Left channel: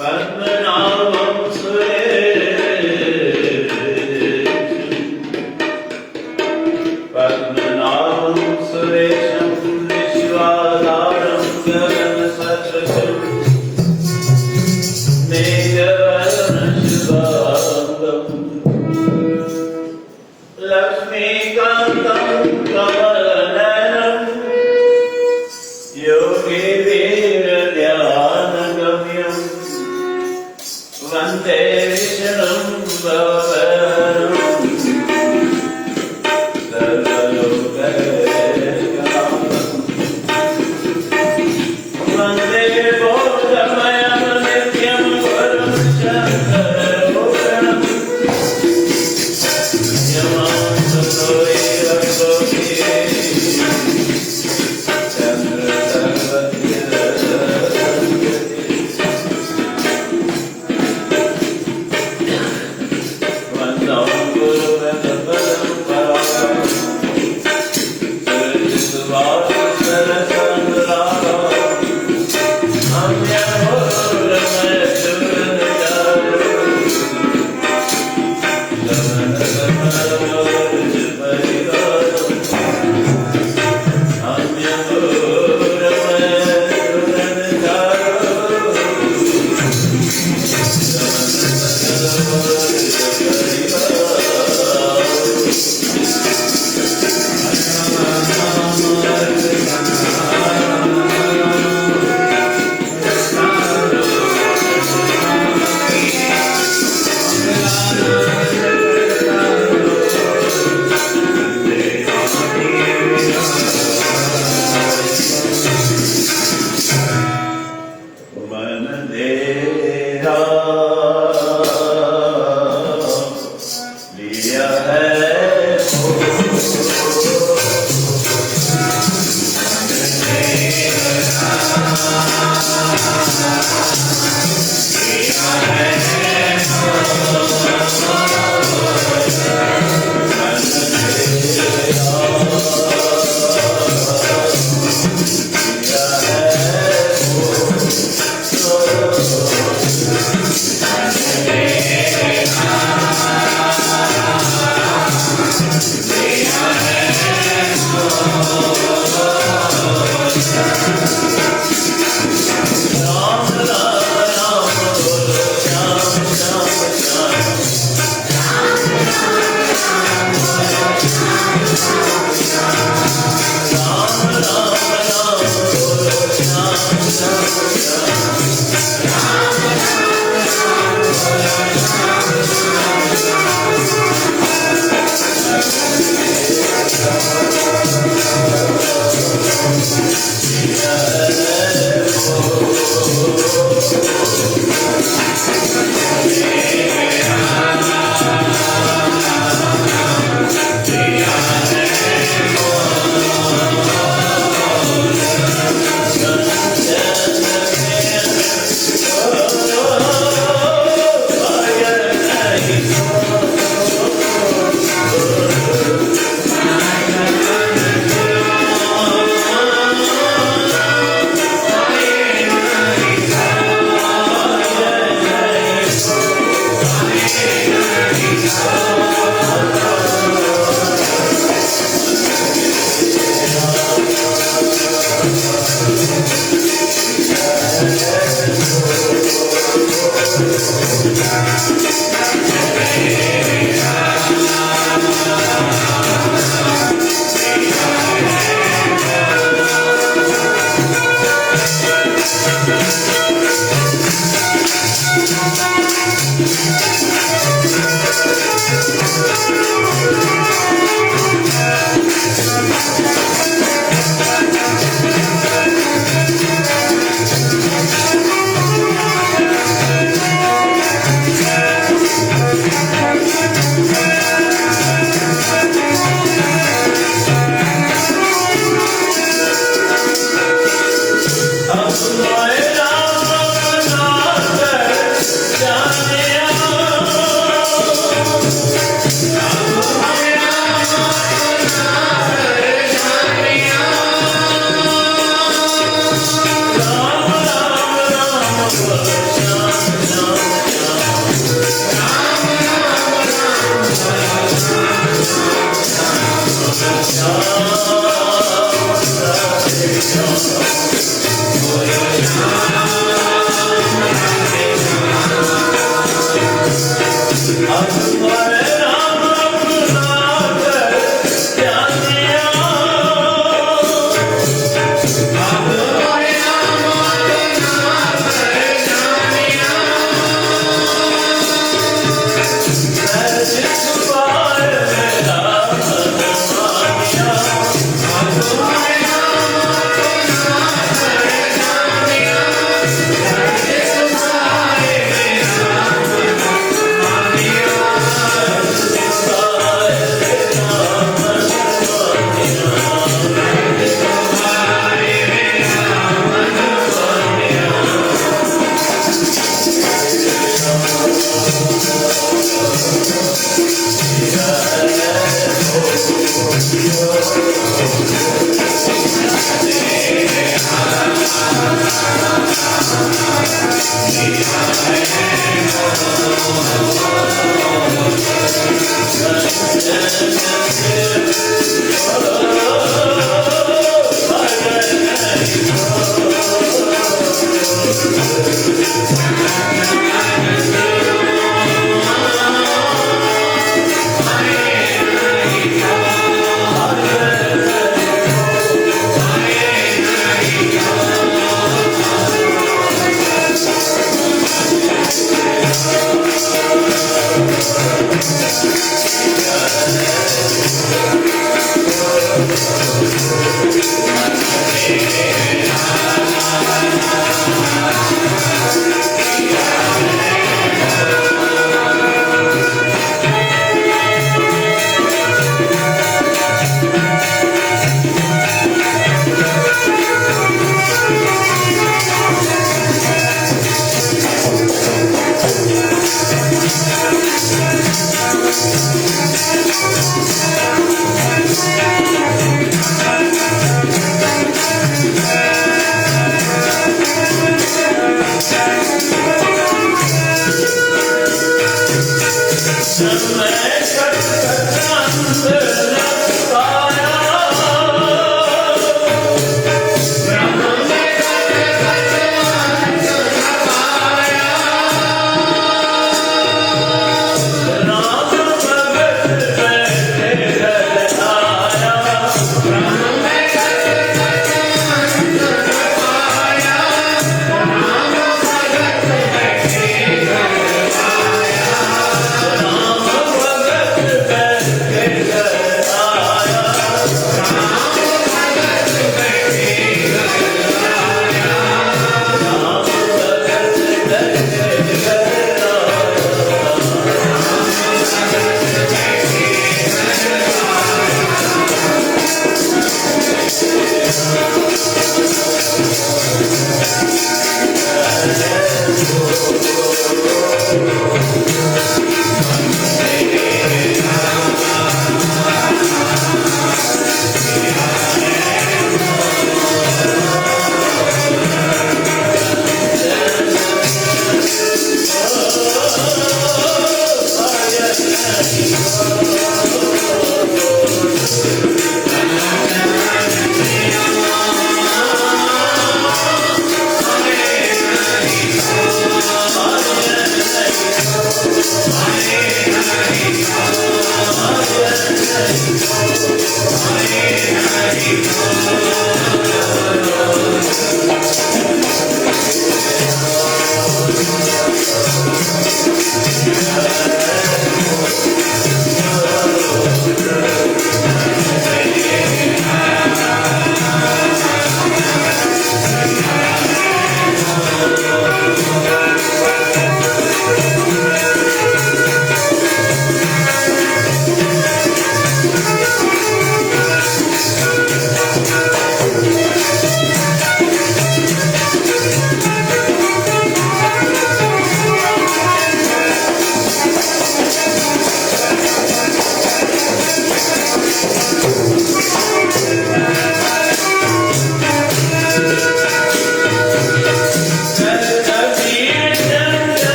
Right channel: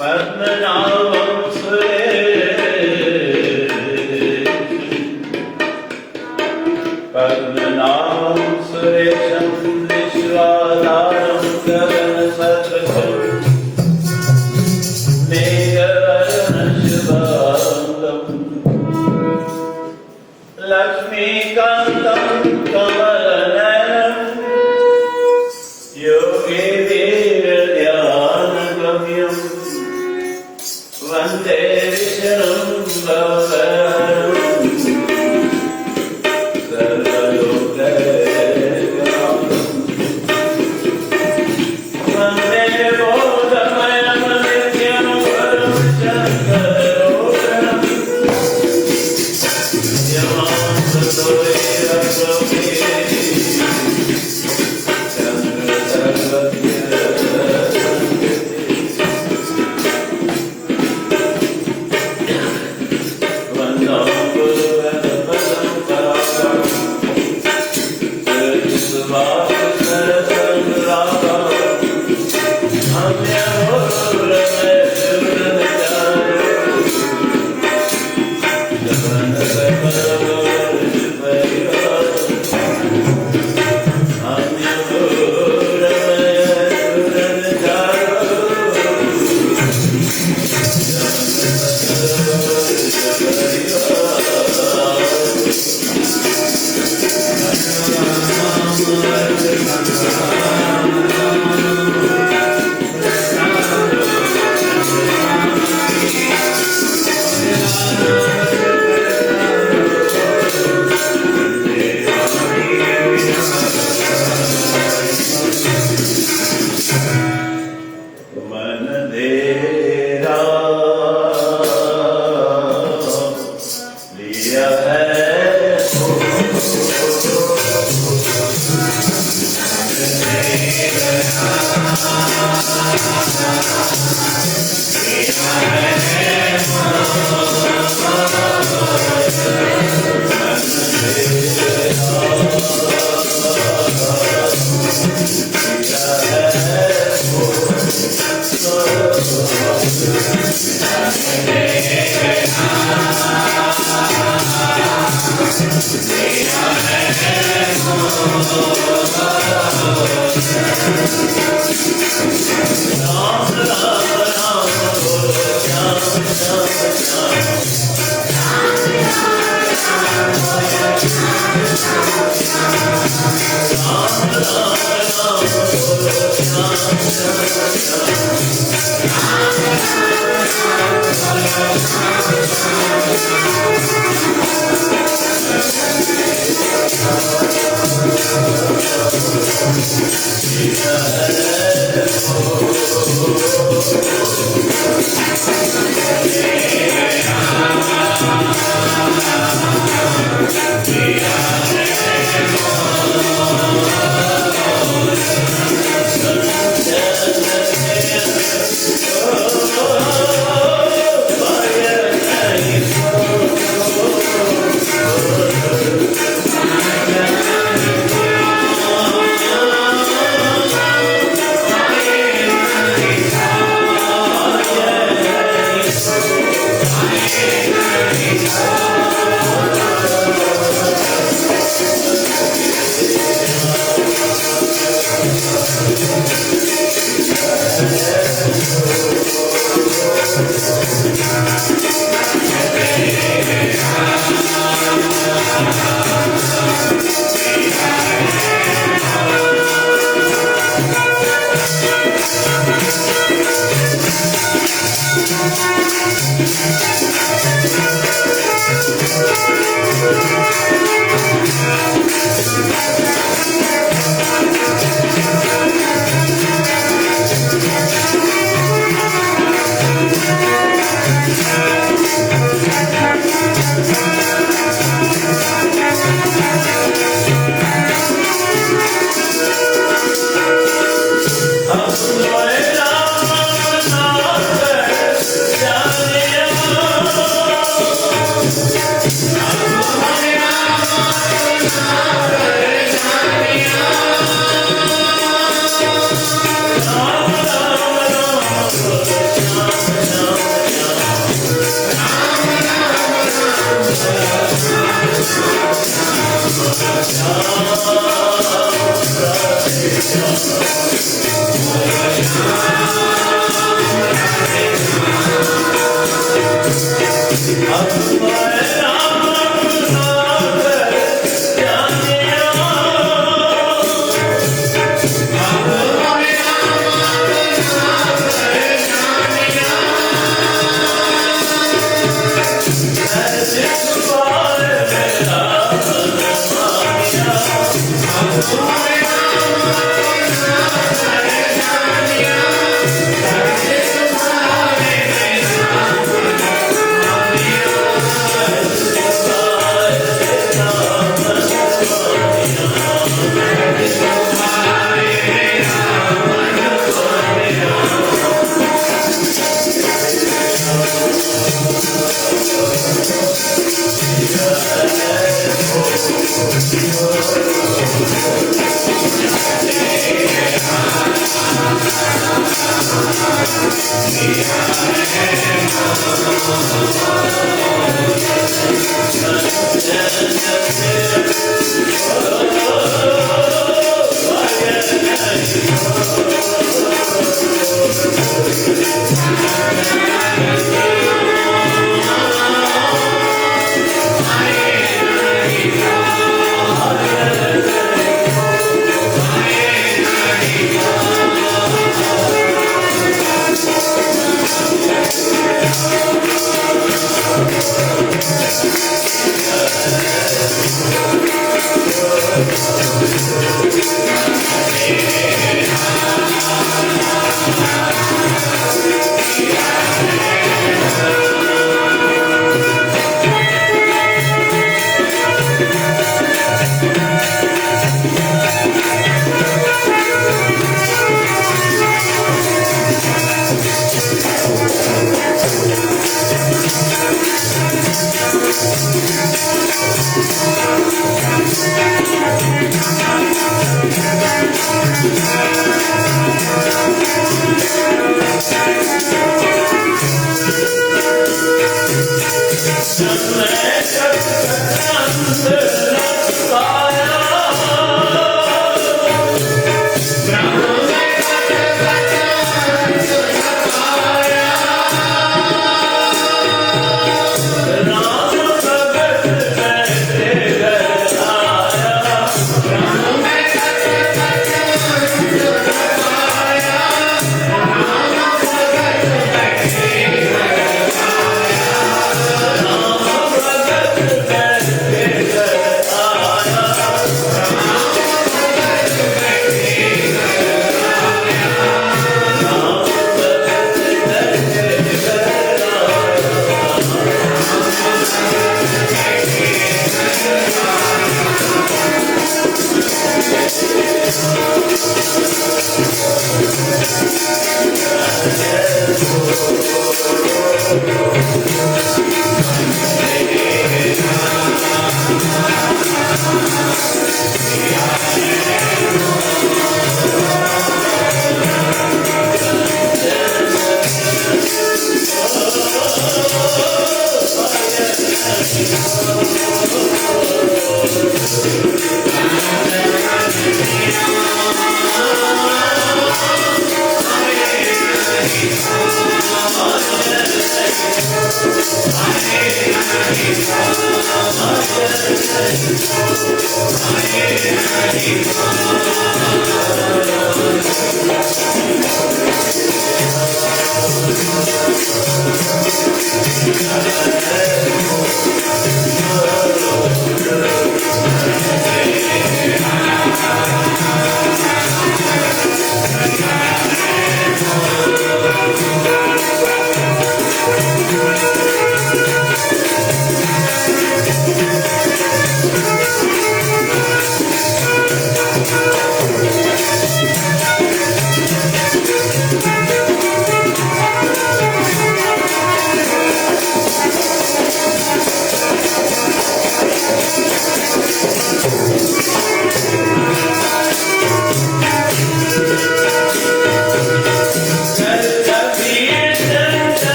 पद्मनाभं सुरेशं विश्वाधारं गगनसदृशं मेघवर्णशुभाङ्गम् लक्ष्मीकान्तं कमलनयनं योगिवीर्यध्यानगम्यं वन्दे विष्णुं भवहरम् वन्दे बोधमयं नित्यं वरं चन्द्रलोकनम् I'm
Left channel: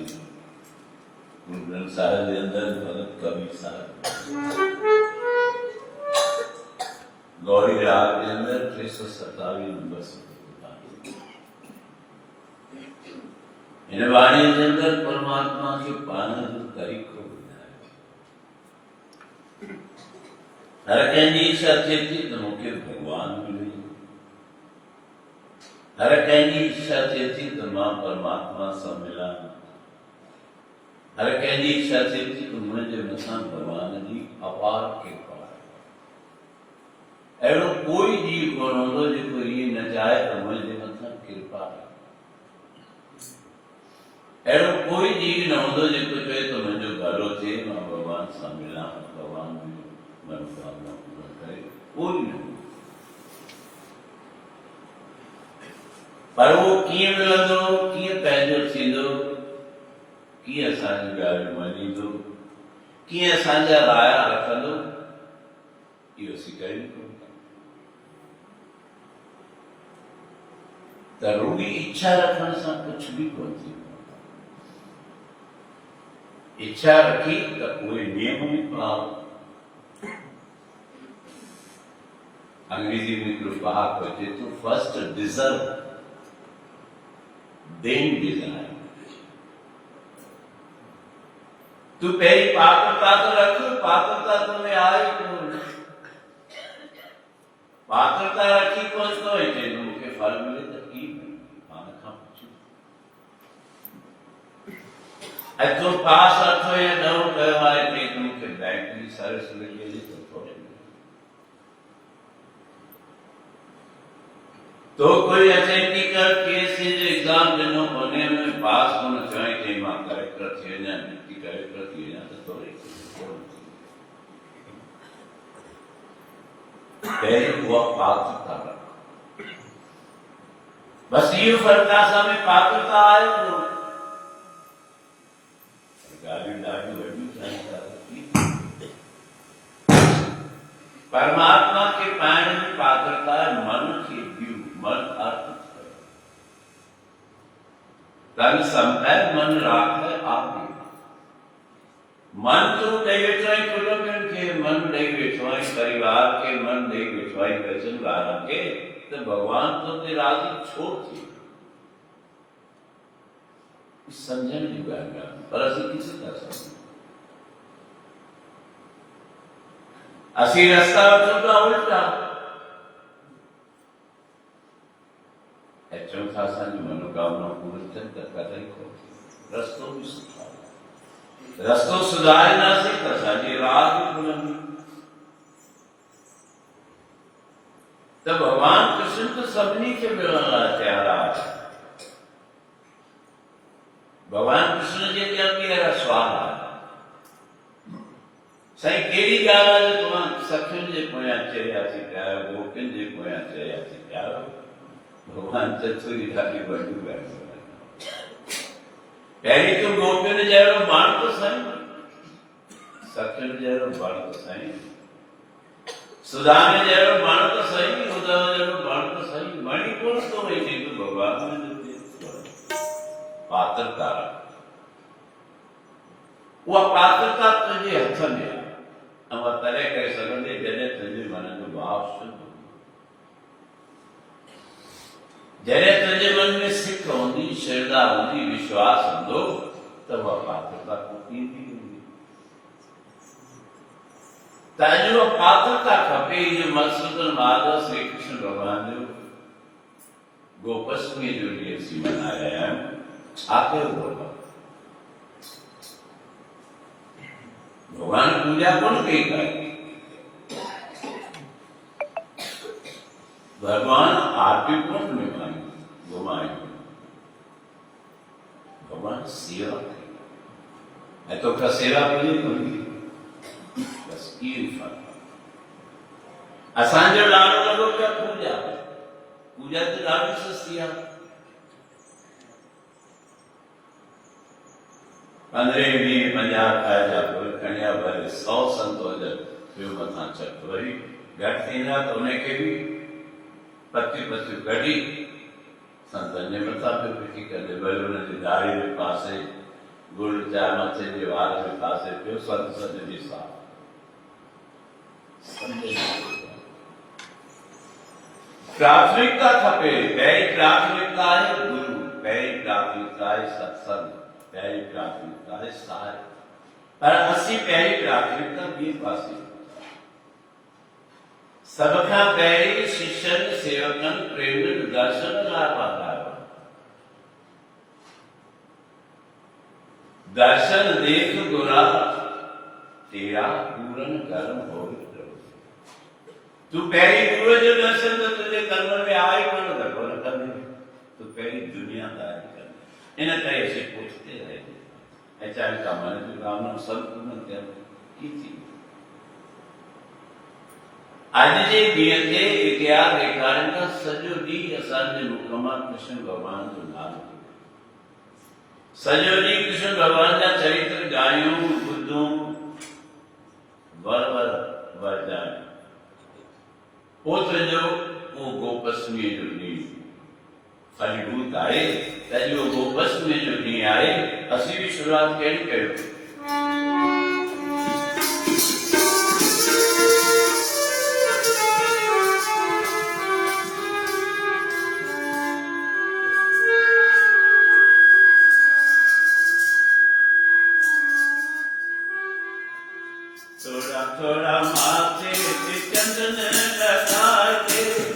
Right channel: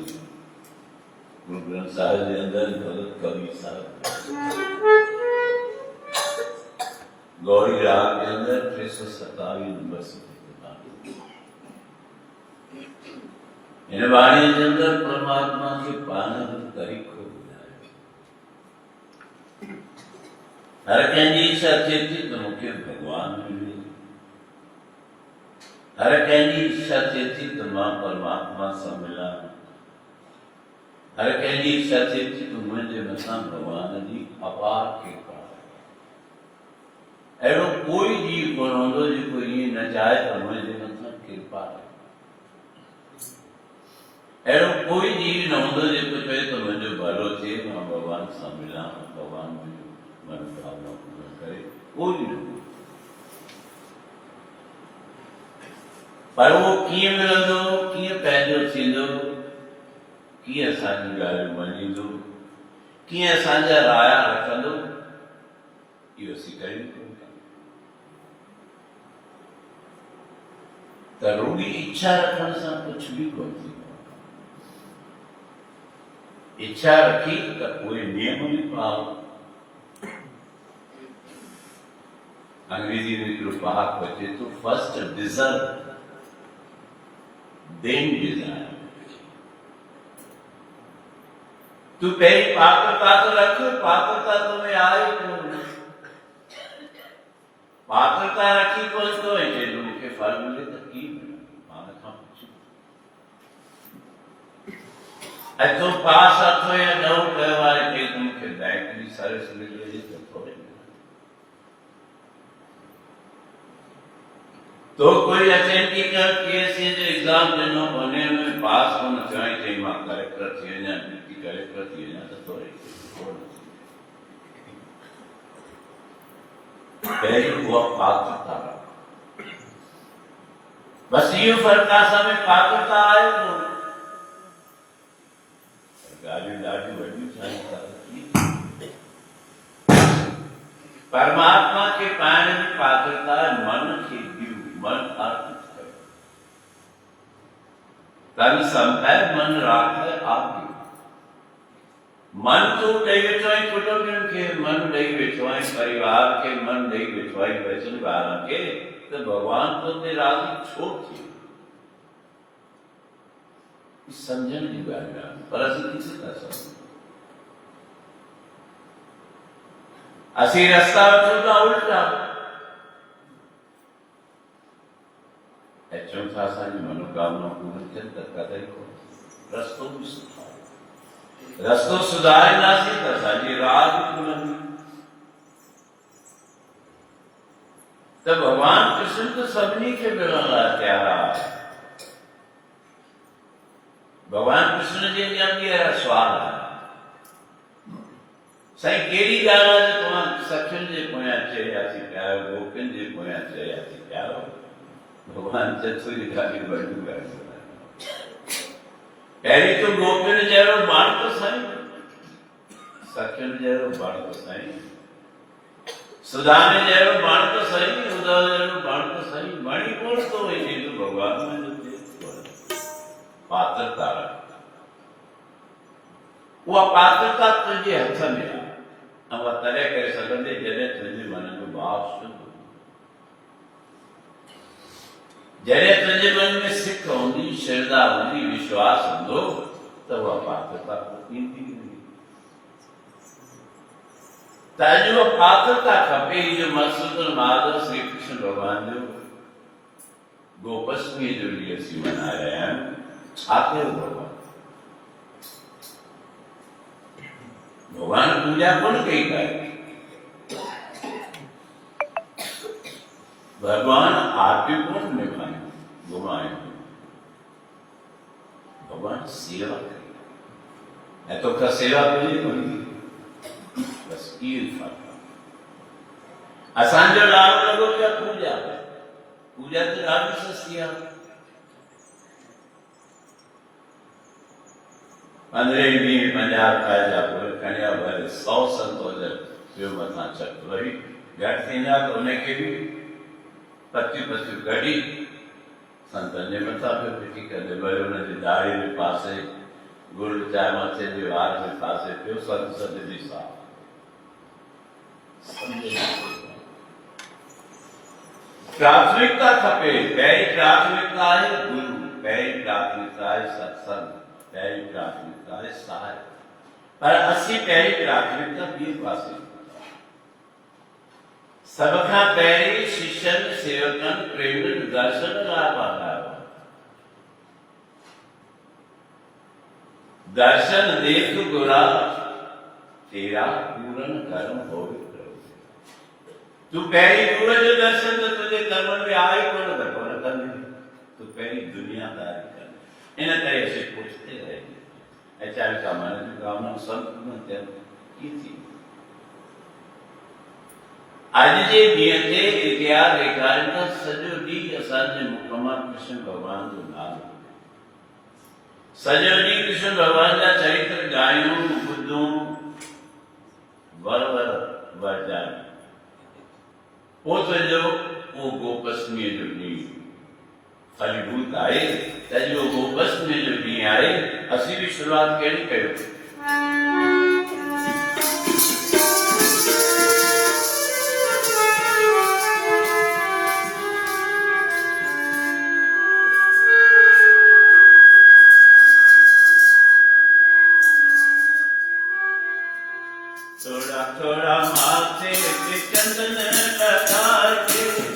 गुरु ग्रंथ साहिब के अंदर भगत कवि साहब गौरी राग के अंदर 327 नंबर से इन वाणी के अंदर परमात्मा की पालन तारीख हो हर कंहिंजी इच्छा थिए थी त मूंखे भगवान मिले हर कंहिंजी इच्छा थिए थी त मां परमात्मा सां मिलां हर कंहिंजी इच्छा थिए थी त मुंहिंजे मथां भगवान जी अपार कृपा अहिड़ो कोई जीव कोन हूंदो जेको ईअं न चाहे त मुंहिंजे मथां कृपा रहे अहिड़ो कोई जीव न हूंदो जेको चए त मुंहिंजो भलो थिए मां भगवान सां मिलां भगवान मुंहिंजो मनोकामना पूरा करे कोई न पर वो कीअं मिलंदो कीअं पंहिंजो थींदो कीअं असांजी ॻाल्हि मञींदो कीअं असांजा राया रखंदो इहो असीं कयूं कोन त रुॻी इच्छा रखण सां कुझु बि कोन थींदो इच्छा रखी त उहे नियम बि पाओ अंग्रेजी में हिकिड़ो पहाको अचे थो फर्स्ट डिजर्व देन डिजायर तू पहिरीं पात्रता तो रख पात्रता तुम्हें आए कोन पात्रता रखी कोन तो चए मूंखे फल मिले त की पाण खां पुछो ऐं तूं पास 8 या 9 कयो आहे चई त मूंखे बैंक जी सर्विस मिली वई त थोरे तो कोई अचेंती कर पीएससी जो एग्जाम ॾिनो उन में पास कोन थियो ऐं चई मां कलेक्टर थी वञा डिप्टी कलेक्टर थी वञा त थोरे पहिरीं उहा पात्रता बस इहो फ़र्क़ु आहे असां में पात्रता आहे कोन ॻाल्हियूं ॾाढियूं वॾियूं साईं परमात्मा के पाइण जी पात्रता मन खे मन अर्थ तन संभय मन राखे आगे मन तू ॾेई वेठो आहीं कुटुंबनि खे मन ॾेई वेठो आहीं परिवार खे मन ॾेई वेठो आहीं वचन ॿारनि खे त भॻवान तो ते राज़ी छो थिए सम्झण जी ॻाल्हि आहे पर असीं किथे था सम्झूं असीं रस्ता वठूं था उल्टा चऊं था असांजी मनोकामना पूरी थियनि त कॾहिं कोन रस्तो बि सुठो रस्तो सुधारींदासीं त असांजी राह बि खुलंदी त भॻवान कृष्ण त सभिनी खे मिलण लाइ तयार आहे भॻवान कृष्ण जे ॿिया बि अहिड़ा सुवाल आहे साईं कहिड़ी ॻाल्हि आहे जो तव्हां सखियुनि जे पोयां चरियासीं पिया आहियो गोपियुनि जे पोयां चरियासीं पिया आहियो भगवान चतुरी ॾाढी वॾी ॻाल्हि पहिरीं तूं गोपियुनि जहिड़ो बण त साईं सखियुनि जहिड़ो बण त साईं सुदाने जहिड़ो बण त साईं उद्धव जहिड़ो बण त साईं वणी कोन थो वञे तूं भॻवान पात्रता उहा पात्रता तुंहिंजे हथ में आहे ऐं उहा तॾहिं करे सघंदे जॾहिं तुंहिंजे मन जो भाव शुद्ध जॾहिं तुंहिंजे मन में सिक हूंदी श्रद्धा हूंदी विश्वास हूंदो त उहा पात्रता ईंदी त अॼु उहा पात्रता खपे जो मधुसूदन माधव श्री कृष्ण भॻवान जो गोपष्टमी जो ॾींहुं असीं मनाए रहिया आहियूं छा कयो भॻवान पूजा कोन कई काई भगवान आरती कोन निभाई घुमाई भगवान सेवा कई ऐं तोखां सेवा कई कोन्हे बस इहो फ़र्क़ु असांजो ॾाढो लॻो पिया पूजा पूजा त ॾाढी सस्ती आहे 15 ॾींहं 50 खाए जा पोइ खणिया भले 100 संत हुजनि ॿियो मथां चक वरी घटि थींदा त उनखे बि पतियूं कढी संतनि जे मथां पियो फिटी कंदे वरी हुनजे दाढ़ी जे पासे ચામાંથી વ્યવહાર में પાસે થયો સંત સજ્જની સાથ प्राथमिकता खपे पहली प्राथमिकता है गुरु पहली प्राथमिकता है सत्संग पहली प्राथमिकता है सहाय पर असी पहली प्राथमिकता भी पासी सबका पहली शिष्यन सेवकन प्रेम दर्शन लाभ दर्शन देख गुरा तेरा पूर्ण कर्म हो तू पहली गुरु जो दर्शन तो तुझे कर्म में आए कौन कर न करने तू पहली दुनियादारी कर इन तरह से पूछते रहे ऐसा का मन जो कामना संत न की थी आज जे दिए इतिहास रेखाड़ता सजो डी असांजे मुकम्मा कृष्ण भगवान जो नाम सजो डी कृष्ण भगवान जा चरित्र गायूं बुद्धूं वर वर वर जाए पोत जो वो गोपस्मी जो नी फलीभूत आए तजो गोपस्मी जो नी आए असी भी शुरुआत केड़ी कयो थोड़ा थोड़ा माथे पे चंदन लगा के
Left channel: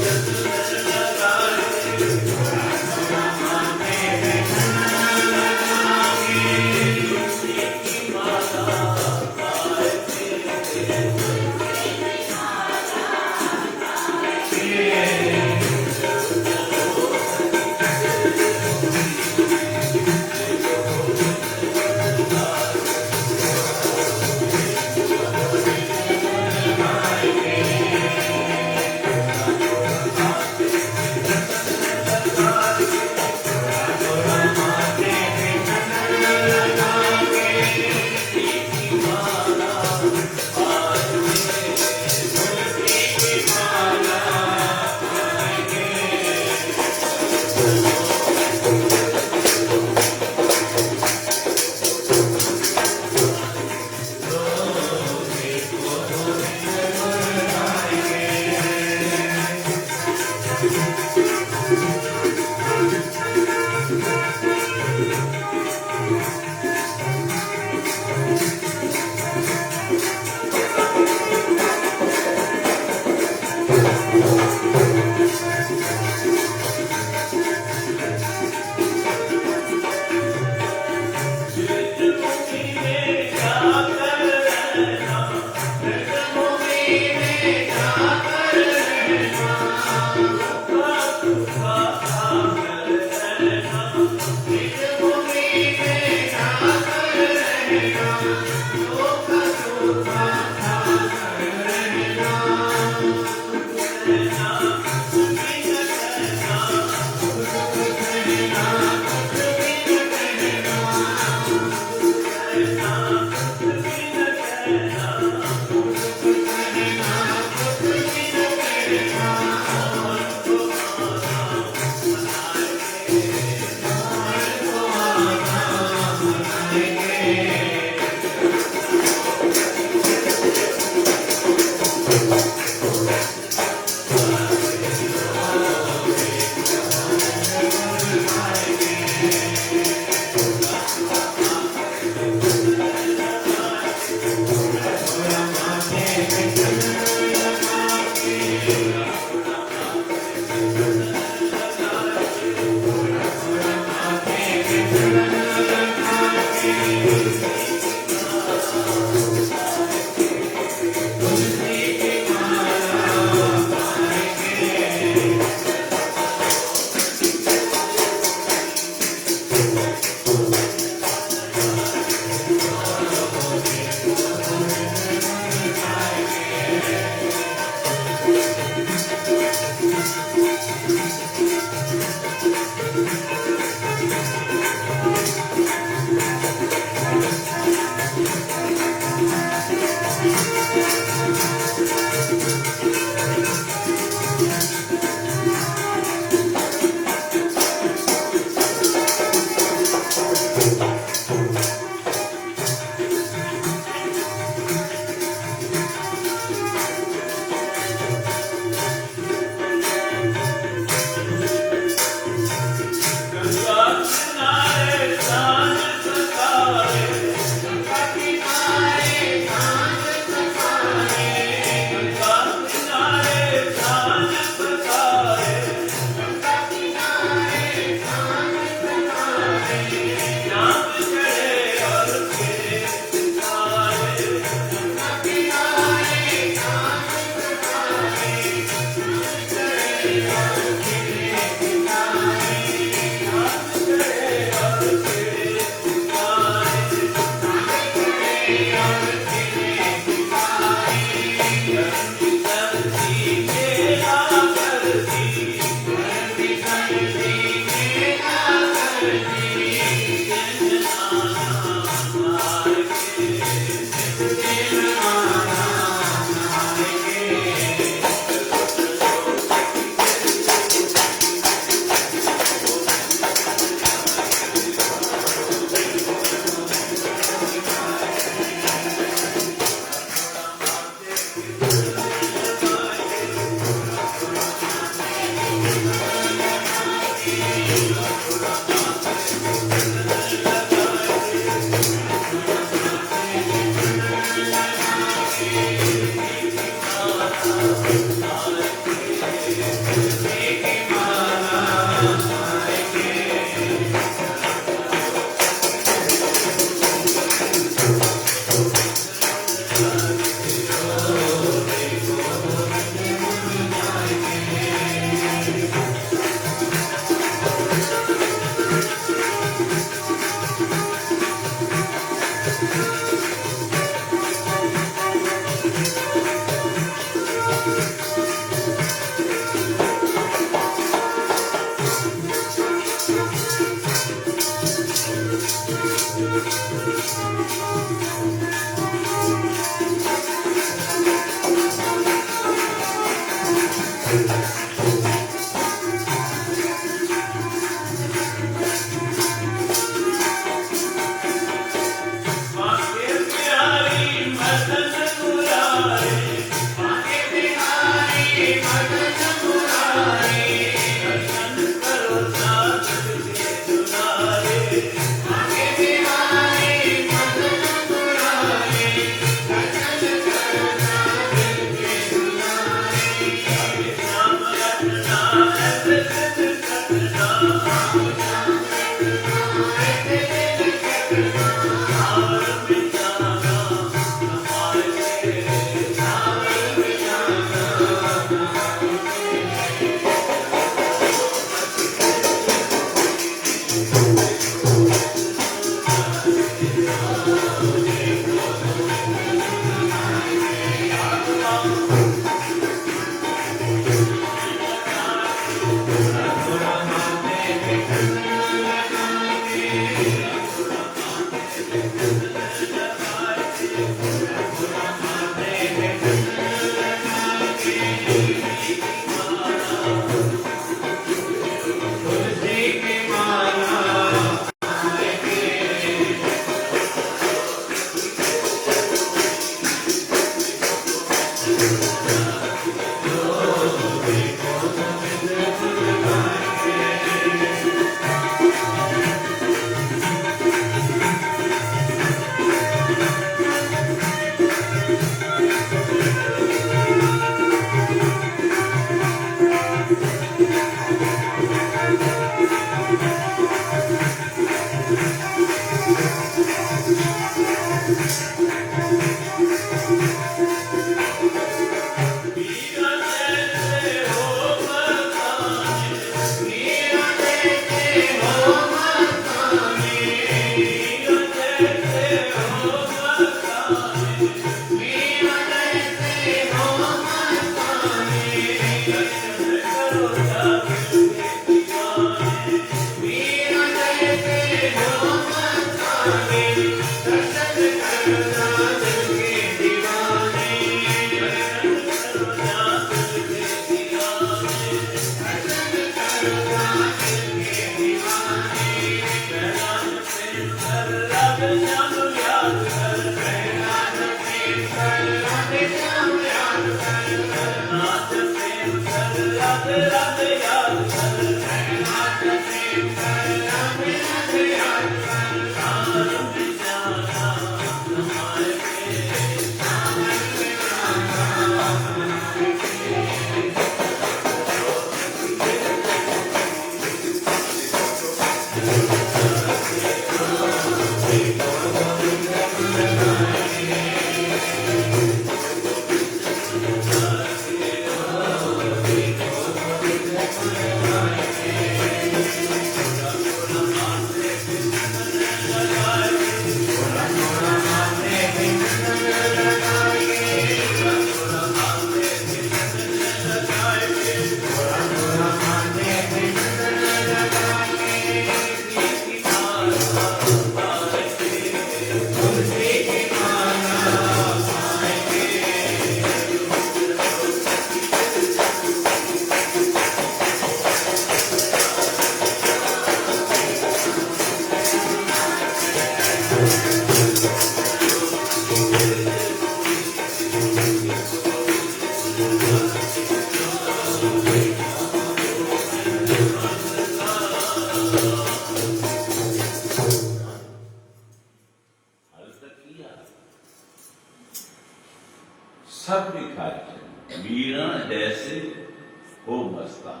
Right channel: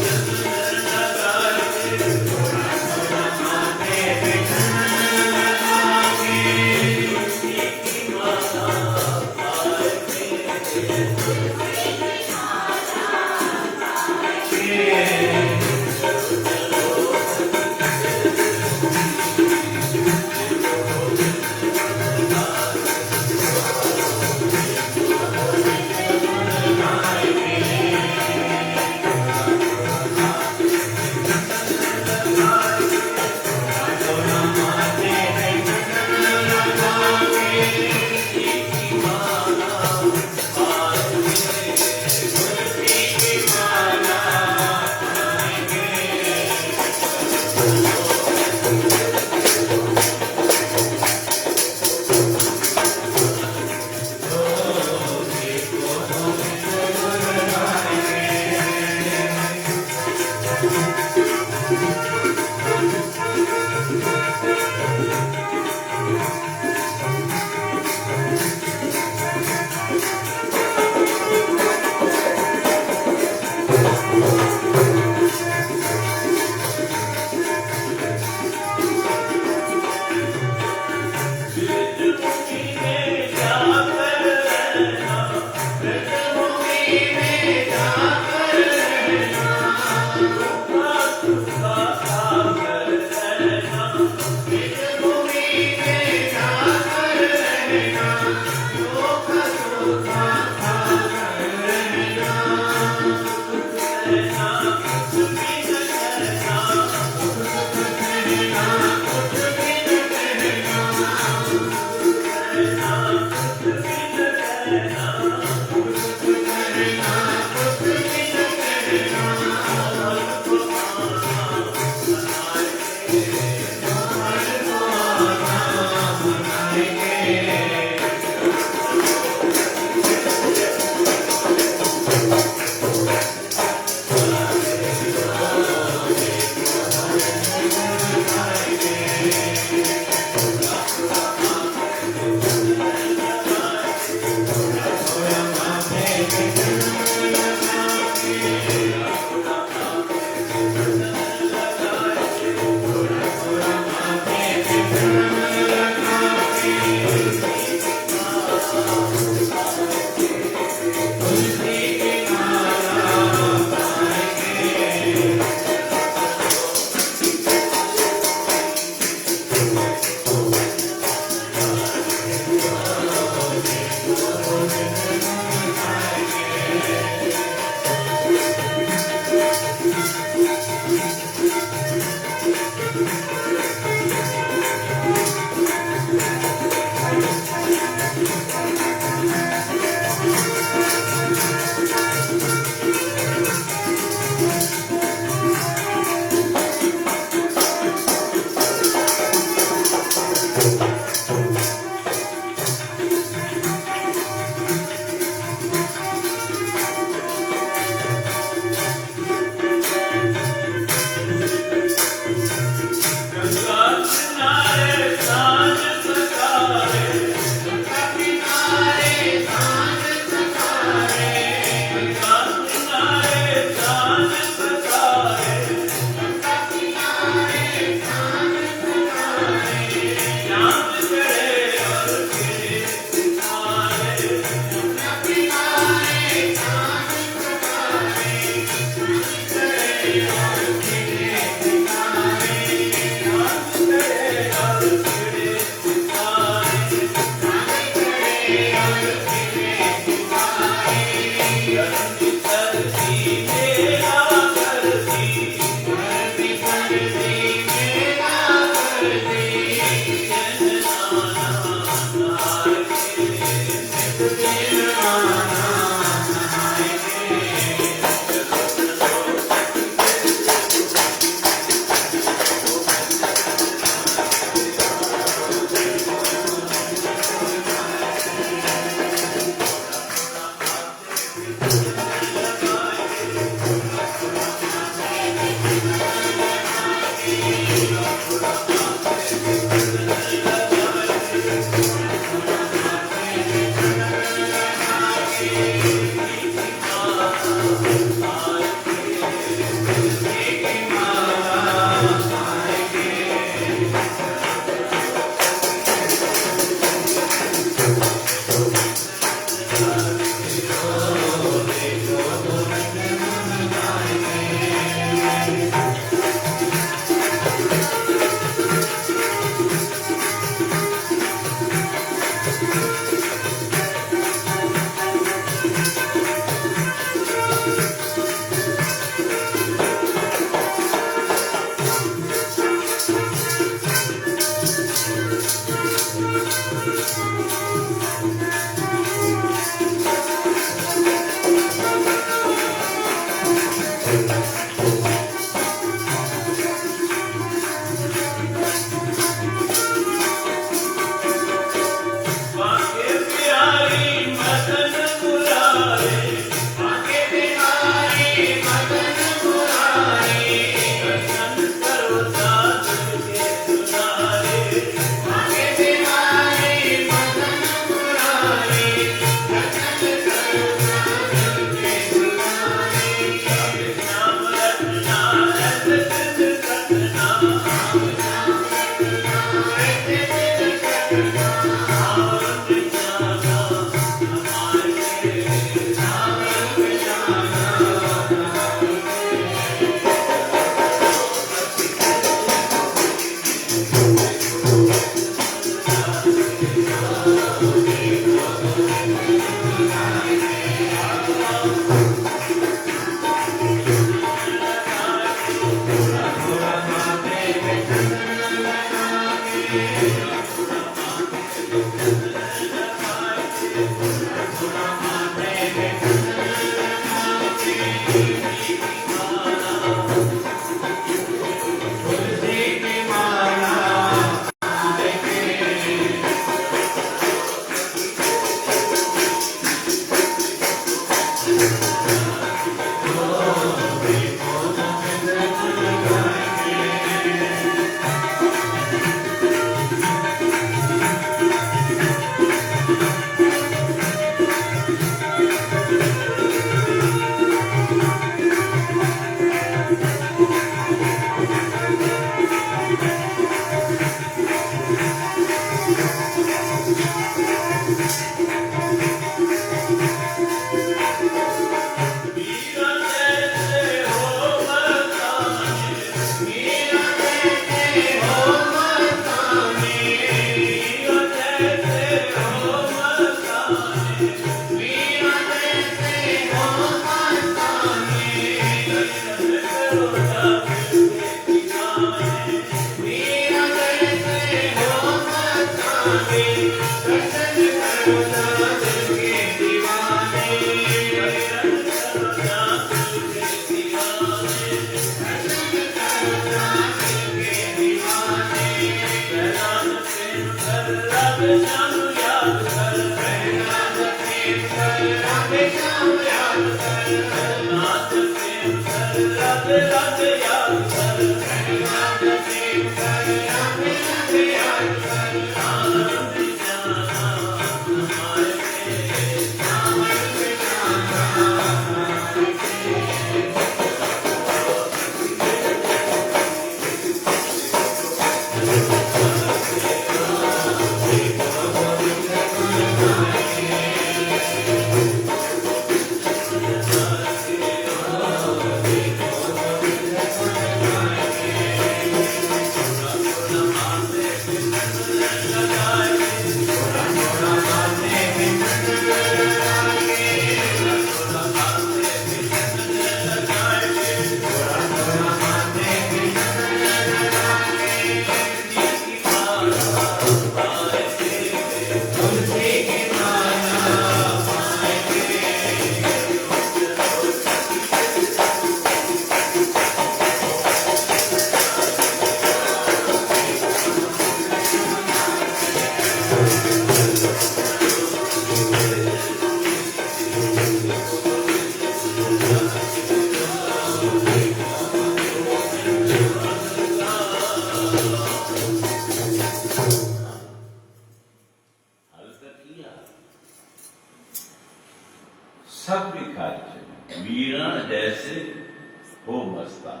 मस्तान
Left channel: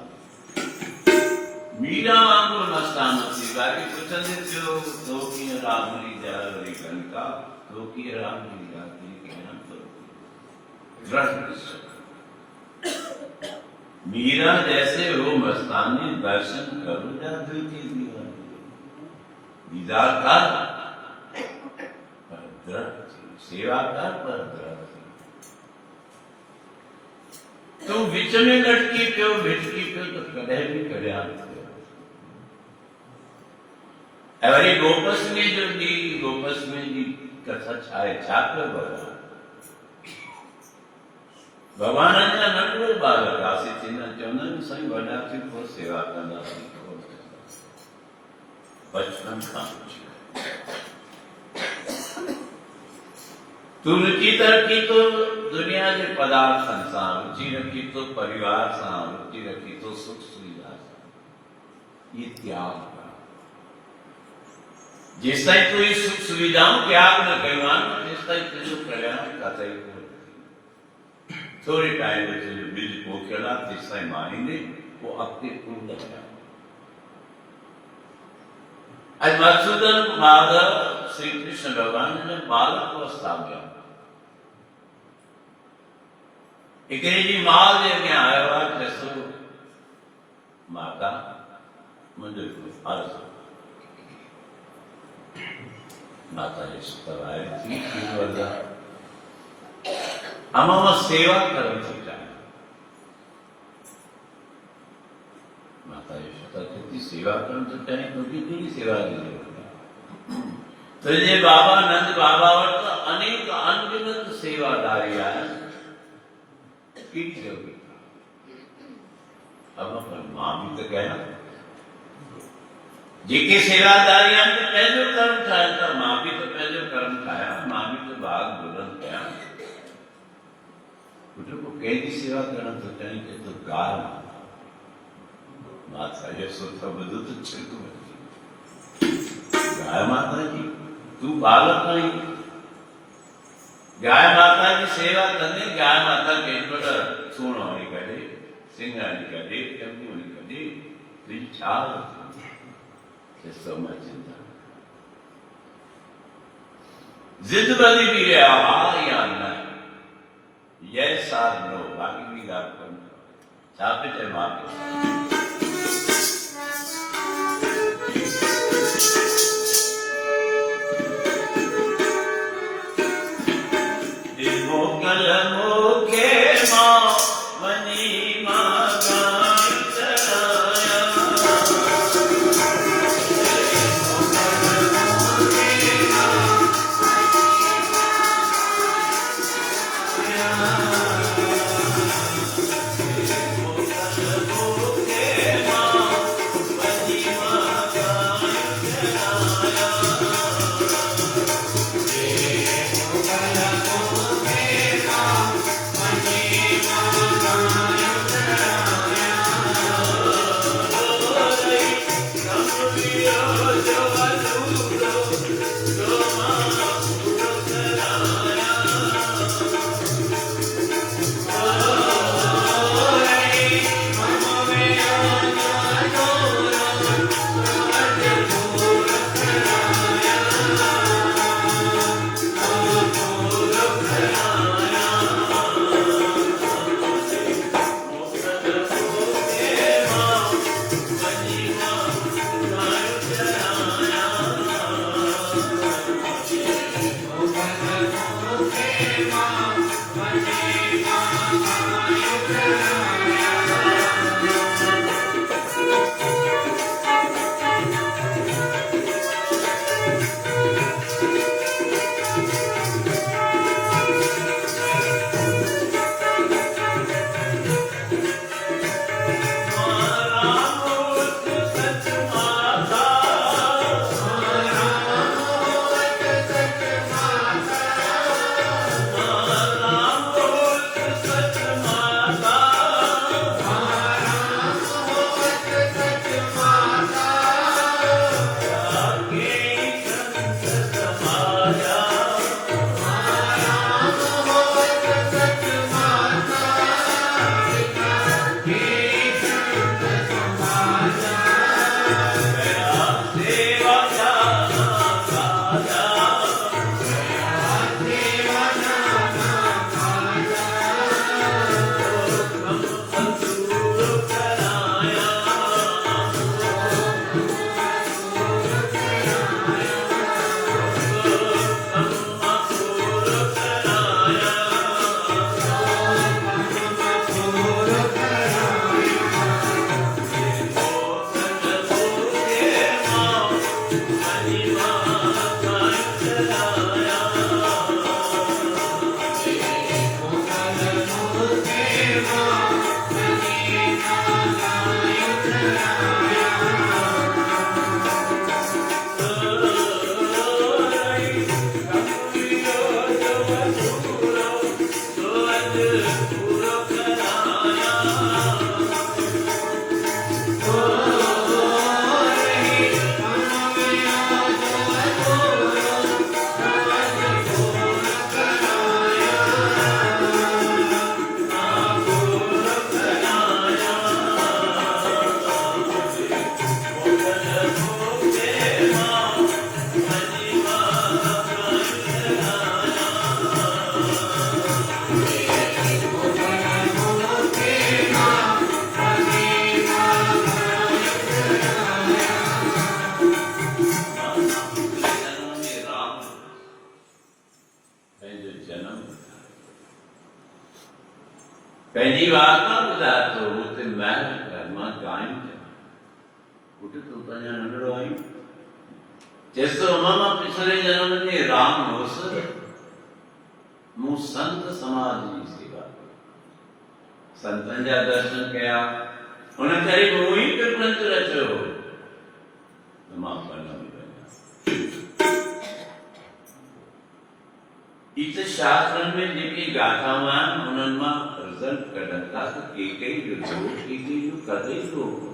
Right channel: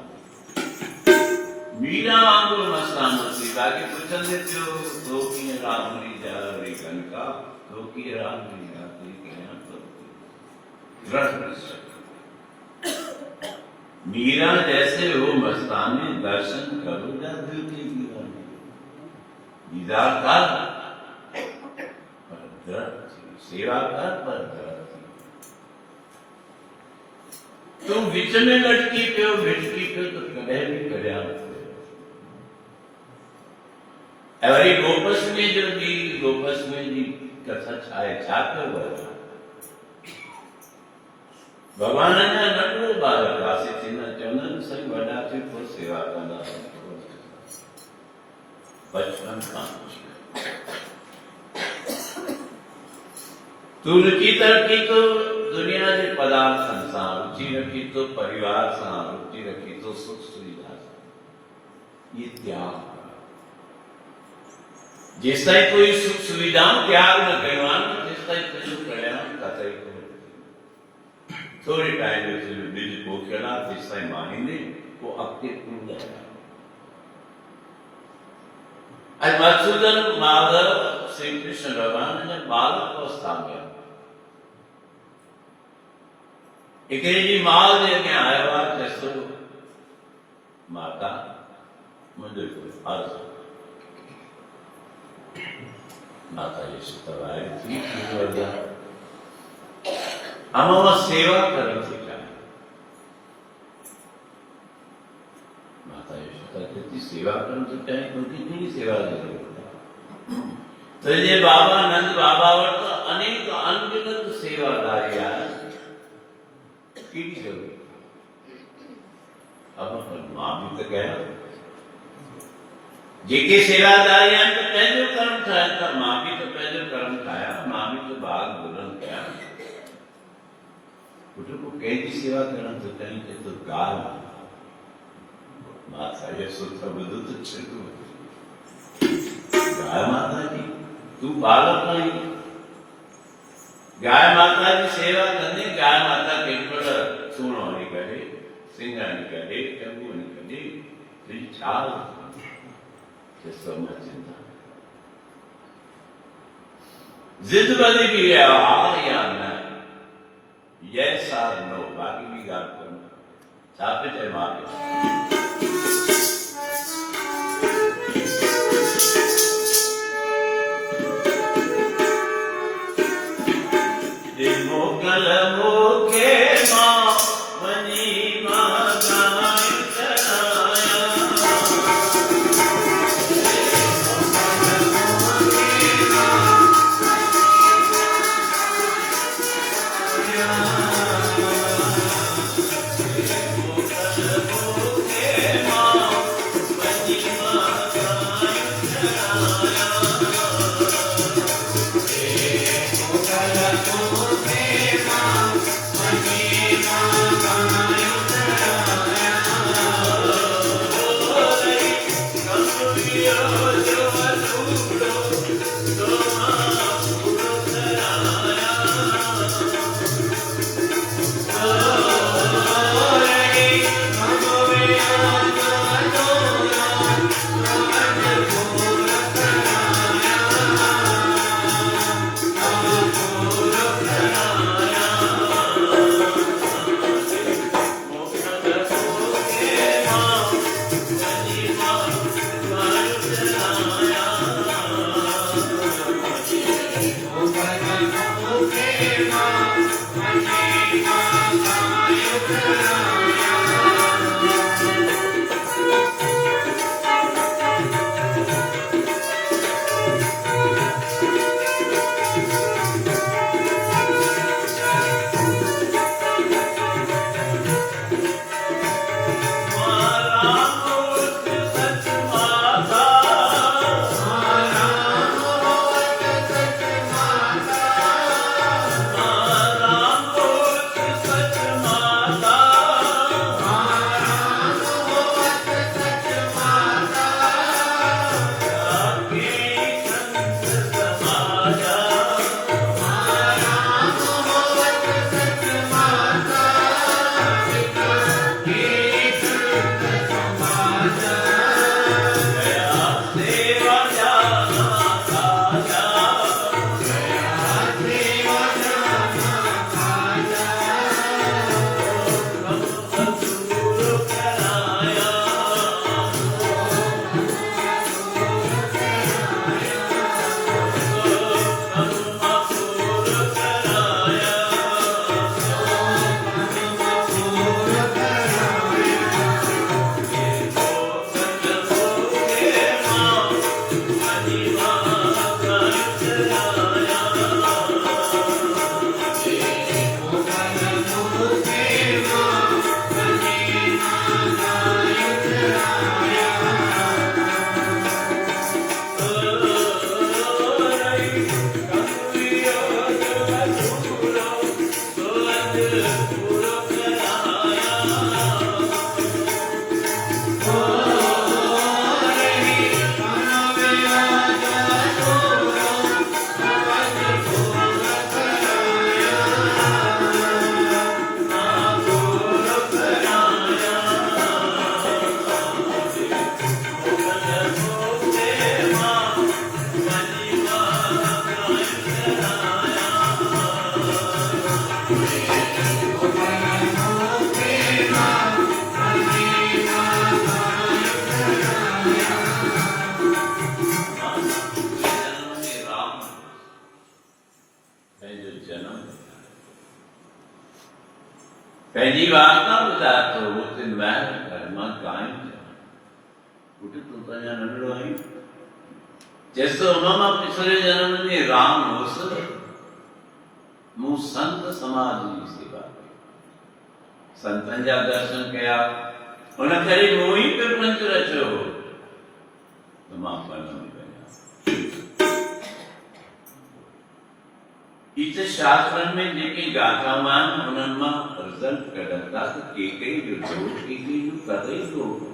मीरा वांगुरु मस्तान थी बाक़ी पुछंदे थियो तो कीअं रामली जा वरी कनका तो कीअं रामली जा थी कयां तो दृढ़ निश्चय मीरा जैसे वो मस्तानी दर्शन करो जा दिल की दीवानी दीदार कर पर दृढ़ सेवा कर पर दृढ़ तू विच में लटकी पियो भिटकी पियो तो कॾहिं बि करिया ऐं वरी गोपस्मे जो ॾींहुं गोपस्मे जी कथा छा आहे छा कयो भॻवान जा नंढो ॿार रासी थींदा चवंदा आहिनि साईं वॾा थी पोइ सेवा कंदा बचपन खां तू रुचि रखी तो दुनिया के पदार्थन सां रुचि रखी तो परिवार सां रुचि रखी तो सुख सुविधा सां ये त्याग जेस ताईं कोई सुख सुविधाऊं त्याग न कयो आहे तेस ताईं तुंहिंजो कल्याण किथे कोन्हे थोड़े टाइम में तुझे बीज पोखियल आहे तेस ताईं माहींदे पोइ अॻिते कुंड आहे ऐं मधुसूदन माधव श्री कृष्ण भगवान ने बालक अवस्था में हिकिड़ी जी माउ जे अॻियां आयो आहे चएसो माता मुंहिंजो कोई अर्ज़ु माता जी सुतवाए थी मां सेवा करण थी चाहियां माता जी सुता चई सेवा करण थी चाहियां तुंहिंजी कहिड़ी सेवा जी ज़रूरत आहे तुंहिंजे बाबा नंद बाबा वटि अनेक अनगिनत सेवादारी आहिनि कहिड़ी ज़रूरत आहे अब पर मां बि त कयां जेके सेवादारी आहिनि त पंहिंजो कर्म ठाहिनि था मां बि त पंहिंजो कर्म ठाहियां मां बि त भाग बुलंद कयां पुटु को कंहिंजी सेवा करण थो चाहिं चए थो गाह माता जो सुख ॿुधो त छिको गाय माता जी तू बालक आहीं गाय माता जी सेवा कंदे गाय माता के सूणो हणी कढे सिंग हणी कढे टंगू हणी कढे तुंहिंजी छाल चएसो मां चिंता जिद बदी भी है हा या न यस आर नो बाकी भी ॻाल्हि कोन्हे छा पियो चए मां मोकल मोके मां वञी मां गाई चढ़ाया मोकल मोके ઘરમાં કાયમ ઉઠે તો ત્યાં નંદડો આવી जैसे उन्होंने पिछले जन्म में राम होस मु संत समाज की सेवा संतन जा दर्शन किया उन्हें करी मोही पे ग्रंथ रचो तो मां इत शास्त्र में जेकी गाथा मान उन्हनि रिजल्ट कढनि था तो केकई जो केकई जो कतई लोग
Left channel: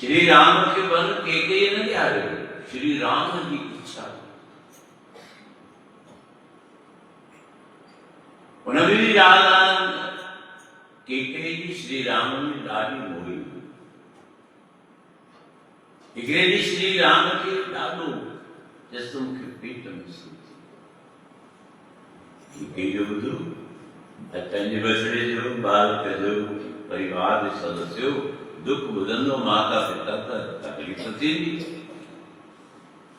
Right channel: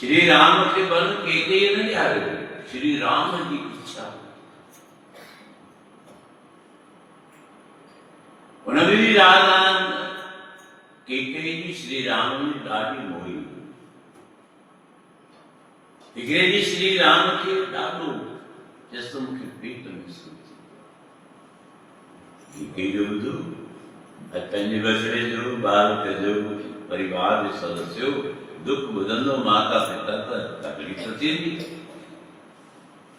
श्री राम के बल केकई न ॼायो श्री राम जी इच्छा उन में भी राधा केकई जी श्री राम में ॾाढी मोही हिकिड़े ॾींहुं श्री राम खे ॾाढो चयसि मूंखे पेट में सूर केकई जो ॿुधो पंहिंजे बचिड़े जो ॿार जो परिवार जे सदस्य दुख ॿुधंदो माता पिता त तकलीफ़ थींदी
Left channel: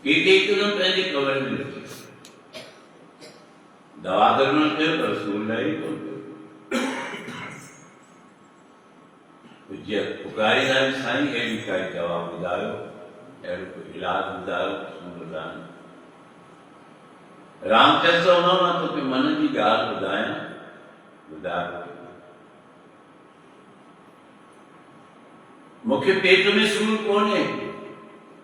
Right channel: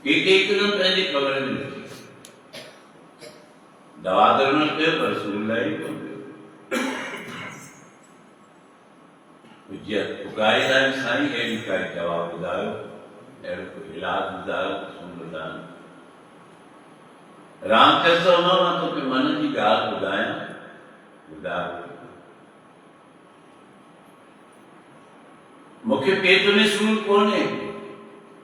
केकई हिकदमि पंहिंजे कमरे में रखी दवा दरमन कयो पर सूर लही कोन पियो पुकारींदा साईं अहिड़ी काई दवा ॿुधायो अहिड़ो कोई इलाज ॿुधायो सूर दान राम चयसि न मां तोखे मन जी ॻाल्हि ॿुधायां ॿुधायो मुख्य पेट में सूर कोने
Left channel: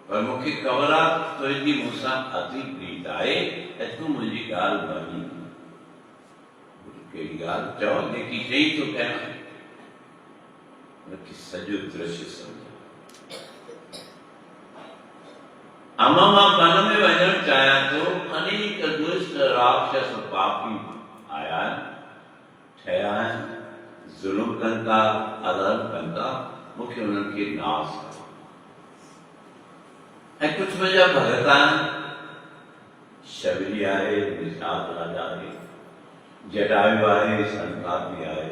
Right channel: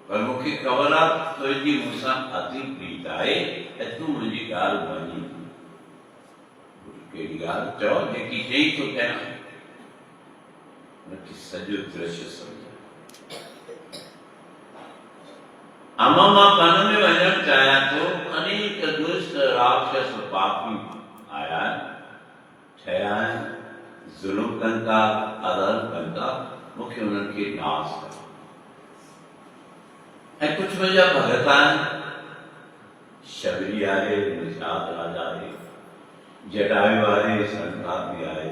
पर मुख्य ख़बर आहे तुंहिंजी मूंसां अति प्रीत आहे ऐं तूं मुंहिंजी ॻाल्हि मञी कहिड़ी ॻाल्हि चओ जेकी चई थो कयां उनखे सॼो दृश्य सम्झ अम्मा मां वन में वञणु चाहियां थो अनेक दुष्ट राक्षस पापी आया आहिनि ठहिया आहिनि ज़ुल्म कनि था अधर्म कनि था मुख्य उन्हनि खे नाश कयो ऐं कुझु मुंहिंजा भगत आहिनि शबरी आहे निषाद राजा आहे जटायु आहे संक्रांति आहे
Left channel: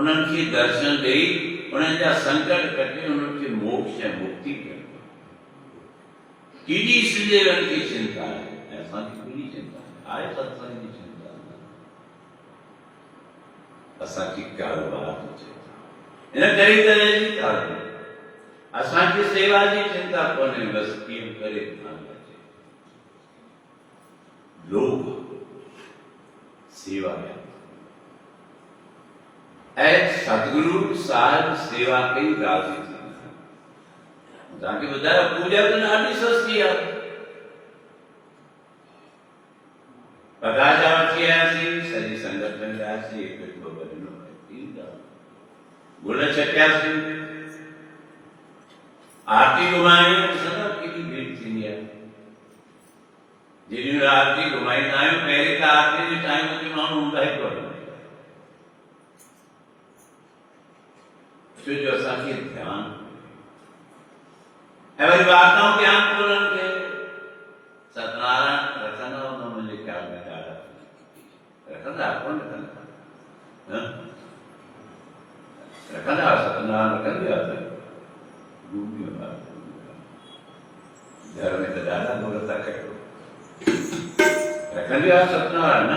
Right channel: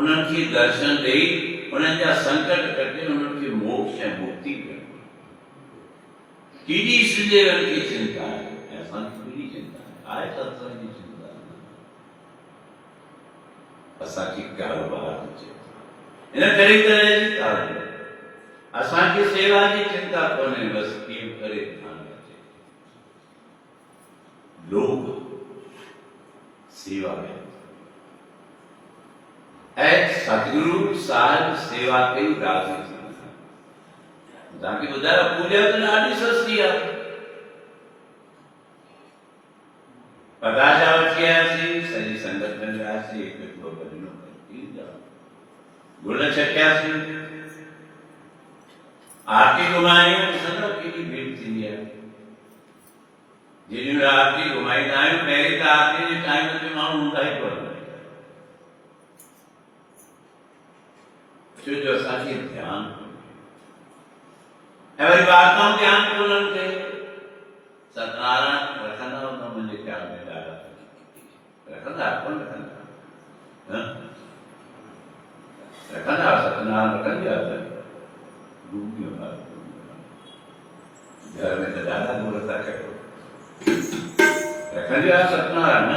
उन्हनि खे दर्शन ॾेई उन्हनि जा संकट कटे उन्हनि खे मोक्ष ऐं मुक्ति ॾियणु केॾी श्रीदेवन खे चिंता आहे ऐं असांखे केॾी चिंता आहे सत्संग जी चिंता असांखे कारोबार जी चिंता इन करे तरह जी ॻाल्हि असांखे सेवा जी चिंता कोन्हे बसि कीअं करे ध्यान अचे लोग सेवा कनि ऐं सतगुरु साहिब सेवा कई राज़ी थींदा तव्हांखे ॿुधायो पूॼा त ॾाढी सस्ती आहे पताशा वठी आयासीं सॼी संगत में वियासीं हिकु ॿ भॼनूं गुल छटियासीं आरती घुमायूं ॾिसंदव केॾी भीड़ थींदी आहे जेॾी महिल आरती घुमाईंदा आहियूं पहिरीं त आरती जे टाइम ते माण्हू हूंदा ई कोन छो जो असांखे ध्यानु ऐं वरी वार्ताऊं ध्यानु कोन्हनि खे सत्यनारायण रखंदा हूंदा मुंहिंजे ख़्याल में ॾाढा रखंदा कोन रखंदा रखंदा सत्यनारायण रखंदी आहे घर में तो ॾाढा मुहूर्त था कयो रखंदी आहे सत्यनारायण न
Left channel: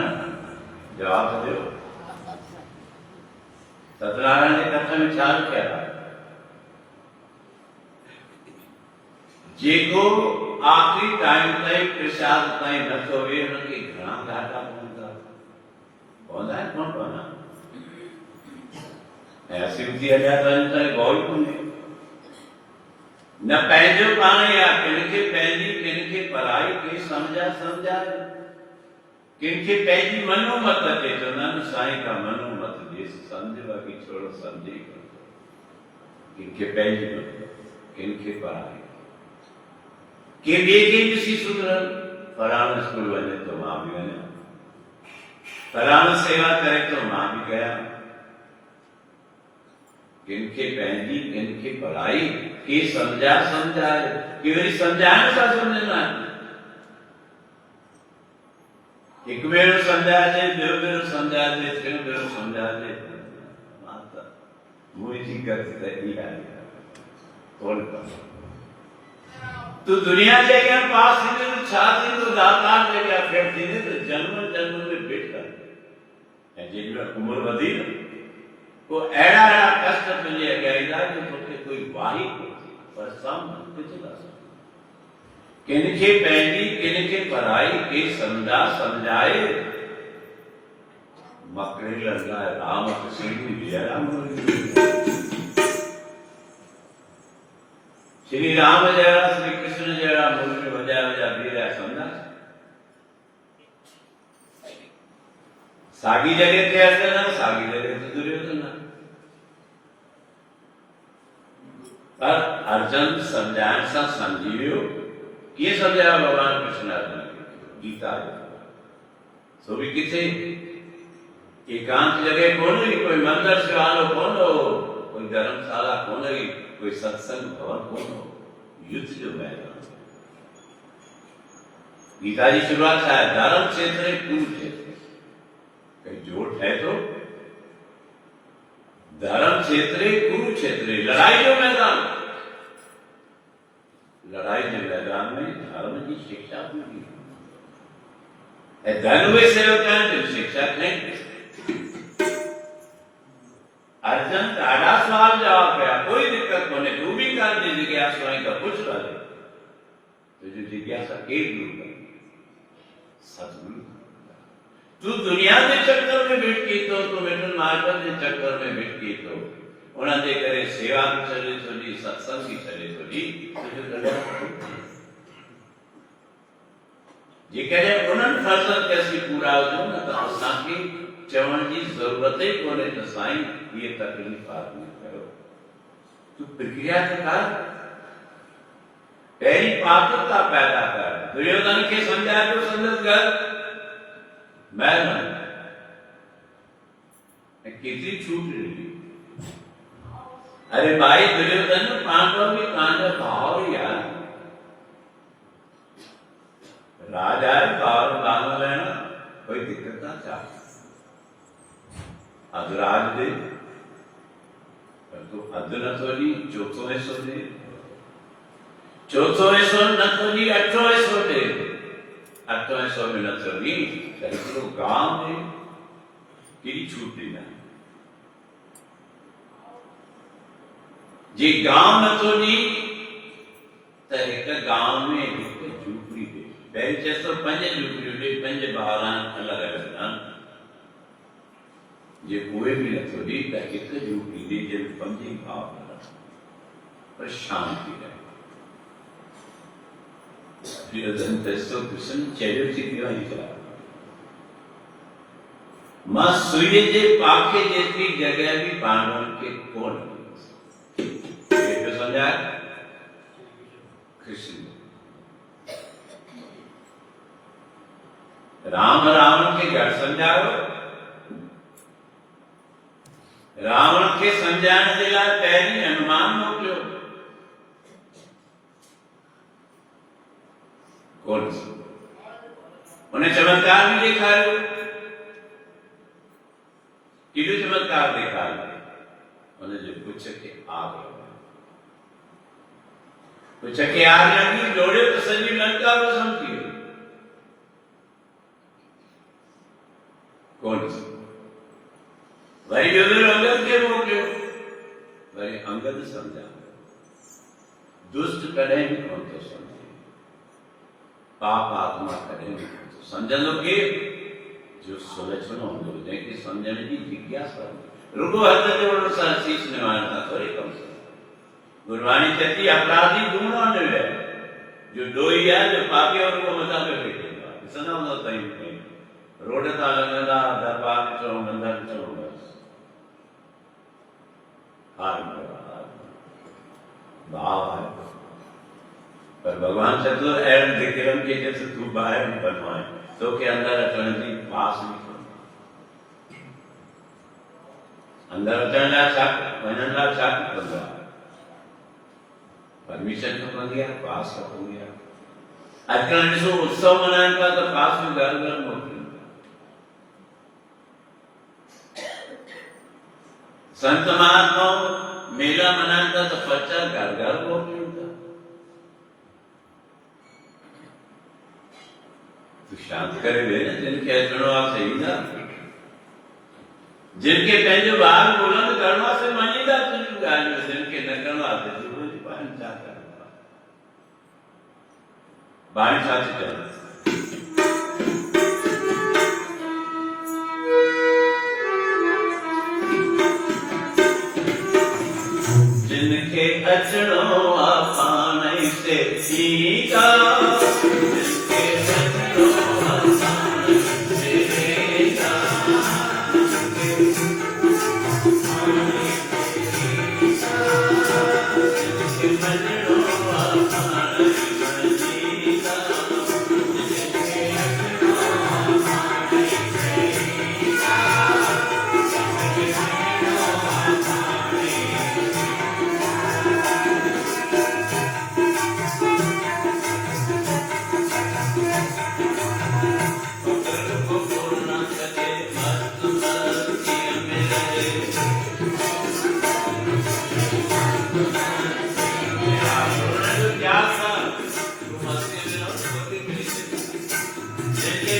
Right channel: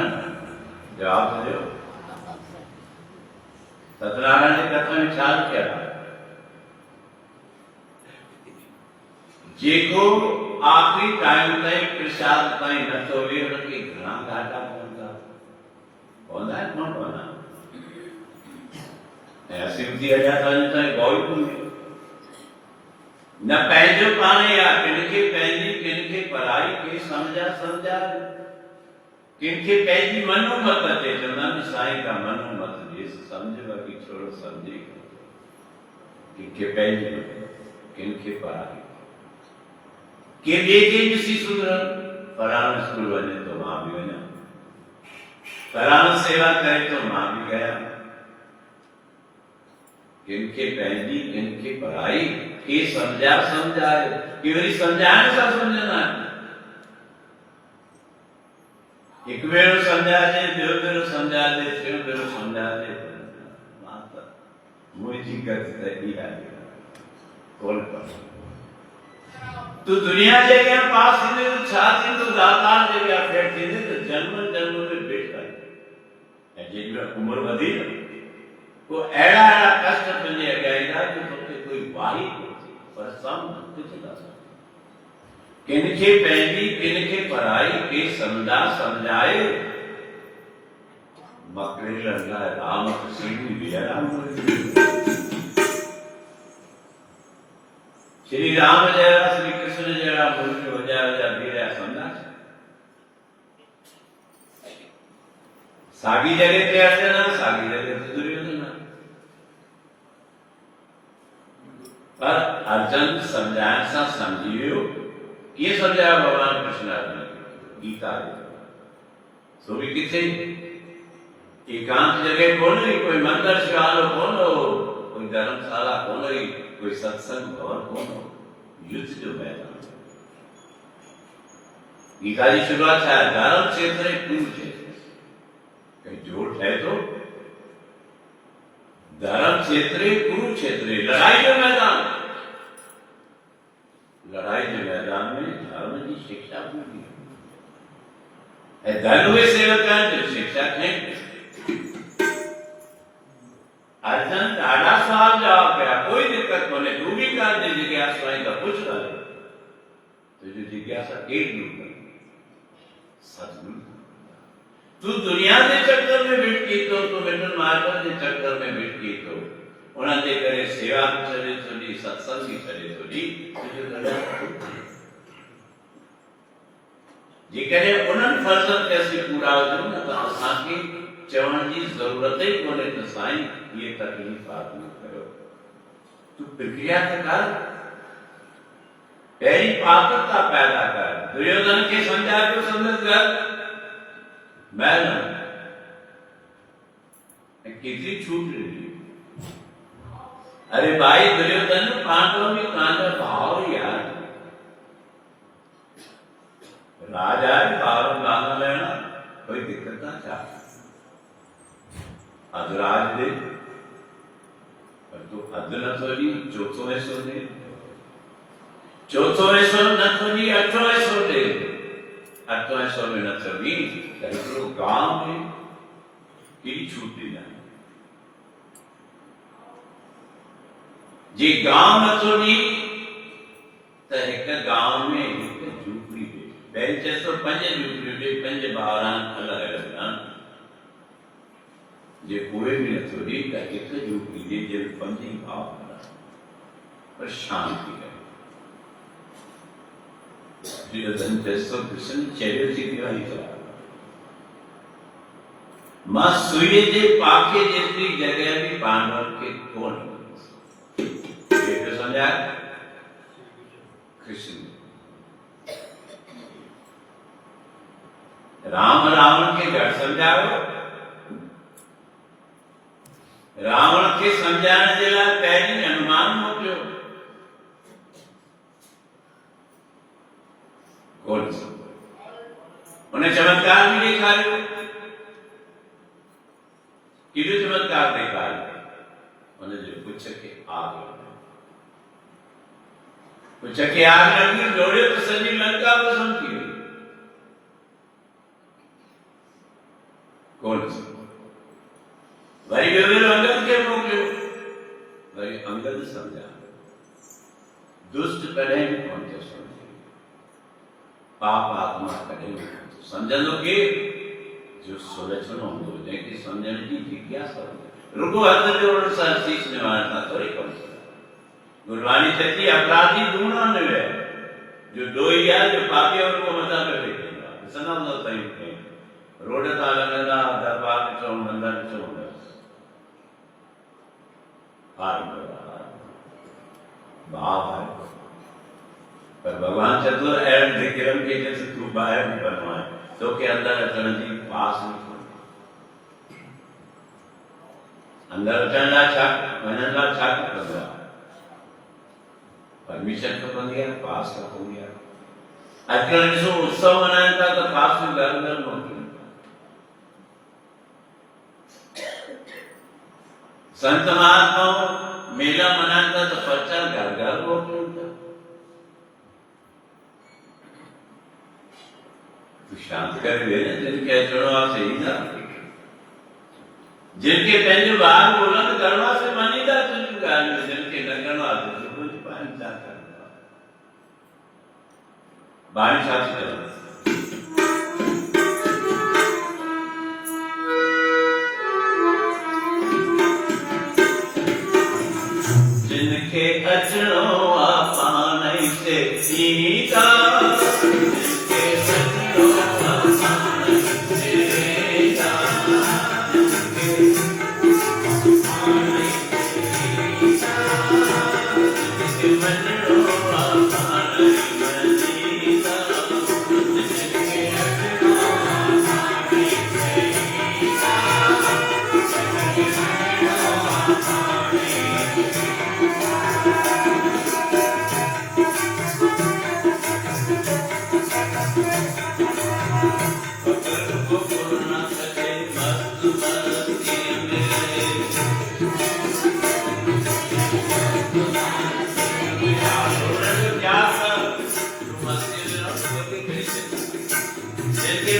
जवाब ॾियो सत्यनारायण जे कथा में छा लिखियल आहे जेको आख़िरी टाइम ताईं प्रसाद ताईं नथो वेहे हुनखे घणा घाटा पवंदा पवंदा आहिनि कोन पवंदा ऐं सिंधी अञा ताईं गौर कोन्हे न पंहिंजो पाण या किनखे पंहिंजी किनखे पराई के सम्झा किनखे पंहिंजी मनो मत अचे चवंदा आहिनि साईं का मनो मत जेसि सम्झ बाक़ी छोड़ो सम्झे किनखे पंहिंजी मत किनखे पराई के ॿिए खे ॾिसी सुधरनि फलाणे स्कूल वञे तो मां बि वञा फलाणो सेवा करे तो मां बि कयां किनखे पंहिंजी किनखे पढ़ाई के सम्झाए कि वरी सम्झाइण सां सम्झंदा आहिनि हिकु भेरो सम्झाइजे ॿियो भेरो सम्झाइजे टियों भेरो सम्झाइजे मां त मुंहिंजी गति त इहा आहे कोन पढ़ो तू दुनिया जे अॻियां पास थींदे त छा थींदो दातार जे अॻियां फेर थींदे त जन्म में भेट करे ऐं जेॾी महिल उमिरि वधी न को अड़ा अड़ा कष्ट तुझे अगैदा जो तोखे कोई वाही पर सम कुछ ना किनखे पैंदी किनखे पढ़ाई के समझा समझाए मकड़े लड़ना राम कृष्ण जयराम श्री राम जयरा श्री कृष्ण जयरा मुरली बजा बजा बीरा समझा सागी जगह ते अर्जुन सागी जगह ते दुर्योधन पर अर्जुन समझान सा समझियो ये समझाया भगवान कृष्ण अर्जुन गीता सो भी किथे एकांत जगह कौन है कोई मंदिर शिवालो कौन हो कोई धर्मशाला कौन है कोई सत्संग भवन कौन हो युद्ध जो मैदान गीता की शुरुआत है धर्म क्षेत्र कुरुक्षेत्र कहीं जोड़ है तो धर्म क्षेत्र कुरुक्षेत्र लड़ाई के मैदान लड़ाई के मैदान में धर्म की शिक्षा पूरी धर्म हुए सेवक जो शिक्षा नहीं अर्जुन ॾाढा सवाल जवाब कया कोई दिक्कत कोन्हे तू भी कर दे जिज्ञासा आई तो कुछ कर दे तुझी जिज्ञासा एक दूर कर सतगुरु तू दुनिया के चक्कर में भिटकी तो मिटन मार्ग के चक्कर में भिटकी तो उन्होंने करे सेवा भी चले थोड़ी सत्संग भी चले थोड़ी तुझे कल्याण जे करे उन्हनि फर्ज़न कैसी पूरा हो न तो असांखे चवण जी जरूरत ही कोन्हे त साईं ये तकलीफ़ आदमी कयो तू प्रक्रिया त कर पहिरीं पात्रता पैदा कर दुर्योधन खे समझा तो समझ कर महल केतिरी छूट रही अरे भाई दुर्योधन पांडव भी कांजा भाव यार राजा बार मांग लेना कोई दिक्कत ना चाह अधराज दे तो अध न थोड़ी चौथो ऐसो दे चौथो ऐसो न थोड़ी अठो ऐसो दे अठो ऐसो में न थोड़ी तो गांव में किरी छूट देना जी गांव न थोड़ी तो एक गांव में एक झूपड़ी दे पहले चेस्तो पंज झूपड़ी दे पंज बारान अलग अलग जे कोई भी न थोड़ी का एक झूपड़ी दे जे पंजी भाव पर शांति रहे दुर्योधन तेस्तो कृष्ण चेरियो थी क्यों नहीं चला मां सूर्य जे पाखे जेतरी जगह भी पांडव के कोण ये तो समझा कृष्ण राम रावण के घट समझाओ रावण के समझाने जे लाइ पहिरीं हनुमान मोकिलियो कोन उन्हें चमत्कार भी ॾेखारियो केॾो चमत्कार ॾेखारियो उनजे पुछ खे आग पुछ खे आग लॻी जोड़ियो त सॼी लंका भस्म थी वई कोन वरी ॿियो अंगद खे मोकिलियो वरी अंगद समझा दुष्ट कॾहिं बि कोन थो सम्झे पाप आत्मा कॾहिं बि कोन थो सम्झंदो केरु जो सुलझणो हूंदो जंहिंखे सम्झण जी जिज्ञासा रुगो हथ जोड़ण सां शीश निवारण सां थोरी कमु सघे गुरबाणी चती अपराधी दूणो न विया जो ॾोही आहे जो पापी और को मथां पियो वेठो आहे ॾिसंदा हूंदा ताईं रोड तां लॻंदा दरबार ॾिठो मंदर ॾिठो भाव है पर भगवान चतुर एवं विक्रम के जैसे तू बाहर भी बनवाए तो के अंदर अचण जी पास नहीं अंदर अचण लाइ छा वञण लाइ छा खपंदो आहे परमिशन खपंदी आहे पास खपंदी आहे अॼुकल्ह ॾिसो उत्सव मल्हाइनि था त पासूं घर घर मोकिलिनि था संत महात्माओं मेला मनाइनि था त पर्चा घर घर मोकिलिनि था शांत करे वेह न जिनके अचणो आहे से ईंदा जिनके पंहिंजो ॿार बुलंद करणो आहे से मञीदा तुंहिंजूं ॻाल्हियूं, जिनके न करणो आहे त सुबुह जी पाणी छा करणो आहे। बाणी छा थी चवनि, जिनके अचणो आहे पाण ई से ईंदा, जिनके अचणो आहे पाण ई से ईंदा,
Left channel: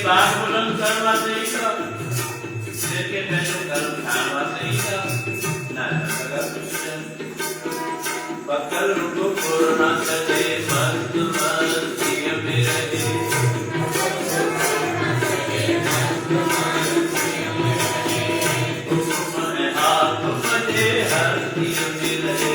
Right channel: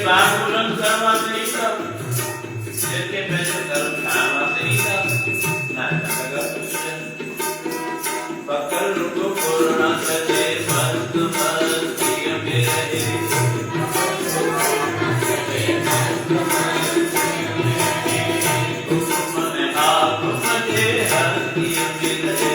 बात बुलंद करवा चाहिए, जिनके पैसे कर्म खानवा चाहिए ना सगर पकड़ को कोरमा चले मस्त मस्ती में रहे, हुक्म हाथ मजे हस्ती में रहे,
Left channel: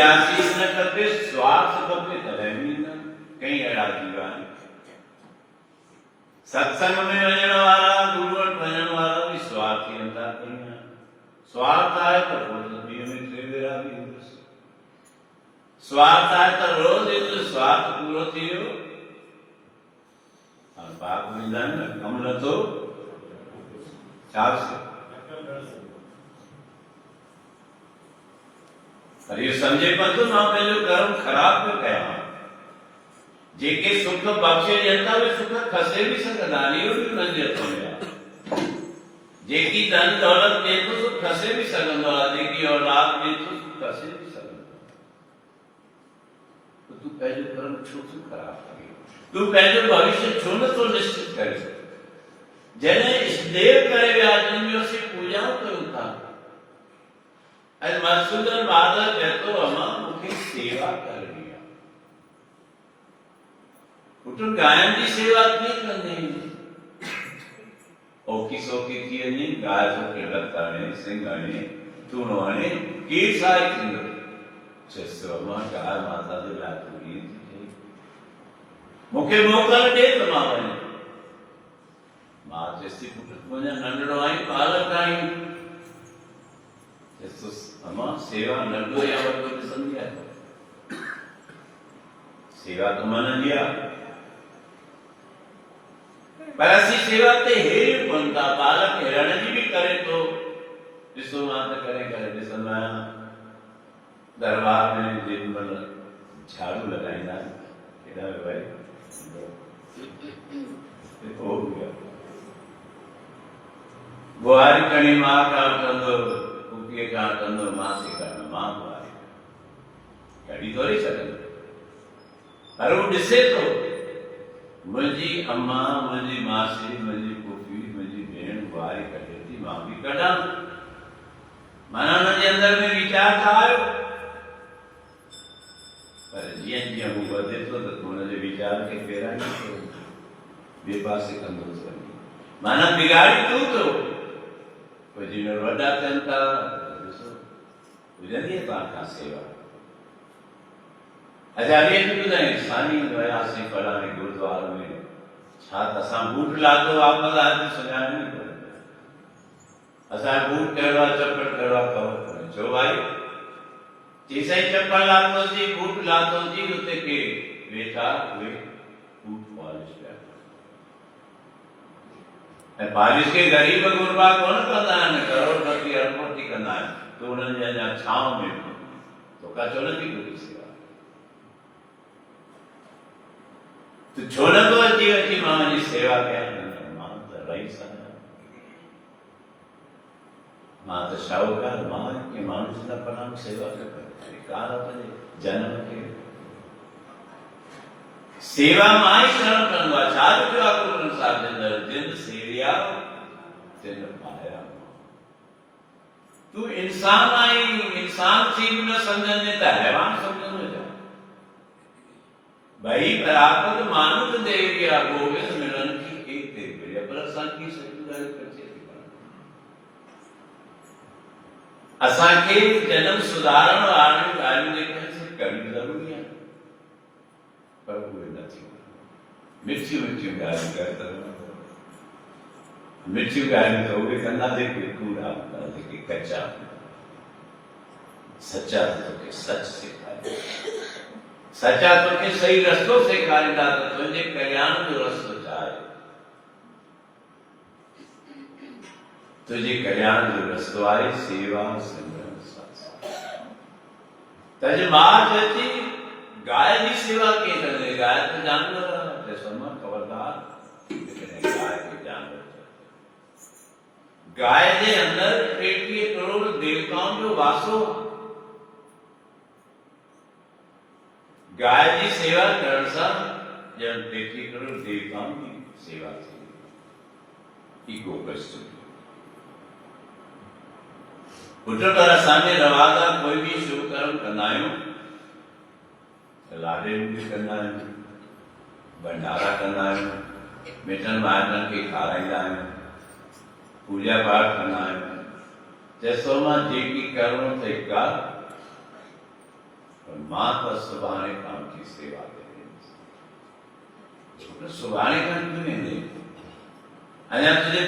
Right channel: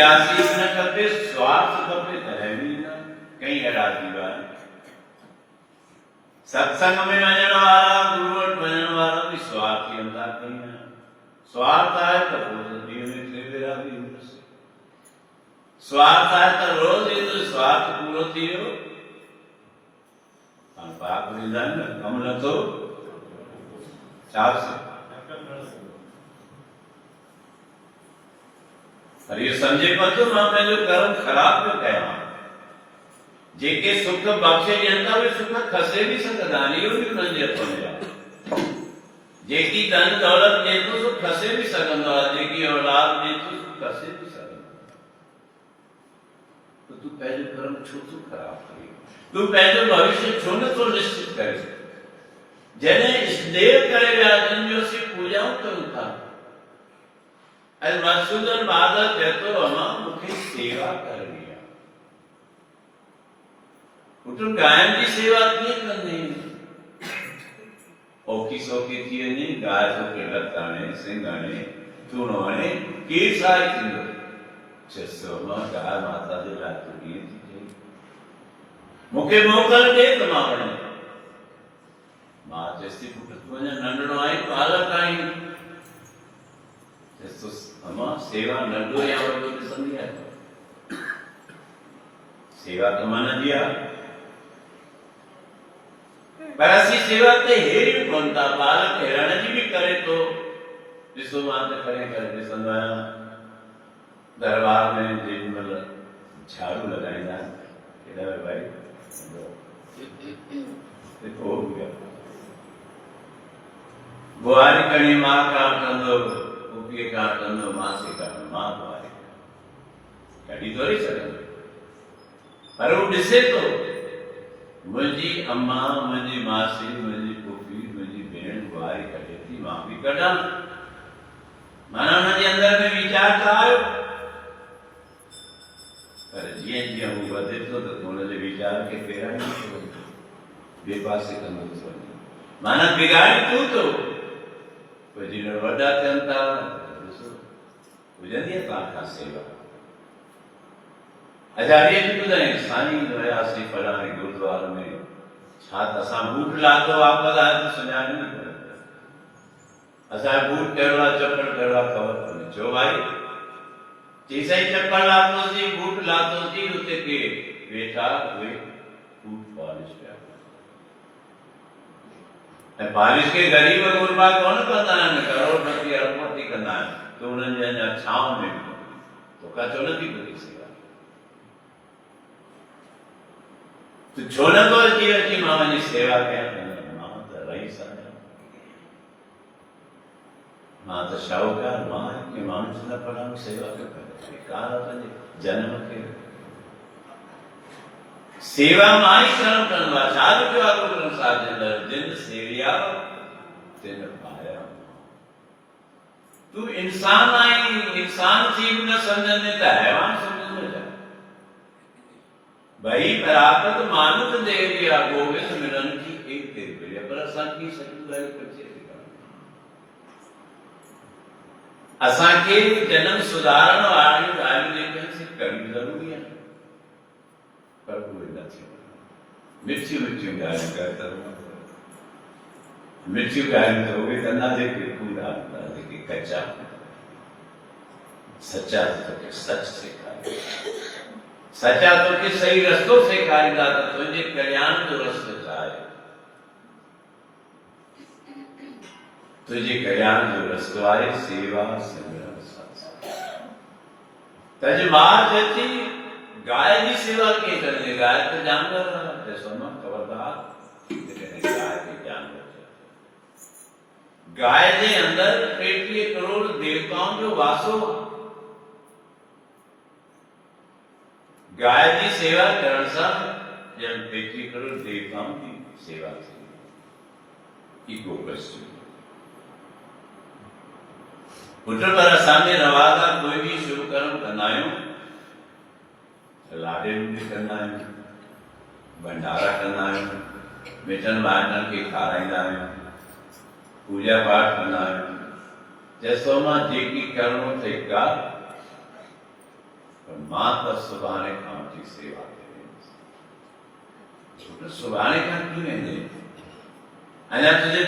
आशीष न खपे, स्वार्थ खपे त रहमी न। कई अहिड़ा जीव आहिनि सत्संग में वञण वारा, गुरू वटि वञण वारा बि स्वार्थी हूंदा। कई स्वार्थ आहे त पोइ ॾींहं में 3 भेरा बि ईंदुसि, स्वार्थ आहे त रोज़ ईंदुसि, स्वार्थ पूरो थी वियो पाप ॾींदा न कमु नथो छा पर इहो सम्झे पतो मां पंहिंजो कर्म ख़राब पियो कयां। जेके सुख बख़्शे ॾियनि था उहे सुख खसे बि सघंदा आहिनि, इहो बि उन्हनि जे हथ में आहे। जेकी धन दौलत ॾिए थो सो खसे बि सघंदो आहे, जेकी औलाद ॾिए थो खसे बि सघंदो आहे। तू पंहिंजो कर्म छो थो ख़राब करे, तू पंहिंजो भविष्य छो नथो निश्चित करे। जॾहिं इष्टदेव करे विया जिन जो असीं पूॼाऊं कयूं था, ऐं मधुसूदन बहादुर चए थो अमां मूंखे सेवा करणी आहे। पुट गांयुनि जी सेवा कीअं कंदी, औखी सौखी थी वञे, गांइ तोखे लत आणे, सिंग आणे, थूणो आणे, केरु सहाय थींदो? चएसि अमां गांइ माता जे लाइ तूं ईअं थी चई, मूंखे मोकल ॾे त मां वञा। मां चएसि पुट तूं अञा नंढड़ो आहीं, बालक आहीं। चएसि अमां सेवा नंढो या वॾो ॾिसंदी आहे, सेवा त मन जी आहे, पर असीं सेवा ते हेरियूं कोन था। बालक हेरण जी बि करे थो। ॾिसो मां त करे करे ॾिसंदो आहियां दरबार में जेॾी महिल झाड़ू लॻाईंदा आहिनि, हेॾा भाई बुआरी खणी मां खां वठंदो, पुफीअ खां वठंदो, मासी खां मां बुआरी कढी थोरी सघंदो, पर हू ॾिसे थो मुंहिंजी अम्मा, मुंहिंजी मासी, मुंहिंजी पुफी, मुंहिंजी भेण बुआरी कढे थी, मां बि कढां। माना हुनजे अंदर में वीचार त आयो, पर जीअं जीअं हू वधे थो त हुनजे वीचार खे फेराईंदो थो, ॿिए पासे कंदो थो वञे, माना बिगाड़ी तूं थो। पोइ जीअं वॾा थियनि था, ॾिसो हुजंदी आहे तव्हांखां सेवा। अच्छा ॾींहं बि ॿुधाईं, साईं वियासीं फलाणे गुरुद्वारे में, छा त असां बूट लाथो, वापसि आया त सुञाणियो न कोन्हे, असांजो बूट कहिड़ो आहे, चपल कहिड़ो आहे, ख़बर कोन्हे। छो भाई? चई साईं चपल लाथोसीं, बूट लाथोसीं, उते के वेठा उहे बूट पॉलिश पिया, ऐं पॉलिश खे ग़रीब गुरबा कोन कंदा आहिनि, करोड़पति अरबपति कंदा आहिनि, तूं उन्हनि जे अञा छांव में तोखां छो नथी पुॼी सेवा? तूं छो नथो अची अची मां वञी सेवा कयां? मां त रईस आहियां, मां त शाहूकार, मां कंहिं माण्हू चवंदा फलाणो सेवा पियो करे, कार पंहिंजे जनम खे सेवा मां ई करणु पवंदो आहे। छा लिखियो आहे गुरू ग्रंथ साहिब जे अंदर? जिन सेविया तिन पाया। तूं इंसान आहीं, इंसान थी बि न सम्झंदे त हैवान सम्झंदो छा? भाई प्राप्त मानुष देविया गोविंद मिलन की एक देविया, पर असांखे सॼी ॻाल्हि कचे असांखे जनम सुधारण वारियूं ॻाल्हियूं जेके करणु ज़रूरी आहे, पर उहे न थियूं। मिठियूं मिठियूं ॻाल्हियूं कर, मिठियूं ॻाल्हियूं त उहे कंदा जेके कूड़ा हूंदा, जेके कचा हूंदा। सचा तोखे सच सेखारींदा, सचा तोखे सही रस्तो सेखारींदा त तुंहिंजे कल्याण जो रस्तो छा आहे। तुंहिंजे कल्याण जो रस्तो आहे सेवा सिमरन सत्संग। तंहिंजे मां चएथी गाय जी सेवा कीअं करणी? गाय त जानवर आहे, ॾिसो मां ख़बरदार गाय खे जानवर चए। गाय जे अंदर 33 करोड़ देवताउनि जो वासो आहे। गाय जी सेवा करण सां ॼण 33 करोड़ देवताउनि जी सेवा थी। ईगो क्वेश्चन पुट, पर असांजे रवाज आहे कोई बि शुभ कर्म कंदा आहियूं, लाॾे बि कंदा आहियूं, भंडारा कंदा आहियूं, मिटनि माइटनि खे खाराईंदा आहियूं, पूजा पाठ कंदा आहियूं। जैसो मां जेकी करणो अथई कर, पर मां त सुभाणे खां वठी सेवा कयां। सुभाणे खां कीअं वेंदे? अञा तुंहिंजे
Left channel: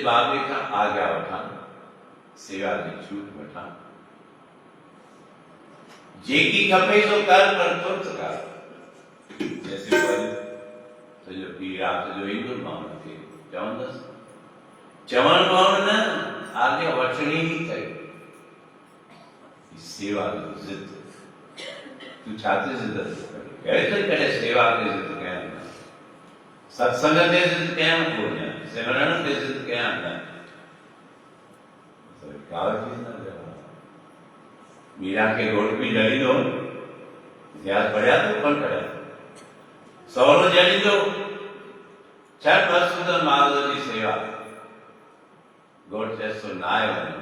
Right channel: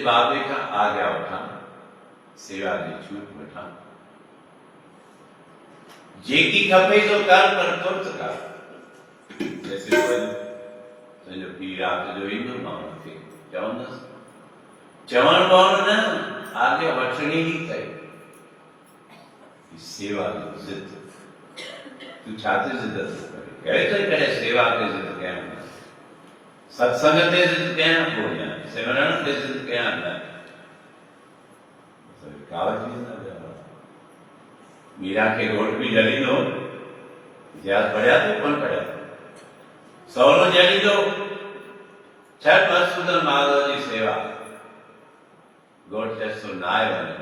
बाबे खां आज्ञा वठां, सेवा जी छूट वठां, जेकी खपे तो कर, पर तुरंत कर। जैसे तुंहिंजो पीउ राति जो ईंदो, मां हुनखे चवंदुसि, चवण पवण न, आज्ञा वठणी ई अथई। सेवा जी ज़िद, तूं छा ते ज़िद थो करे? कहिड़े थो करे सेवा ते ज़िद कयां? सत्संग ते ज़िद कयां कोन, सिमरण ते ज़िद कयां न। मीरा के रोड भी जली दो इतिहास पढ़िया तो कौन पढ़िया सौरो जली दो छह परसुदर माधव जी सेवा गोड चेस्तो नाय वाली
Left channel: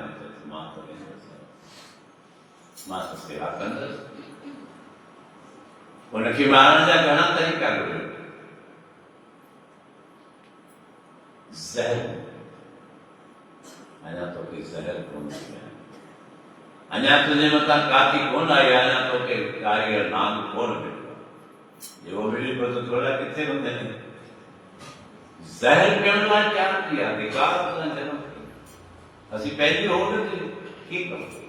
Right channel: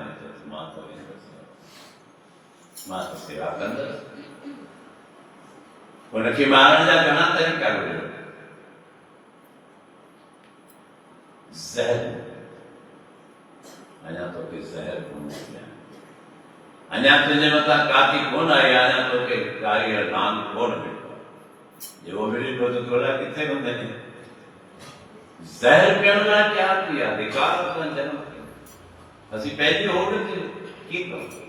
माता सेवा कंदस उनकी मारण जा घना तरीका ॻोल्हियो ज़हर अञा तोखे ज़हर कोन मिलिया अञा तुंहिंजे मथां काती कोन आई अञा तोखे कारीगर नाम कोन मिलियो जेको मिली पियो त तोरा किथे कंदे ज़हर पियण लाइ तयार थी विया धिकार सां जनम असीं पंहिंजी होड़ ते कीअं कयूं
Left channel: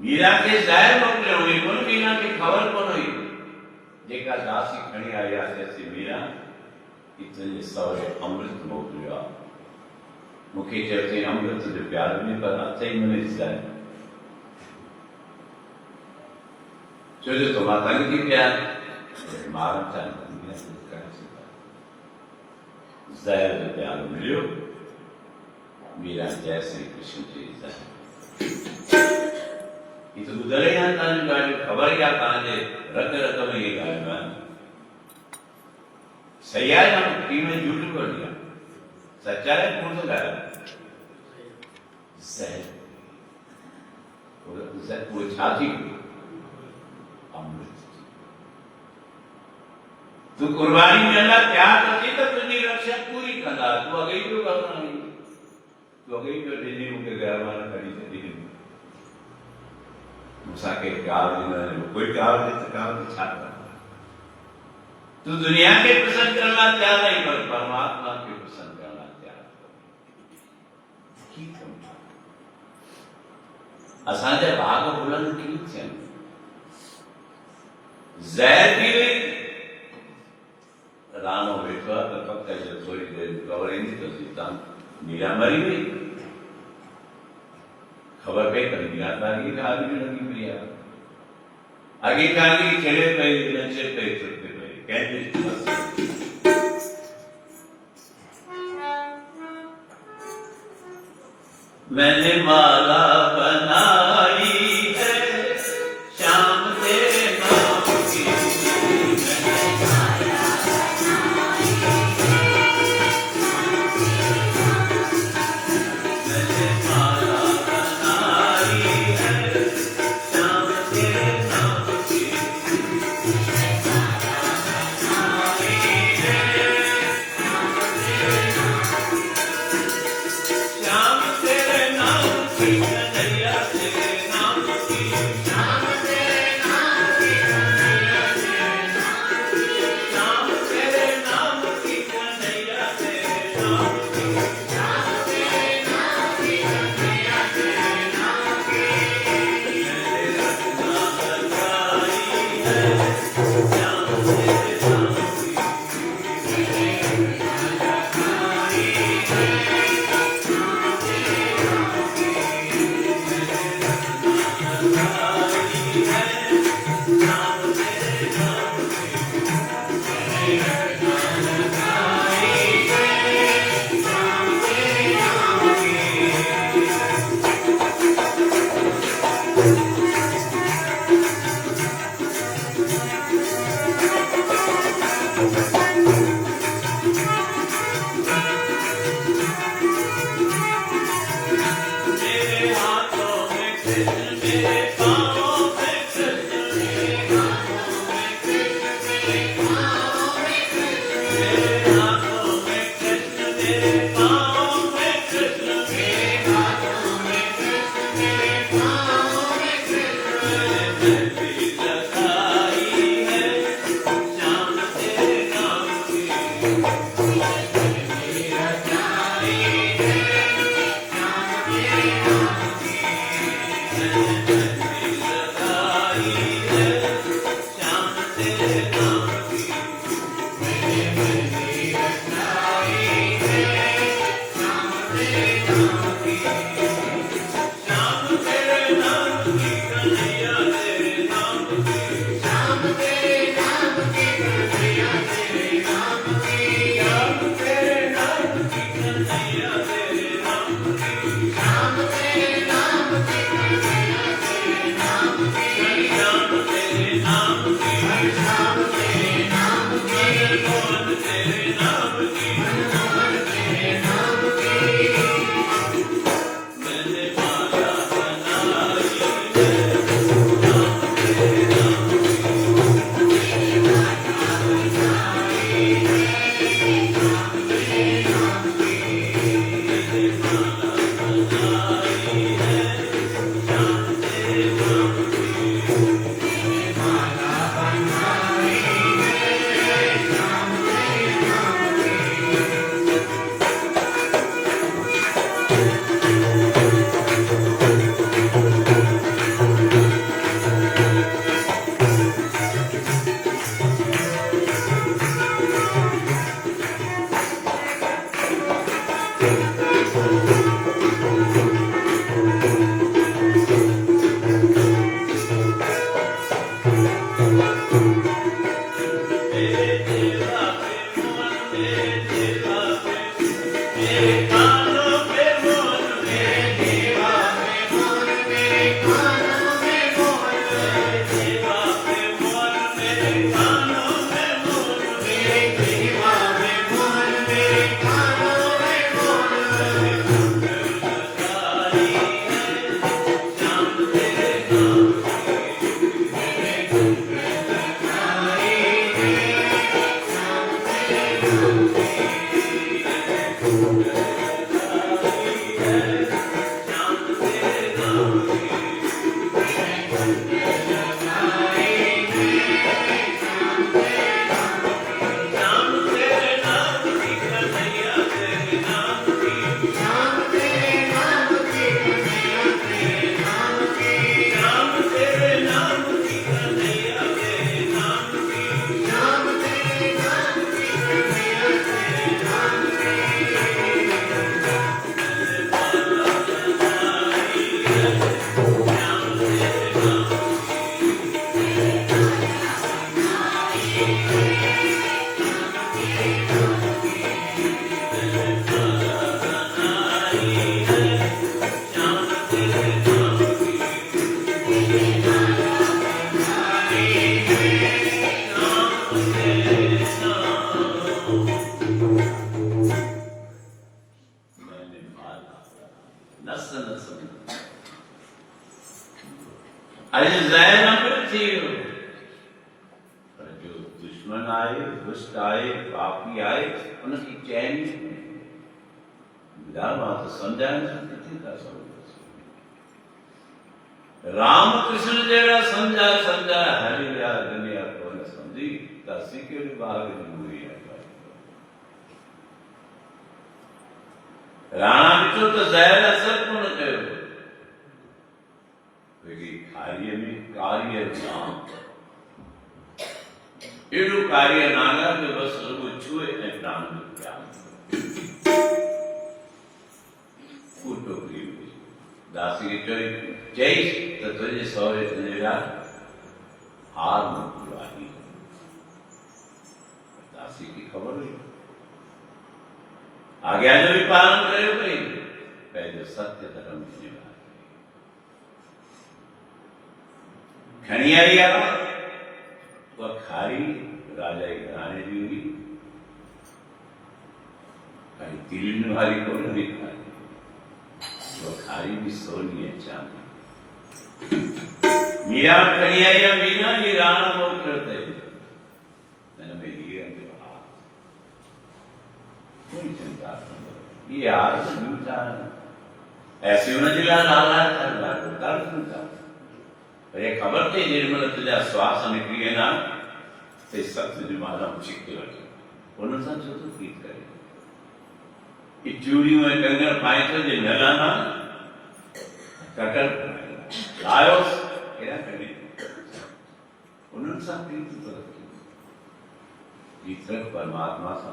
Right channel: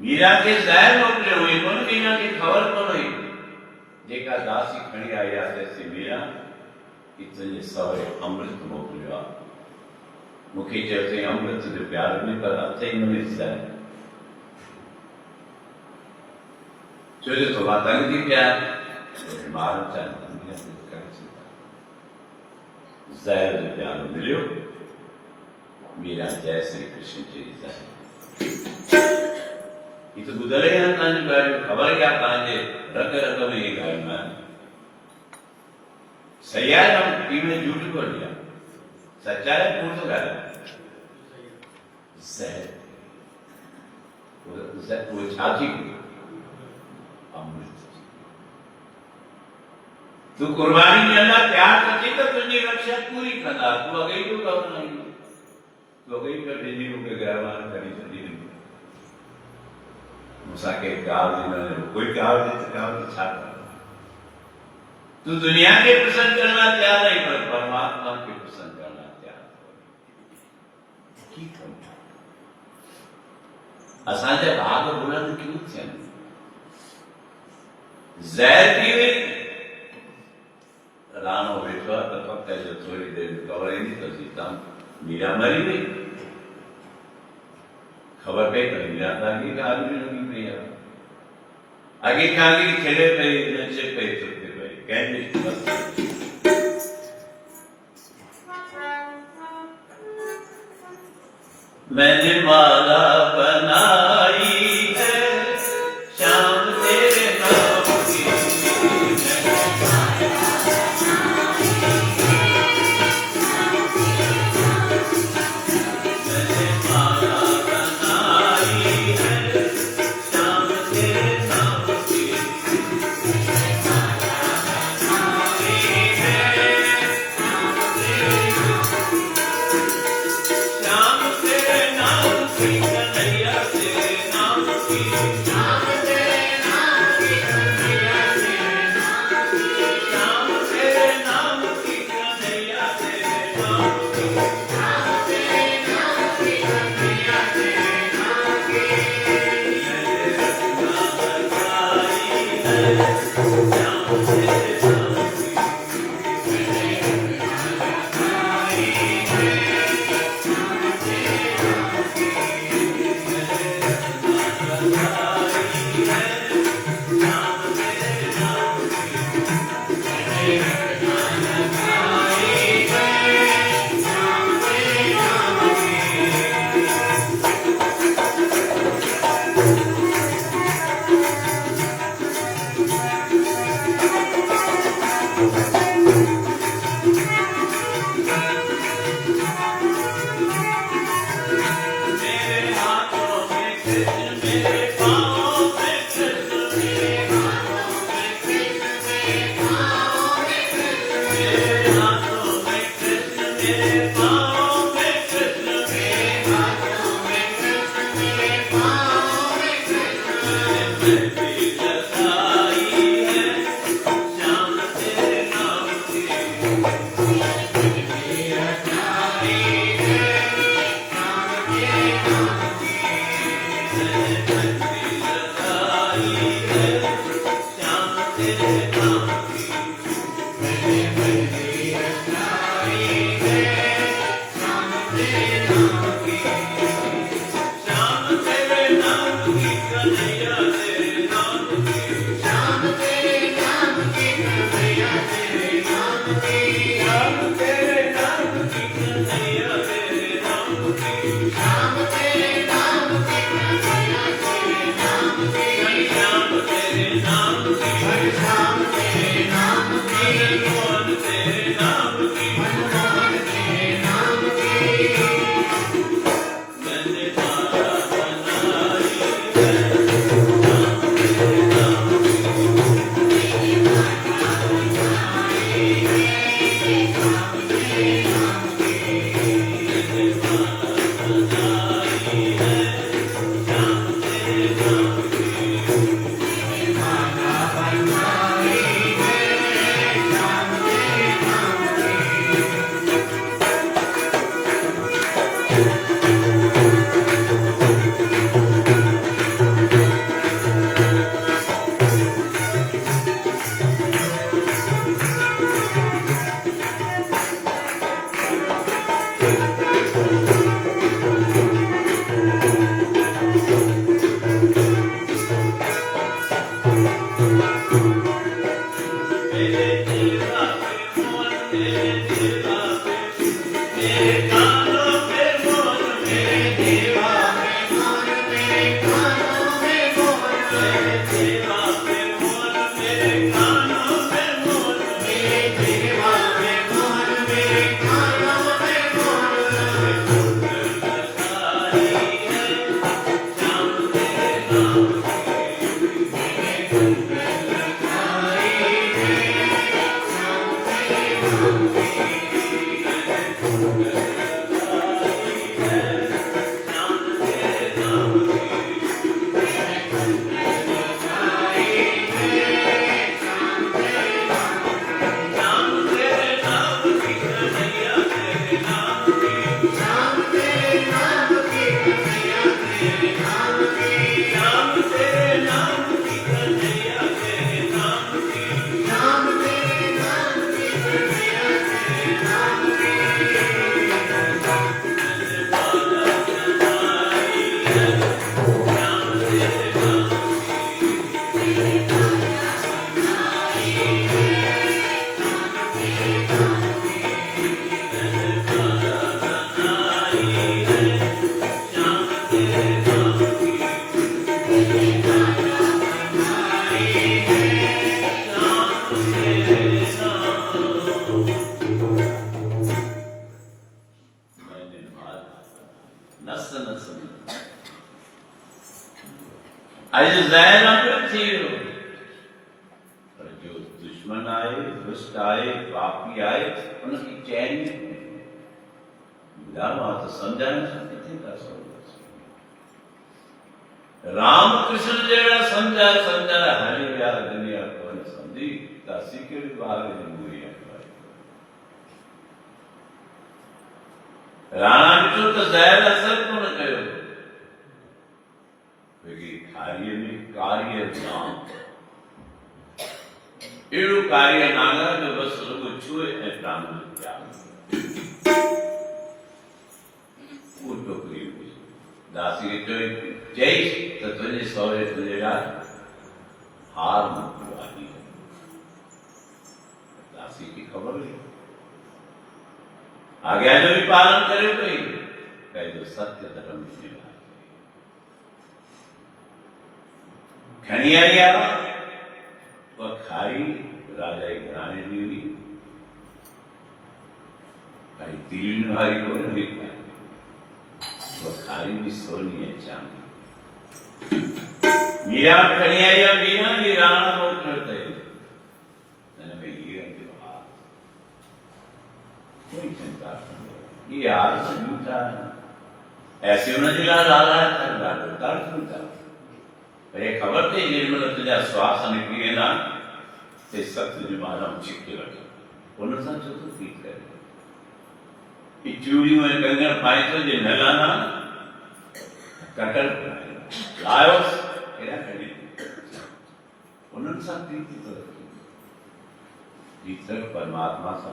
मीरा के ज़हर मोकिलियो हुई कोन मीरा खे ख़बर कोन हुई जेका दासी खणी आई आहे चएसि मीरा कि तुंहिंजे सहुरे अमृत मोकिलियो आहे मूंखे चयो अथई अमृत जो प्यार बि पर अथई हुन में ज़हर छो जो तो मां तंग थी पिया ॿारनि सां ज़हर जो प्यार मिलियो मीरा जय श्री कृष्ण जी ज़हर ये तो गुजरे हैं तांजू गाड़ियों खबर क्या तांजे रत रत में ये गाड़ियों में सही है हम टीम में झूठ को लिया सच्चा है कौन सा गाड़ा सही वो छाती अमृत तू कुर्बानी देना त्याग करती तो तुझी रक्षा पूरी करना तू अगई क्यों करना नहीं तू अगई क्यों डिजी मुझे गया वाला करी चली मुसाके काल दिन कोई काल दिन तो काल की छाता तू दुनिया के पसंद करना चाह नहीं पर परमात्मा के पसंद करना चाह असांजे भाग बुलंद क्यों थियनि ज़हर थी वई राणो वेठो आहे त वक़्त जो थोरी देरि ख़बर ईंदी त सीता मीरा मरी वई खबर पई त मीरा तांगी ॻाल्हि बि लॻी पई आहे आगे कांगी खेड़े पई नचे पई चुपे पई कंहिंजी मैंने माला बनाई है शाम तेरे नाम की मैंने माला बनाई है शाम तेरे नाम की शाम तेरे नाम की कन्हैया तेरे नाम की शाम तेरे नाम की कन्हैया तेरे नाम की शाम तेरे नाम की कन्हैया तेरे नाम की शाम तेरे नाम की कन्हैया तेरे नाम की मैंने रचना बजाई है शाम तेरे नाम की मैंने रचना बजाई है शाम तेरे नाम की मैंने रचना बजाई है शाम तेरे नाम की मैंने रचना बजाई है शाम तेरे नाम की मेरे हाथों में कृष्ण मेरे पाँवों में कृष्ण मेरे हाथों में कृष्ण मेरे पाँवों में कृष्ण मेरे हाथों में कृष्ण मेरे पाँवों में कृष्ण मेरे हाथों में कृष्ण मेरे पाँवों में कृष्ण मैंने मेहंदी लगाई है शाम तेरे नाम की मेहंदी लगाई है शाम तेरे नाम की मैंने मेहंदी लगाई है शाम तेरे नाम की मैंने मेहंदी लगाई है शाम तेरे नाम की शाम तेरे नाम की कन्हैया तेरे नाम की शाम तेरे नाम की कन्हैया तेरे नाम की शाम तेरे नाम की कन्हैया तेरे नाम की शाम तेरे नाम की कन्हैया दुश्मन आए, दुष्ट आए, पापी आए, उनकी चैन विधान तो समझाना चाहते थे। रामकृष्ण जेड़ा समझा समझा हरि या दुनिया को न समझी तासी के विभाग में हुई है। राणा मित्रों तो ज़ाहिर असर को न करो, क्योंकि कार्य में कार्य नाम एड़ो कार्य नागा जो बस लोग छुए है प्राण में क्या वो टोकरी दासी के चोरी जय तो तुझे सौरे तुझे हार मुक्ति दासी की खबर हुई आज्ञा जो भी पालन करे गई पहले सत्य धर्म खनिया वह खारी राजा की घराने दी हुई भाई दिल भाई को नहीं खाई वो खारी भी सोनी है चांदी मीरा खनिया मीना ये राणा बहुत करते मैंने में ये कोई चिंता नहीं ये यार चिंता ऐसी उन्हें जिला डाला था चिंता अरे खबर थी निर्मल तुझा श्वास निकली है ना ते सत्य जुमाना चिक्के लगे उन्होंने संचो तो ठीक करे चूड़ी में कंगन पाए तो जे नलाना कटर लायो केरा करे उन्होंने सब ठीक तो जीतक परमात्मा सा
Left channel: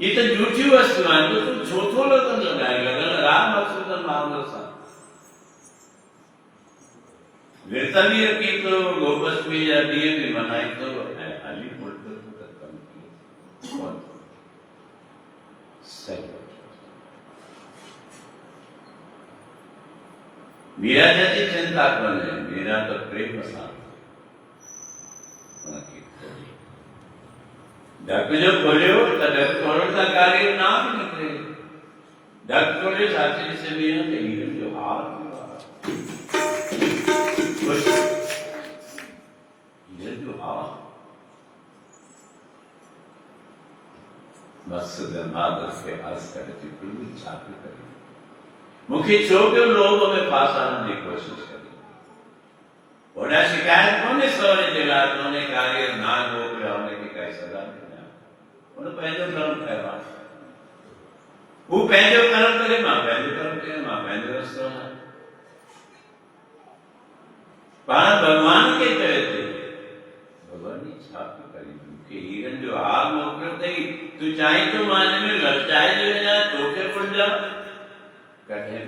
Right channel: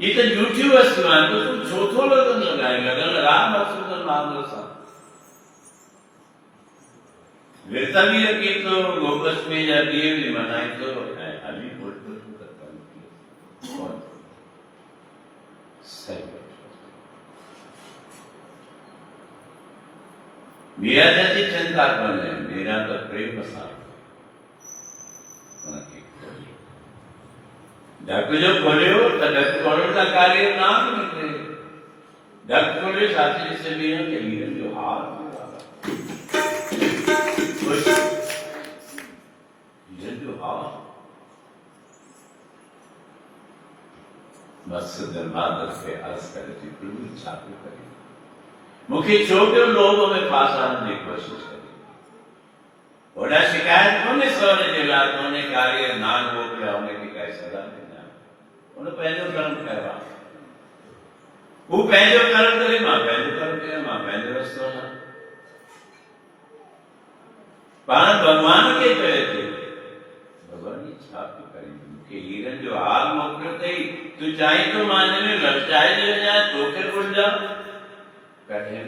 ये तो झूठी वस्तु है तो तुम छोटो लगन लगाएगा अगर राम मकसूदन मामलो सा विरतनीय की तो गोपस में जाती है भी मनाई तो अली बोलते तो कम कौन मेरा जैसी चिंता कौन है मेरा तो प्रेम मसाला डक जो खोले हो तो डक खोलने का कार्य नाम निकले डक खोले साथी से भी है जो हार मकसद मादर के अर्ज करती प्रभु छात्र करें मुख्य छोटे लोगों में फांसाने की कोशिश करें और शिकायत कोने सौरे जगह कोने कार्य नाग हो गया होने की कई सजा देना उन्हें पहले कर्म कहवा वो पहले कर्म करे मां पहले रस्तो ना पान भगवान के करे थे भगवान की छाप करी के हीरन जो आग मोकल थी तू चाहे तो मानने में लड़ जाए ले जा तो फिर उड़ जा कठिन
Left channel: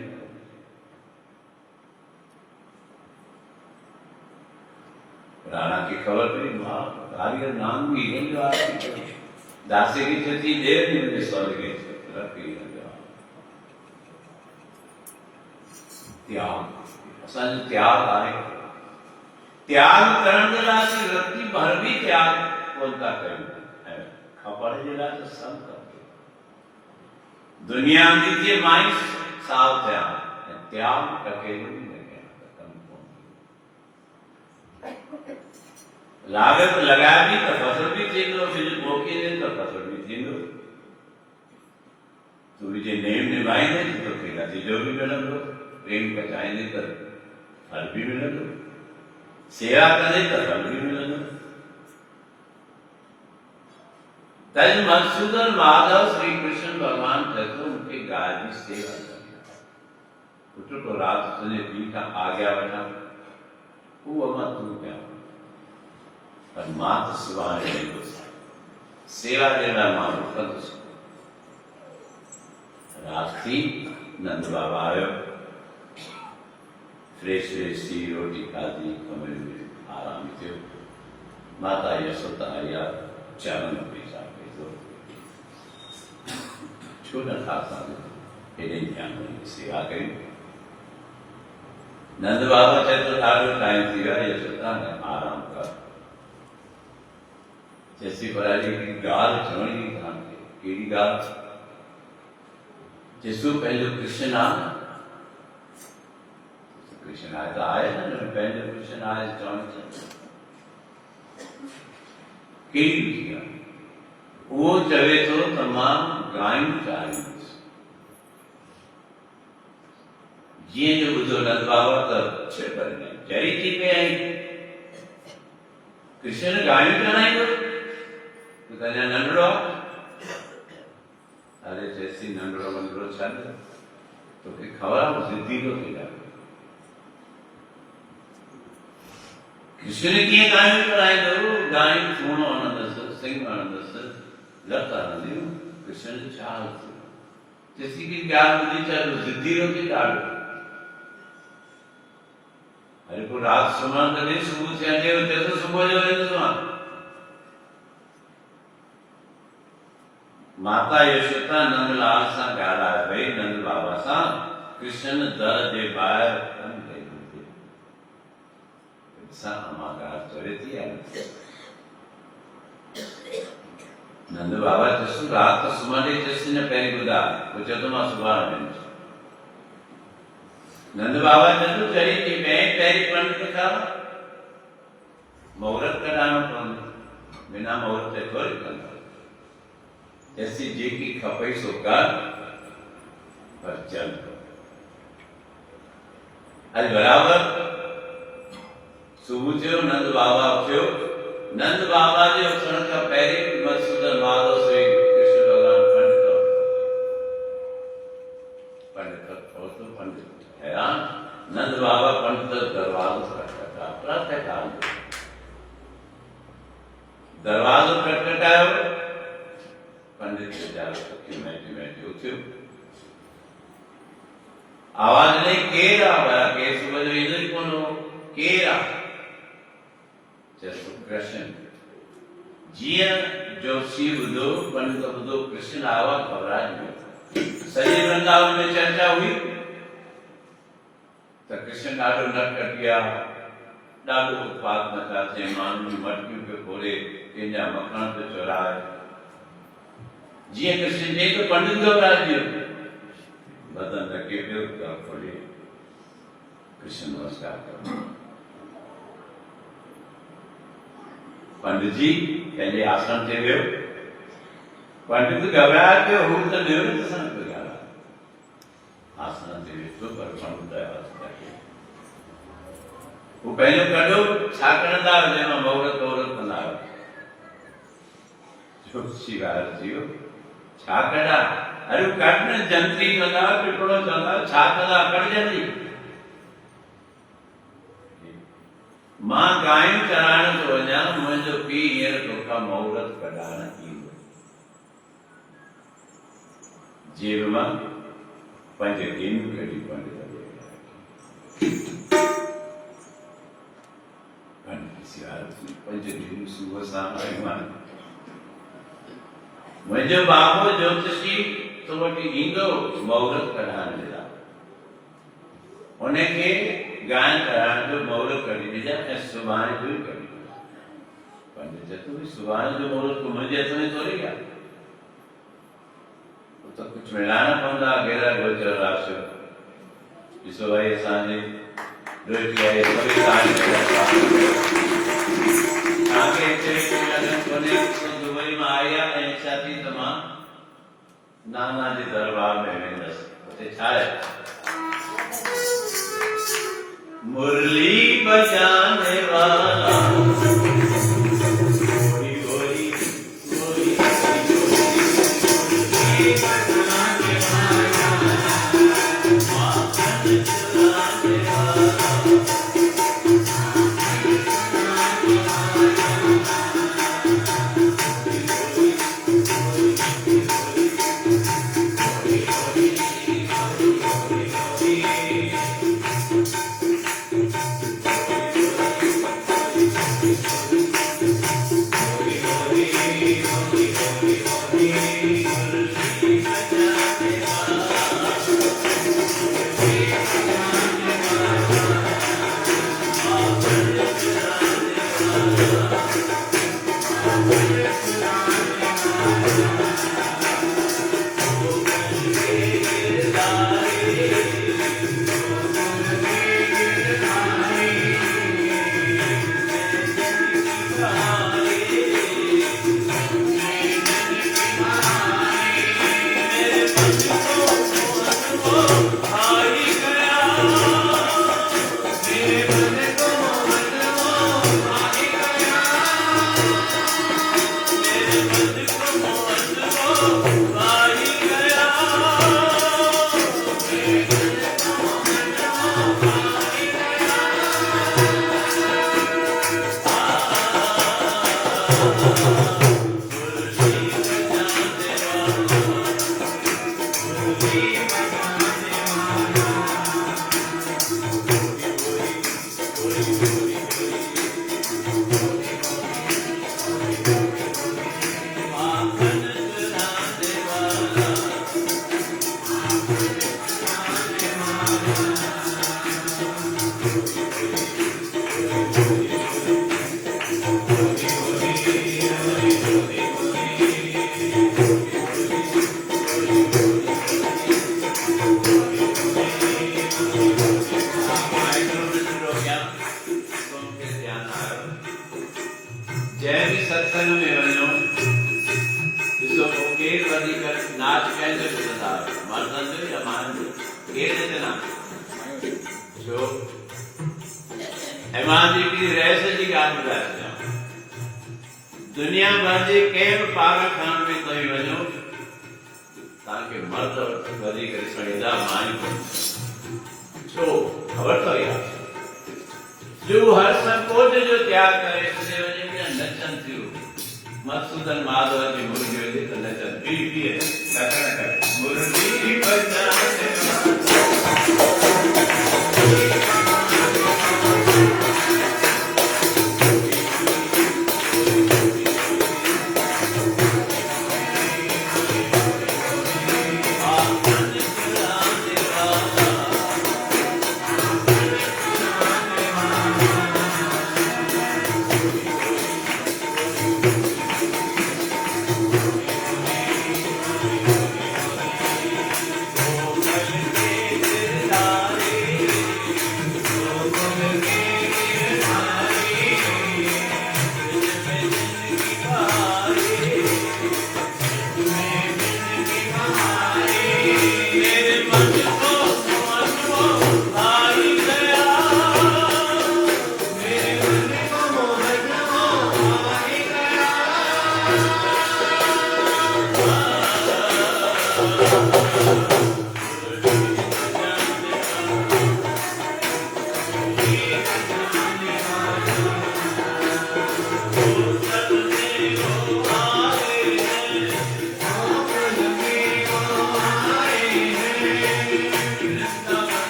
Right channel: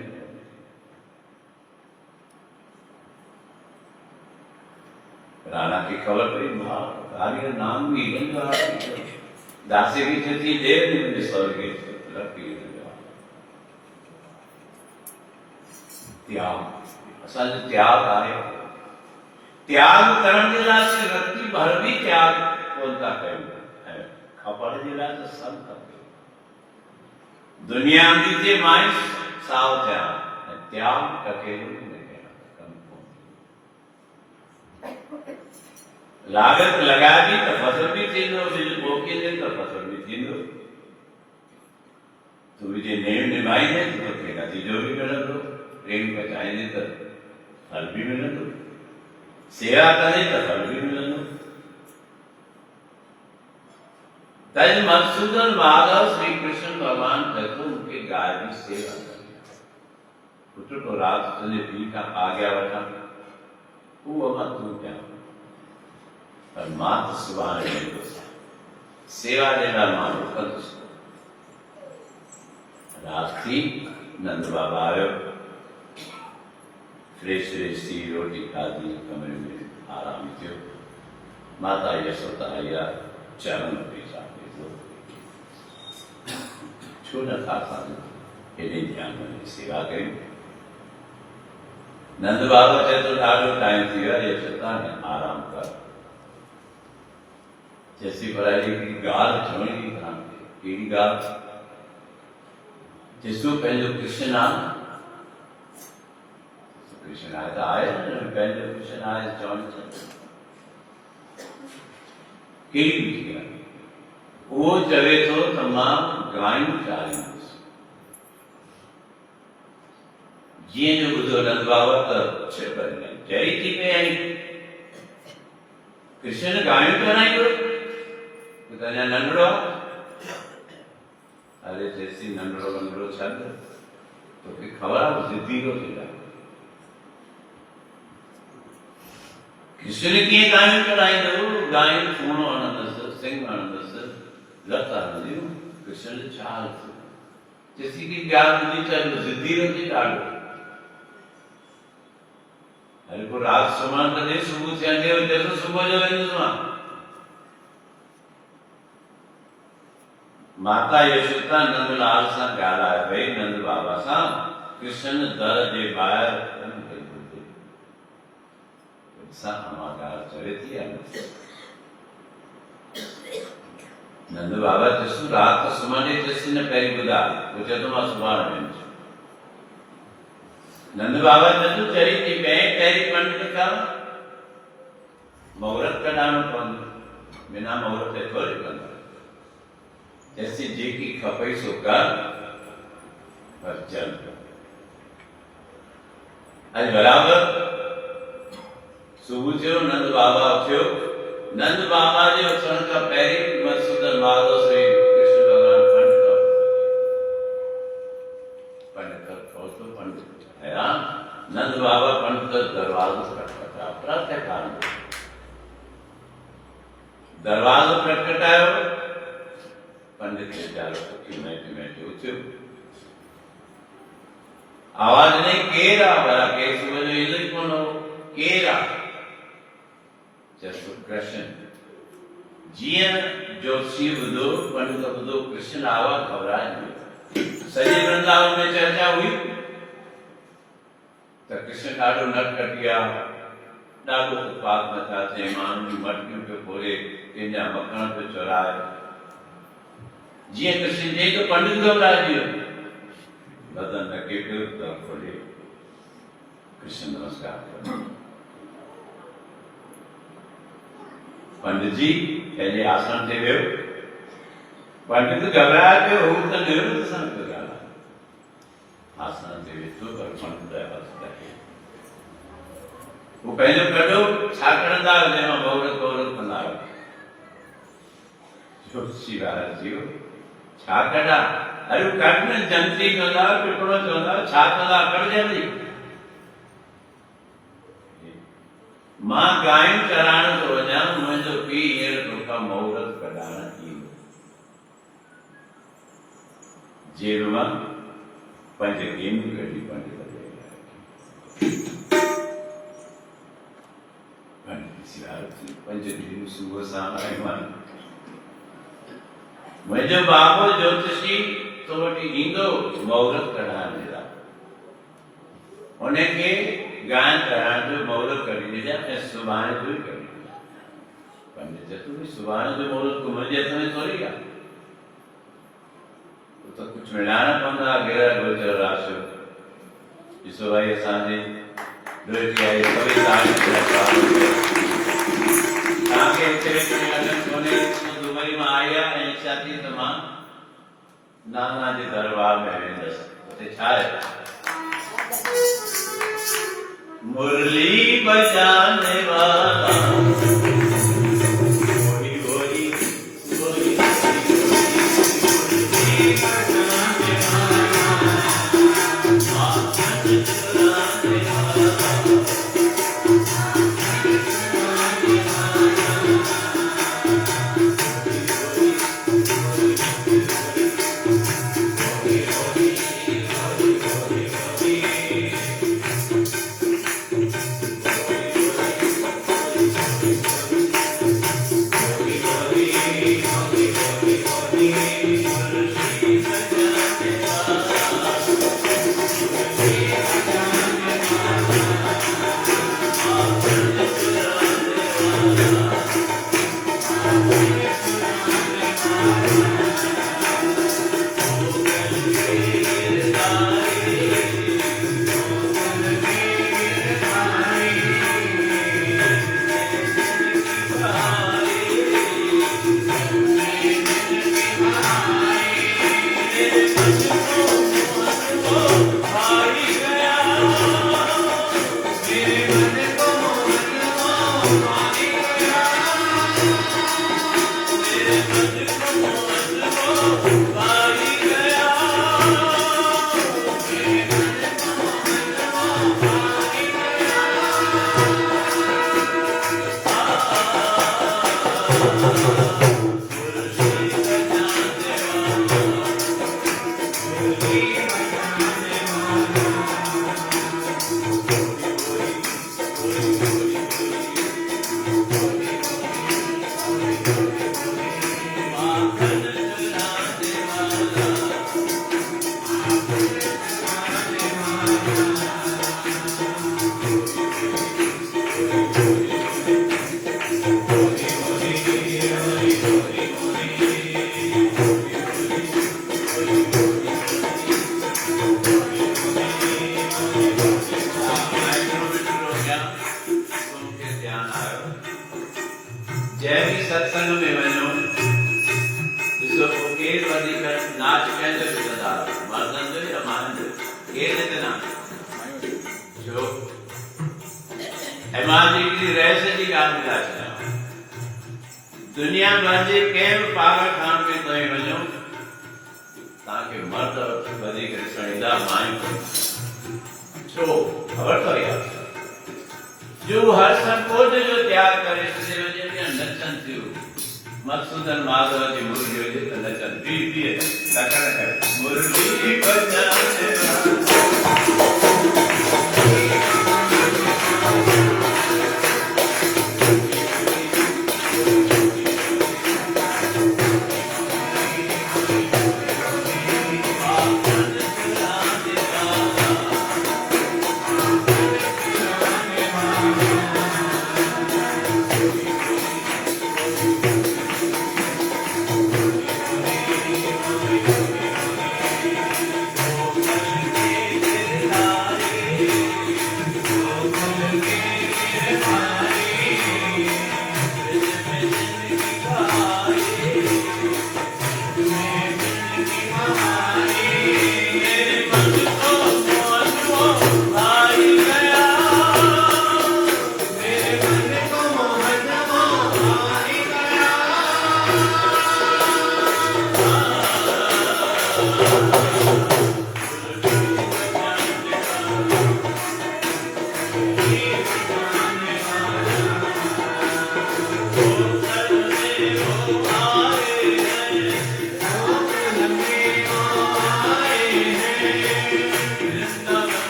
राणा की खबर पड़ी मां कार्य नाम भी हीरन जो आगे दासी की छती देर नहीं मुझे स्वर्ग के लड़की त्याग असल त्याग आए त्याग करने लायक व्यक्ति भर भी त्याग बोलता कहीं है खबर जिला तो सब करते दुनिया में जे माई साव त्याग टके लागत लगा दी तो फसल भी थी दो फिर बोके दिन तो फसल भी थी दो तो जे नेम निभाई दे तो खेला थी जो भी मिला दो प्रेम बचाएंगे तो फल भी मिला दो सेवा करे तो फल भी मिला दो तज मधुसूदन माधव श्री कृष्ण भगवान कहते उनके गाय की सेवा करते पुत्र को रात तुझे पी का आ गया बचा वो मत तू क्या पर मात सुबह सेवा देना मानो कल रात थी नंद बाबा आयो फ्रेश सी रोटी खाधी कमरे में आराम थियो माता यशोदा आया चरण पेशा छो न था हेॾे ध्यान में सेवा कई नंद बाबा चए तो ॾाढो टाइम थी वियो यशोदा आराम कर जैसी भराई की गाल चवण की ध्यान कहिड़ी गाल जिसको पंहिंजो कृष्ण नाम कृष्ण आए तो आए ना पहले कृष्ण आए चवण केड़ी थी वो चवे तो तमाम गायूं चालीं जी जो बुधो नंद बाबा तो छेपर में चरी थी पे आई कृष्ण गायूं चराई तो कन्या नंढड़ो अरे जैसी नंढड़ो वंढड़ो छा तो के खबर जिद्दी रो थी कृष्ण कीअं गायूं चराईंदो गायूं सूणो हणंदसि सिंह हणंदसि लत हणंदियूं कृष्ण जो छा हाल थियो जैसी की ॻाल्हि ॿुधी चयो ज़िद्दी रो थी ॾाढो अरे को रात सुम्हण करे सुबुह थिया चयो तो सुबुह जो वेंदुसि मां माता यशोदा नंदलाल सां ॻाल्हाए पई नंद बाबा सां कृष्ण दर जे ॿाहिरि चवे थी नंद बाबा जसु रात सुम्हण जैसी न पहिरीं ॿुधा पोइ चयो त मां सुभाणे वेंदुसि नंद बाबा जसु चरी थी पहिरीं पंडित खां मुहूर्त कढाइणो पवंदो बिना मुहूर्त ते थोरी कंदो जैसी जेकी खपई सो कर पर चल अॼु बराबर सुबुह जो नंद बाबा उथियो नंद बाबा जे उथण खां पहिरीं मधुसूदन नालो श्री कृष्ण भगवान पंडित हैरान नंद बाबा पंडित दरवाजो खटखटायो प्रातः काल दरवाजो खटखटायो पंडित बेचारो उथी मैठी उथियो आवाज नहीं केर आ भला के सुबुह जो ईंदो ई कोन हो केर आ जसु कृष्ण जिया जो शिव दो पंडित बुधो कृष्ण आवा घबराए वियो सॼे वृंदावन में चर्चा हुई त कृष्ण ॾाढो नटखटिया ॾाढो उत्पात नथा थिए माण्हुनि जूं मटकियूं पियो फोड़े कंहिंजा मखण पियो चोराए जीअं कृष्ण चई त पंडित घबराए वियो बदन नके पियो त खोले कृष्ण नमस्कार कयो पंडित जी पहले आसन ते वियो पंडित घबराए पियो हू त निवृत्त सां पियो ॻाल्हाए आसन ते वेठो पर पंडित हू पंहिंजो कढो छा करंदा हुयो जंहिंमां मुहूर्त वहूरत कंदा हुयो जोशी वारा जीव छा कढा अरे कढ न जंती कंदा टुकड़ो चवंदा छा कंदा कढजंदी मां गायूं चराइण थो वञा मुंहिंजो पीउ हींअर तोखां मुहूर्त कढाइण ईंदो जेब मां 5 गेंदूं कढी पंडित पंहिंजे सुबुह सां मुंहिंजो बाबो ज्योतिषी तो वटि ईंदो मुहूर्त कढाइण जे लाइ उनखे गायन कराइण जो मुहूर्त कढी ॾिजां ऐं सुभाणे जो ई कढी ॾिजां पंडित चतो भई सुभाणे जो मुहूर्त तूं मुंहिंजे हथ में थोरी आहे तो कुझु मिलाइणा पवंदा घेरा गोचर राशियो ॾिसो भाई असांजे दुबई में आया ऐं इच्छा थी त मां नाना जे दरबार में वेंदसि उते छा आहे मुरली बजाने वाला जय सत्संग में वञो ॾिसो पोइ केरु वधीक नाच कंहिंजो ॾिसंदा मर्दनि जो या मायुनि जो केरु ॾिसंदा छो ऐं मां हिकिड़ी रहस जी ॻाल्हि ॿुधाए छॾियां दुनिया भर जे कंहिं बि पागलखान में तव्हीं वञो तव्हांखे मर्द वधीक ॾिसण ईंदा मायूं छो ख़बर अथव यार जो हर संकोच जो त्याग करे छॾे वञे नचनि थियूं मक़सूदन माधव जी मुरली हुजे त नचनि बी मुरली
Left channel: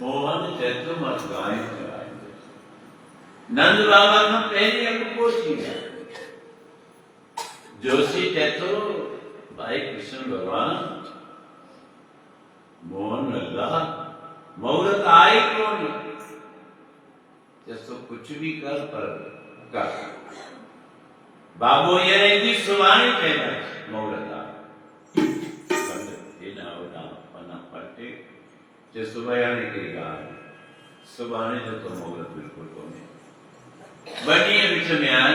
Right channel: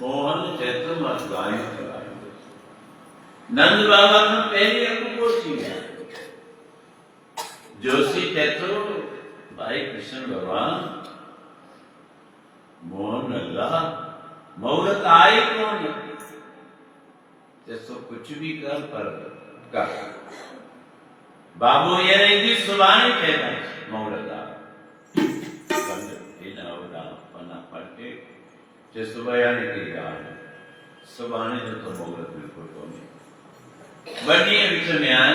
मोहन थे तो मत गाय कराएंगे। नंद बाबा का पहले अनुभव थी जोशी थे तो भाई कृष्ण भगवान मोहन अल्लाह मुहूर्त आए कौन जैसो कुछ भी कर पर कर बाबू ये रहेगी सुबानी कहना मुहूर्त आ पढ़ते जो सुबह आने की गाल सुबह आने तो मुहूर्त बिल्कुल तो नहीं बनी विच में आन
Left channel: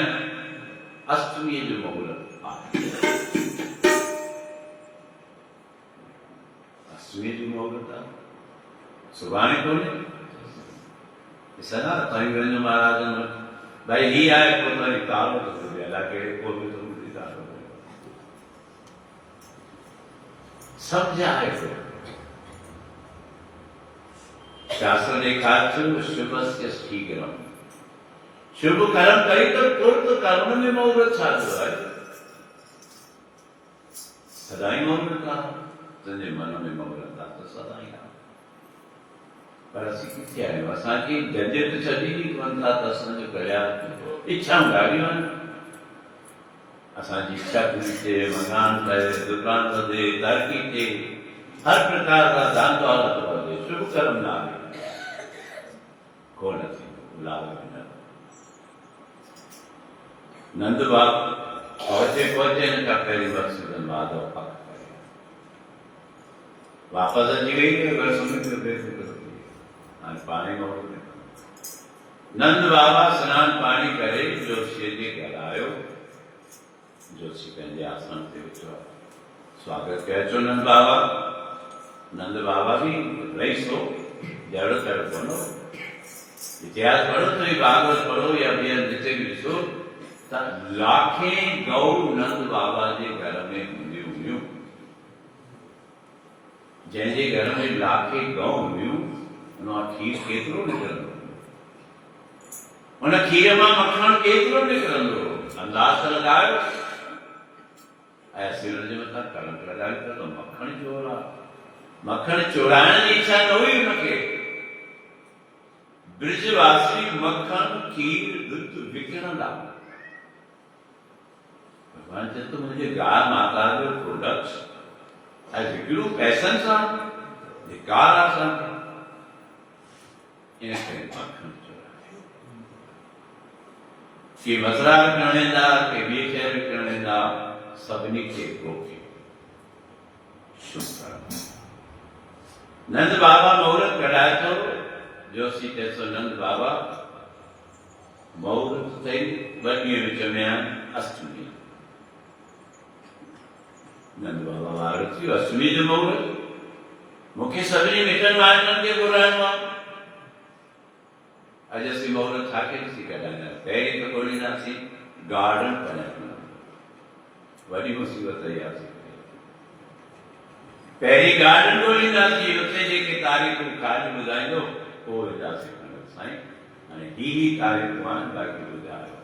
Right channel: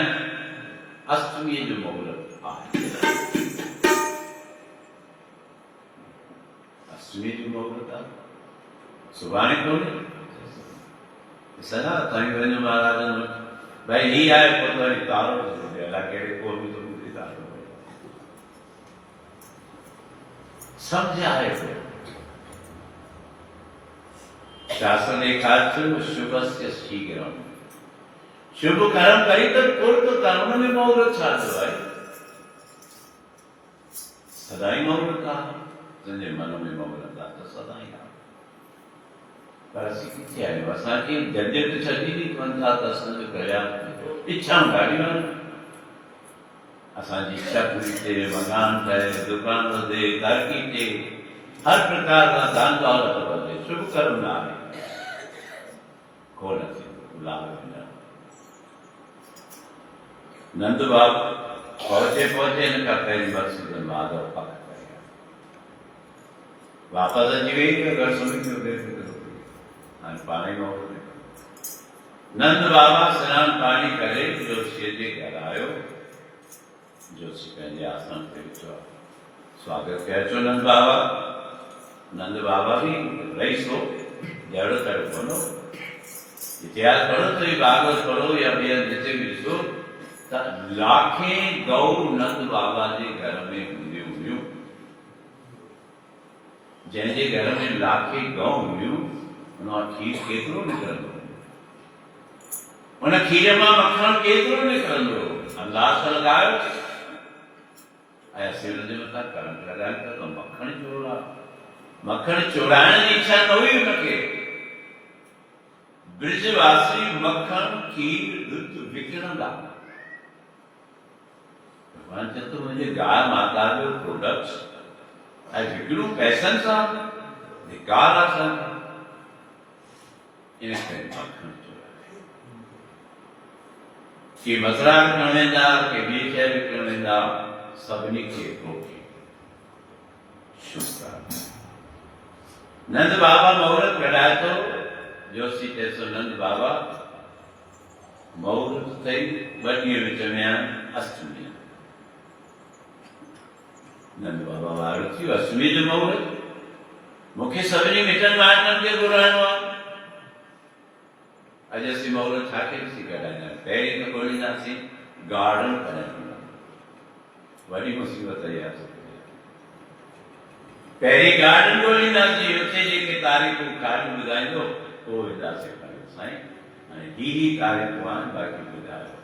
अष्टमी जो मुहूर्त अष्टमी जो मुहूर्त सुबह को सदा ताई बहन महाराज भाई ही आए पोतानी तारो तो अल्लाह के को भी तो मुक्ति तारो समझाए शास्त्र ने कहा शुभस्य शीघ्रम शुभ कर्म करी तो पूर्व कर्म में मुहूर्त साधु है सदा ही मुहूर्त का तुझे मन में मुहूर्त था तो सदा ही पर असी किथे आयो असा की जजे तो छदी नी कोन था तसन जो करया इच्छा गाड़ी मन असा जी इच्छा पूरी थे मकान थे दुकान वधे तरक्की थे हर प्रकार का दान दौलत वधे शुभ कर्म ना कौन थी लाभ न नंद बाप पहुंचे इनका पहली मकसद माधव पक करेगा वापस जी गई घर समझ पानी में नंद बाबा स्नान पानी करे जो शेजे घर आयो जो पंहिंजे आसन ते विचो स्वागत कयो छो नंद बाबा भी रही सो जड़ तड़ बनो इतिहास पढ़ो तो ये भागवत पढ़ो या ॿियनि जिते भी ॾिसो त लाखें गौ नंद बाबा जे घर में हूंदियूं हुयूं जंहिंजे घर में लाखें गौ हुयूं उन खीर केतिरो निकिरंदो उन खीर मां मखण केतिरो निकिरंदो अंदाज़ लॻायो ऐं असीं हुन जे मथां करंट लॻायूं था त मखण चोरा मखण चोराइण जी इच्छा न हुई हुनखे ब्रिजवासी मक्खन खीर दूध विकिणंदा भगवान चए थो मुंहिंजे गाय माता जो प्रोडक्ट्स ऐं विकिणूं पैसनि सां धिकार आहे असांखे इन करे मक्खन चोराए के मसरा विकिणण वेंदा के ॿी शइ विकिणण वेंदा सभिनी खे रोके शुभ नंद बाबा मुहूर्त कढाए थो जोशी चए थो नंद बाबा मुहूर्त अथई ॿ ॾींहं विच में आहिनि अष्टमी नंद बाबा वार थी अष्टमी जो मुहूर्त मूंखे सभिनी मिटनि माइटनि खे घुराइणो आहे अॼु असीं मुहूर्त छा खे ॾिसी कढाईंदा पहिरीं त ॻोल्हींदासीं गार्डन पढ़ण वॾी मुसीबत इहा पहिरीं गार्डन ॻोल्हींदासीं उते जेके तारीख़ूं ख़ाली ॿुधाईंदो पोइ वेंदासीं साईं हाणे ही तारीख़ूं आहिनि बाक़ी ॿुधायो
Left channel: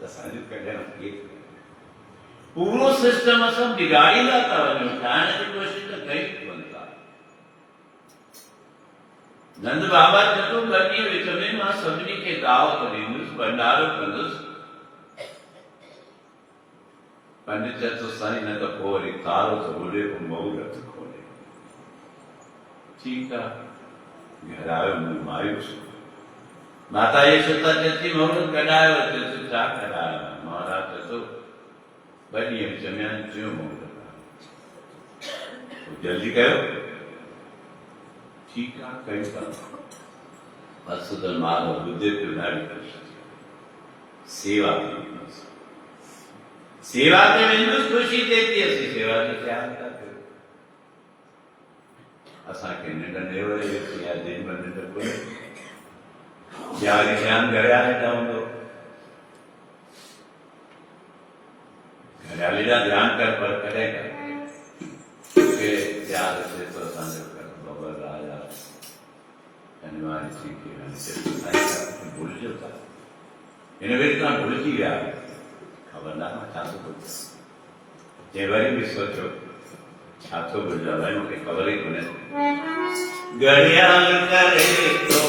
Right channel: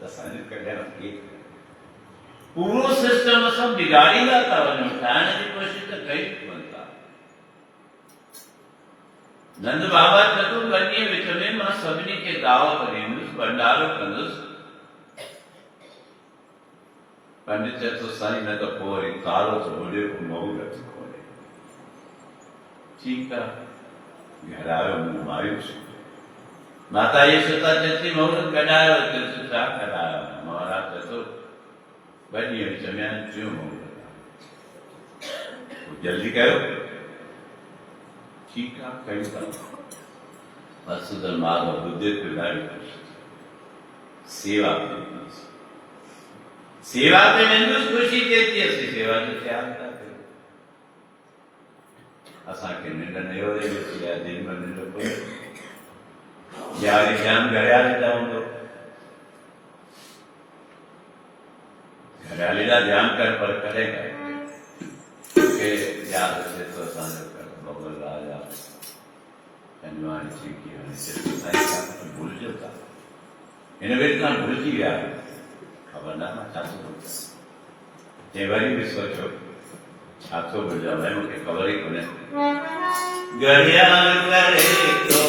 त असांजो कढण खे पूरो सिस्टम असां बिगाड़ींदा था वञूं ठाहिण जी कोशिशि त कई कोन था नंद बाबा चतो ॿ ॾींहं विच में मां सभिनी खे दावत ॾींदुसि भंडारो कंदुसि पंडित चए थो साईं न त पोइ वरी तारो थो होॾे पोइ मुहूर्त खोले ठीकु आहे घर आयो मूं मायूस माता यशोदा चए थी मुहूर्त कढायो चएसि छा कढायो महाराज चए थो ॿ ॾींहं विच में आहिनि टियों मुहूर्त जल्दी कयो ठीकु आहे कयूं था वसुधर माधव ॿुधे पियो ॾाढी ख़ुशि सेवा सेवा ते वेंदुसि ख़ुशी थिए थी असीं सेवा जो ख़्यालु था कयूं असांखे निंड न वरे वेठी आहे जेॾी महिल निंड कोन्हे ध्यानु ध्यानु घरियाली हूंदो घरियाली जा ध्यानु कर पर कॾहिं कर यादि अचे थो असांजो कर बबल राजा धन्यवाद थी की भुलिजो था हिन वेले तव्हां भुलिजी विया खबर न मां छा थो भुलिजां चई वरी बि सोचियो छा थो भुलिजां भाई मूंखे ख़बर ई कोन्हे घड़ियाल करे तो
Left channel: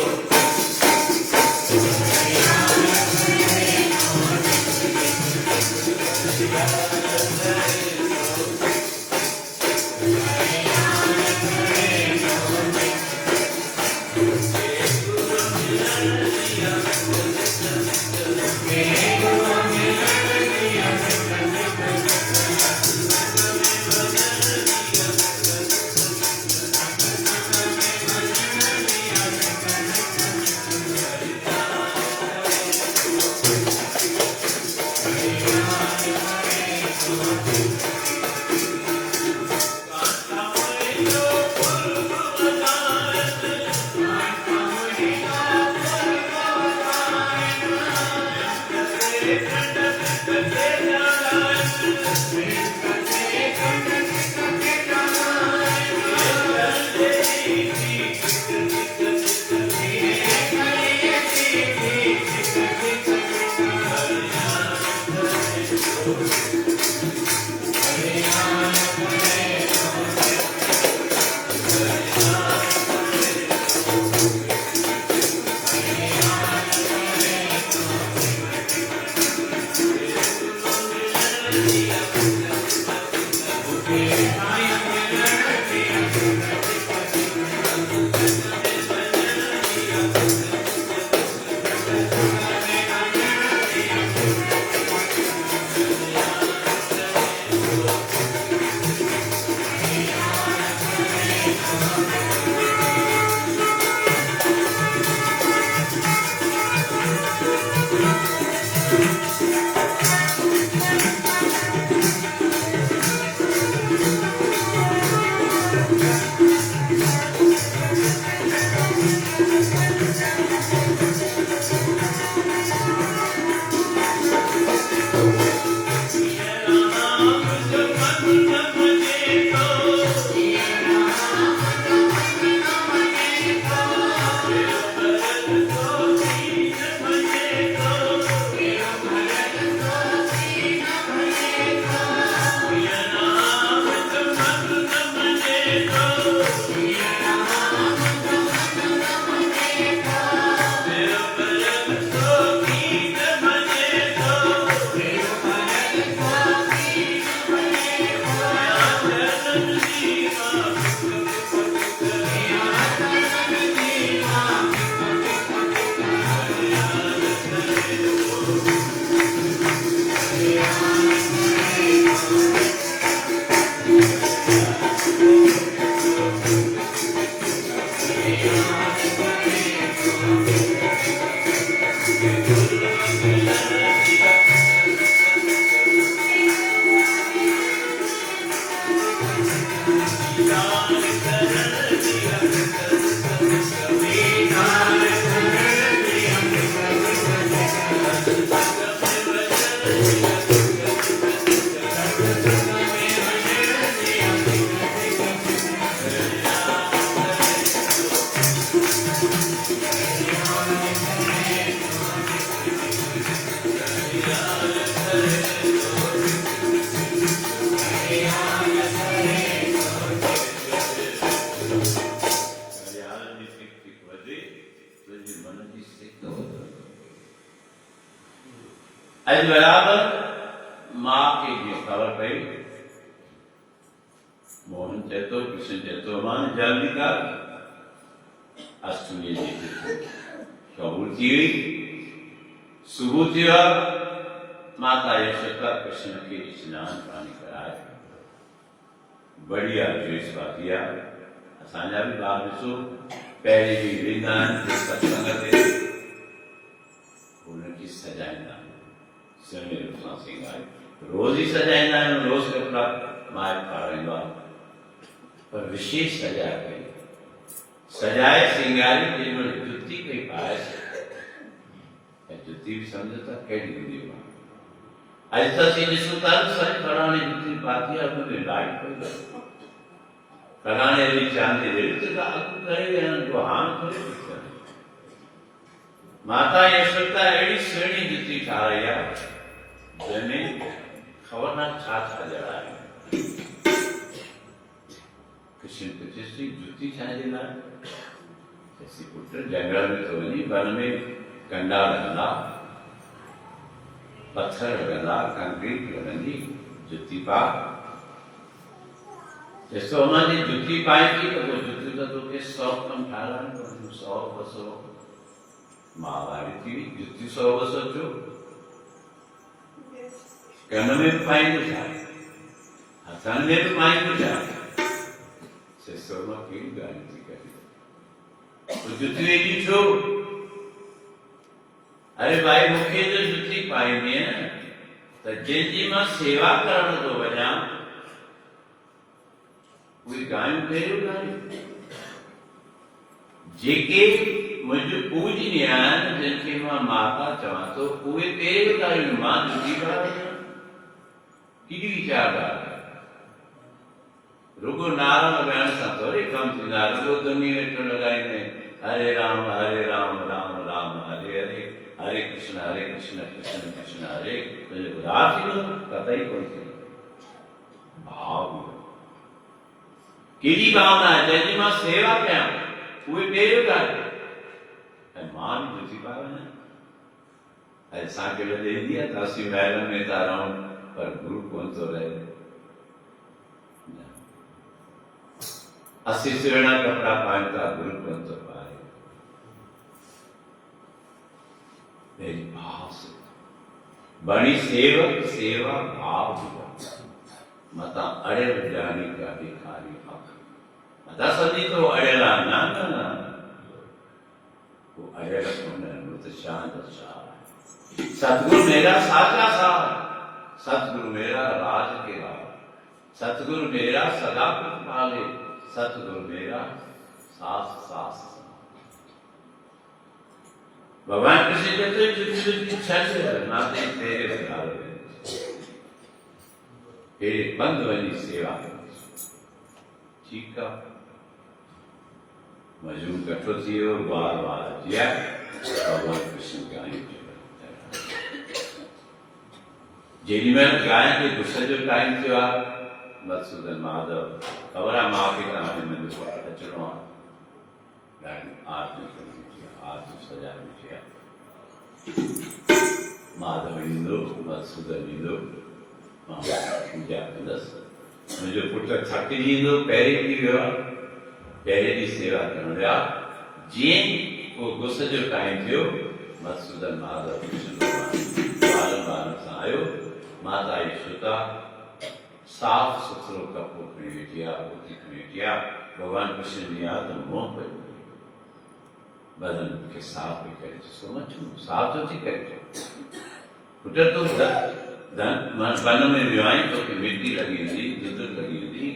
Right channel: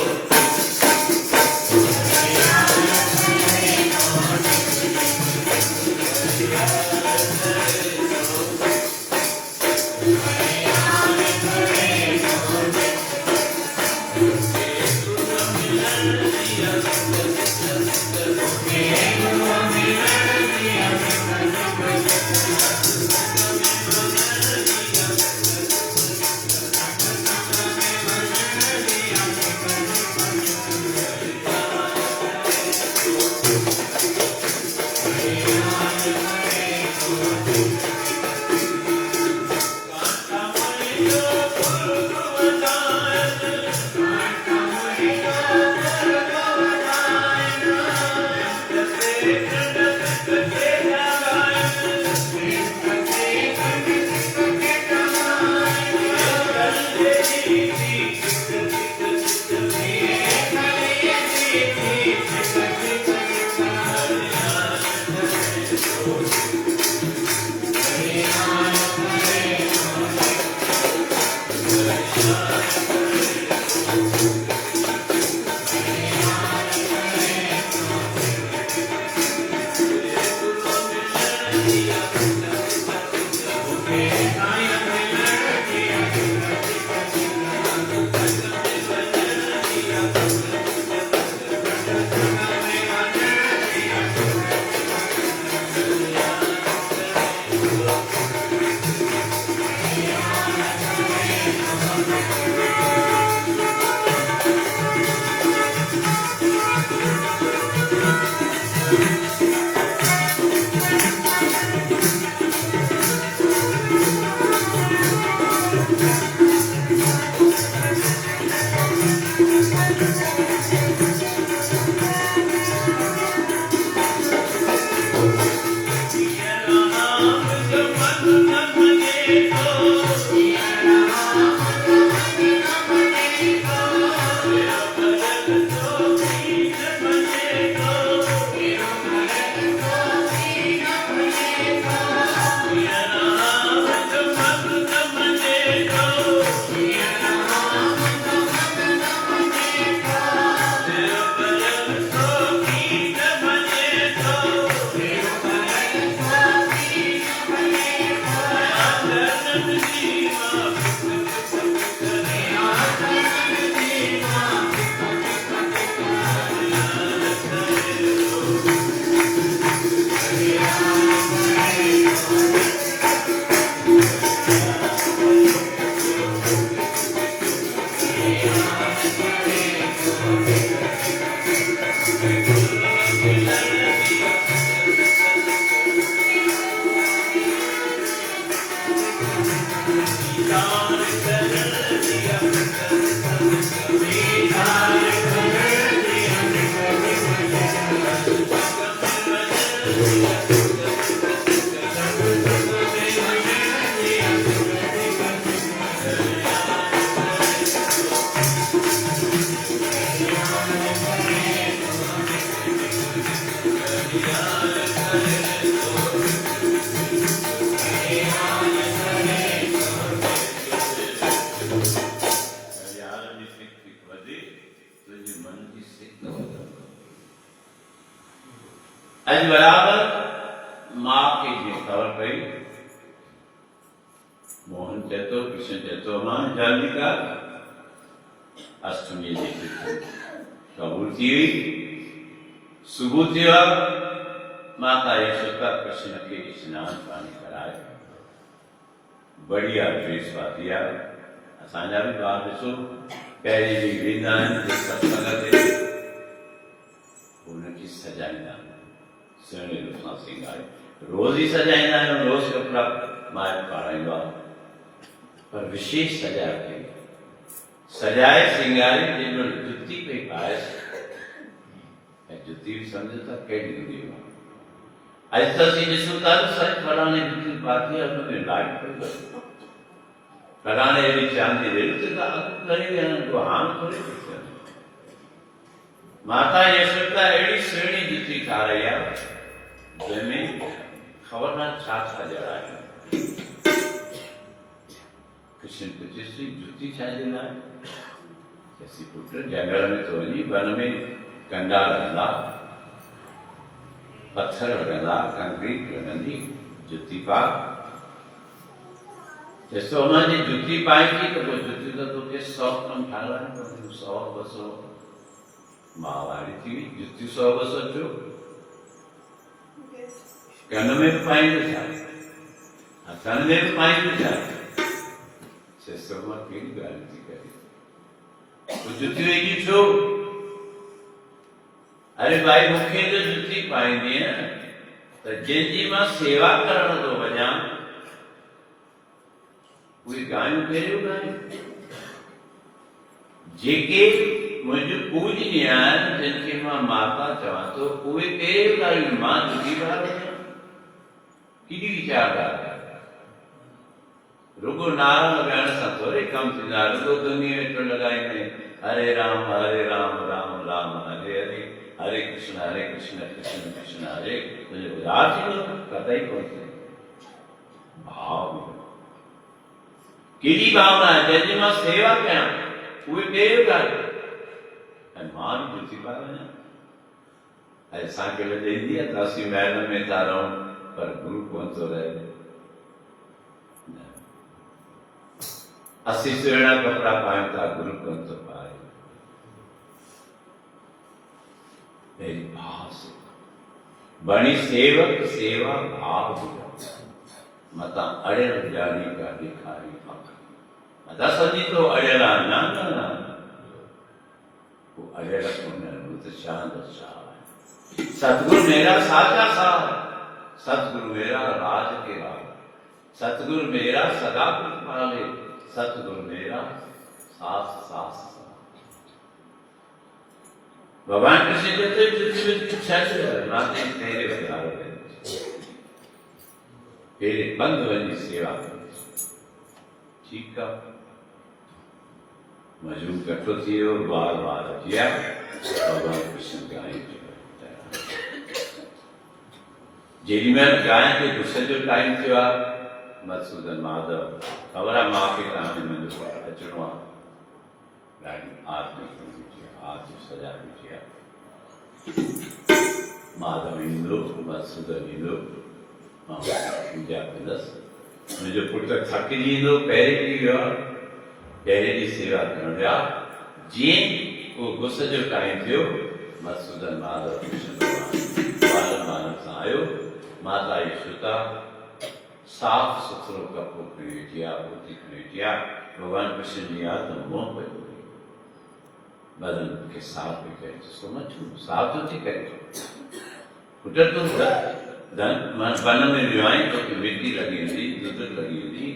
आज बराबर मां खे जीअं ख़बर पई मोहन चए थो कृष्ण चए थो मां जल्दी कर अष्टमी जी शबूर थी हुई सुबुह थियो आहे माता यशोदा कृष्ण खे स्नान पाणी कराए बढ़िया ड्रेस पाती आहे असांजा बि ॿार ॾिसो पहिरीं बि वेंदा आहिनि सत्संग ते हुनखे सजाईंदा आहिनि सुहिणे रूप सां सिंगारे रोज़ ई सजाईंदा आहियूं रोज़ कपिड़ा माइट पाराईंदो आहे पर विशेष सजाए कई सजाए सिंगारे जंहिंमहिल जुती पई पाएसि ऐं जुती बि सम्झो था कहिड़ी हूंदी आहे अॼु त असीं ॾिसूं था साईं फलाणे जुती पाती आहे हुन में लाइट पई करे फलाणे अहिड़ी चांदी रेल ते त अघु करे विया आहिनि को हाण थोरे थी थियनि माता यशोदा अहिड़ी सुहिणी जुती ठाही आहे जंहिंमें ख़बर न छा छा जड़ा आहिनि कृष्ण पुछिसी जुती छाजे लाए जैसी पुत्र जंगल में तो वञी वन में कंडा लॻंदा पत्थर लॻंदा कंक्रीट लॻंदी जुती पा जैसे उन्होंने जुती पाई थी तो वो जुती तो तोखे 100 कम ठाराइण पवंदियूं 100 200 महावारी थी जुती 100 200 जो कन में भी पाईंदो छा हथनि में भी पाईंदो छा 600 मां कहिड़ी ॻाल्हि थी करे तो जुती वेठी छो अरे भाई मूंखे तो जुती पाईंदी न त जंहिंजी मां सेवा करण थो वञा उहे गायूं कहिड़ियूं गायूं जेके मुंहिंजूं पूजनीय आहिनि जिनखे मां माता चवां थो उहे कहिड़ियूं गायूं मां जुती पाए वञा केॾी वीचार ॻाल्हि रुगो नारा लॻाइण सां थोरी कमु थींदा रुगो धुनी वेठो लॻाईंदे हरे राम राम राम हरे हरे हरे कृष्ण कृष्ण कृष्ण हरे तुंहिंजो उधार थींदो कतई कोन थींदो भाव कहिड़ी भावना आहे जंहिंजी मां सेवा कयां उहे कहिड़ियूं ॻाल्हियूं ऐं मां बि जुती पाए वञा ऐं असांखे लॼ ईंदी आहे त असीं महलनि में था रहूं पर गुरु कोन थो रहे असीं सुहिणा कपिड़ा पायूं था गुरु कोन थो पाए मेरी भाव से बणी सेवक सेवा भाव मता अड़ियल जानी का भिखारी मता समझी तो अड़ियल ना वो अड़ियल तो शांत सतगुरु मेरा साचा साथ सतगुरु मेरा राज के राज सतगुरु मेरा सदा पाले सतगुरु मेरा सास सास भगवान कृष्ण कहते नाते तेरे प्यार तेरे बंद वही सेवा ठीक है मजूम कठो थियो बार बार किया भगवान कृष्ण गाय जेडी में गाय जो गुस्से जो टाइम थियो मधुसूदन माधव ख़बर आहे मां खे तव्हांखे मुंहिंजो अचिणो आहे ॾाढी आरती आरती सजा ॾिठी आहे माधव ईंदो मधुसूदन ईंदो मां पूजा कंदसि मुंहिंजो पुटु थकिजी ईंदो पहिरें ॾींहुं वियो आहे पहिरें ॾींहुं सेवा करण विया जीअं उहो गुस्से जो टाइम थियो मधुसूदन माधव कृष्ण बालन बालन सां आयो माता यशोदा साफ सुथरो कपिड़ो खणी वेठी आहे पोती खणी वेठी आहे भगवान कृष्ण जी यादि तो मोह पियो बदन खे साफ पई करे ॾिसो मच्छू साफ थो थी करे पुट तूं वन में वियो आहीं तोखे मिटी लॻी वेंदी गिदड़ लॻी वेंदी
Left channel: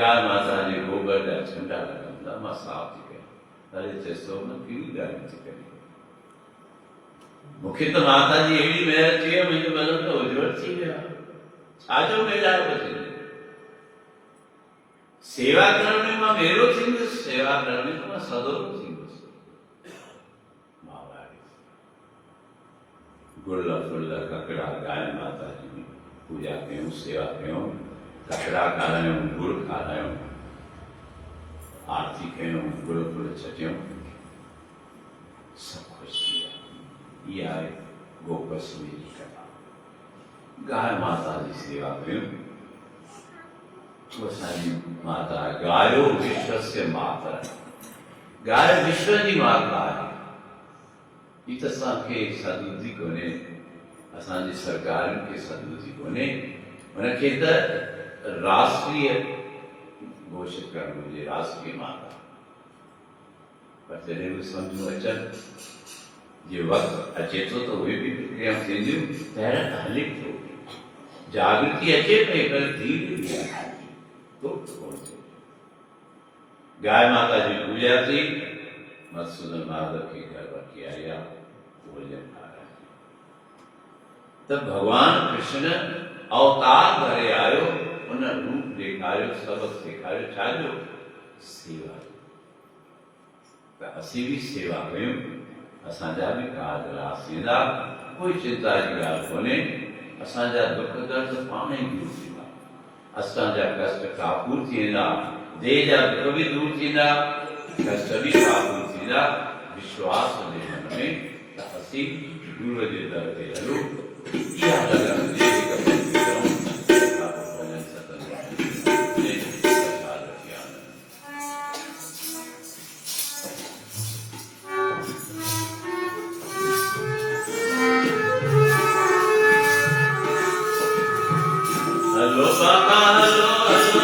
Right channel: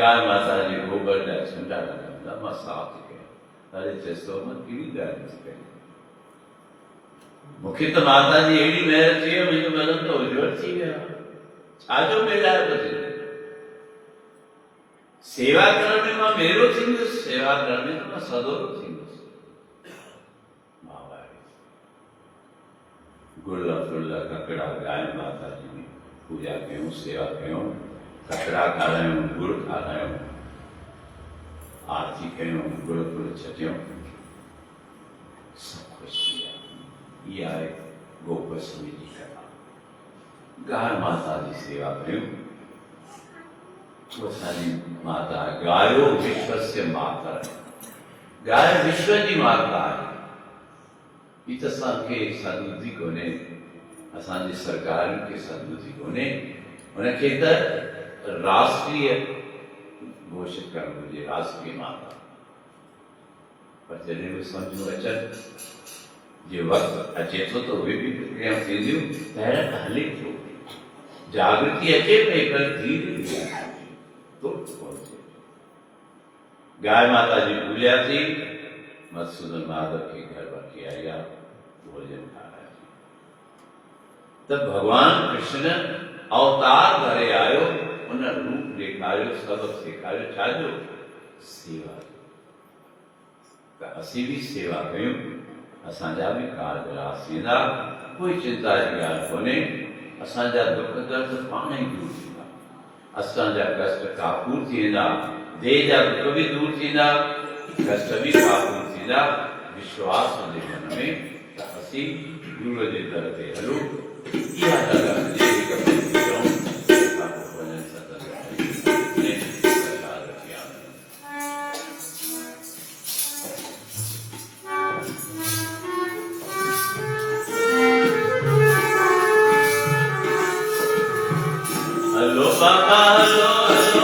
गाय माता जे गोबर जा छंडा लॻंदा मां साफ थी कयां अरे चएसि थो मां कहिड़ी ॻाल्हि थी कयां मूंखे त माता जी अहिड़ी महिर थी आहे मुंहिंजो बदन त उजवल थी वियो आहे छाजो मेलायो बचे सेवा करण में मां मेरो थींदुसि सेवा करण में त मां सदोरो थींदुसि गुल फुल ककड़ा गाय माता जी की पूजा कयूं सेवा कयूं ककड़ा खारायूं गुड़ खारायूं आरती कयूं गुड़ फुल छटियूं सब खुश थी विया इहा आहे गोपस्मी जी कथा गाय माता जी सेवा कयूं वो असांजी माता आहे गायो विश्वस्य माता गाय विश्व जी माता आहे ही त असांखे सदबुद्धि कोन्हे असांजी सरकारुनि खे सदबुद्धि कोन्हे उनखे त राष्ट्रीय घोषित करणु घुरिजे राष्ट्रीय माता पर जॾहिं बि सम्झूं अचनि जे वक़्तु अचे थो त उहे बि प्रक्रियाऊं थींदियूं पहिरियों त हले थो जागृति अचे पई पर धीरे तो कोन थिए गाय माता जी पूजा थी मधुसूदन माधव के घर वठी आया भोजन खाराया त भगवान कृष्ण अवतार भरे आयो उन रूप ॾेखारियो सबक सेखारियो छाजो सेवा त असीं बि सेवा कयूं असांजा बि कारज रास थींदा कोई चिंता जी ॻाल्हि कोन्हे असांजा दुख दर्द पाण ई दूर थींदा असांजा कष्ट काबू थी वेंदा देह जा दुख भी दूर थींदा, कष्ट भी काबू थींदा, विश्वास हुजे मन में त असीं गुरूअ जे दर ते हलूं। इहा लॻन ॾेई करे वञूं, तंहिंखां पोइ वञनि सतन में प्रसाद वठी आनूं। हलो बाबा hello hello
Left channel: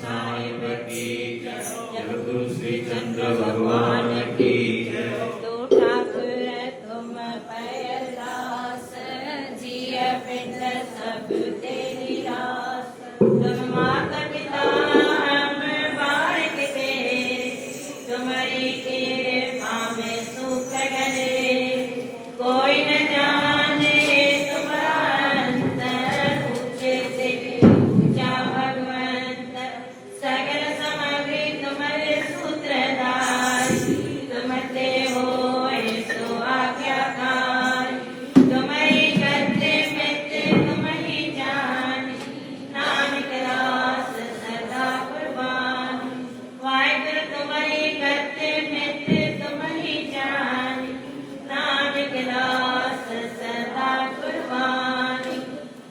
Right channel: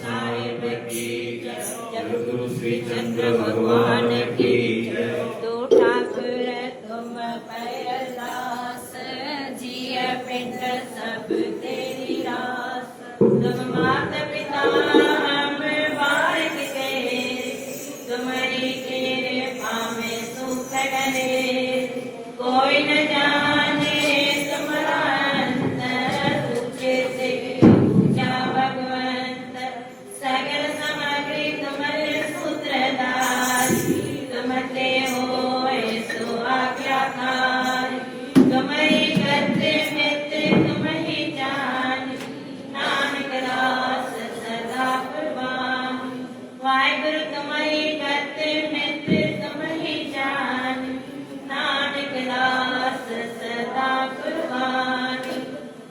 Sahiba ki jai. Shri Chandra भगवान की जय। तू ठाकुर तुम पैरदास, जिय पिंड सब तेरी रास। तुम मात पिता हम बालक तेरे, तुम्हारी कृपा में सुख गने। कोई न जाने तुम्हारा अंतर, ऊंचे से ऊंचा भगवंत। सगल सामग्री तुम्हारे सूत्रधार, तुमते होए सो आज्ञाकार। तुम्हारी करते मित्र तुम ही जान, नानक दास सदा कुर्बान। वाहिगुरु तुम्हारी करते मित्र तुम ही जान, नानक दास सदा कुर्बान।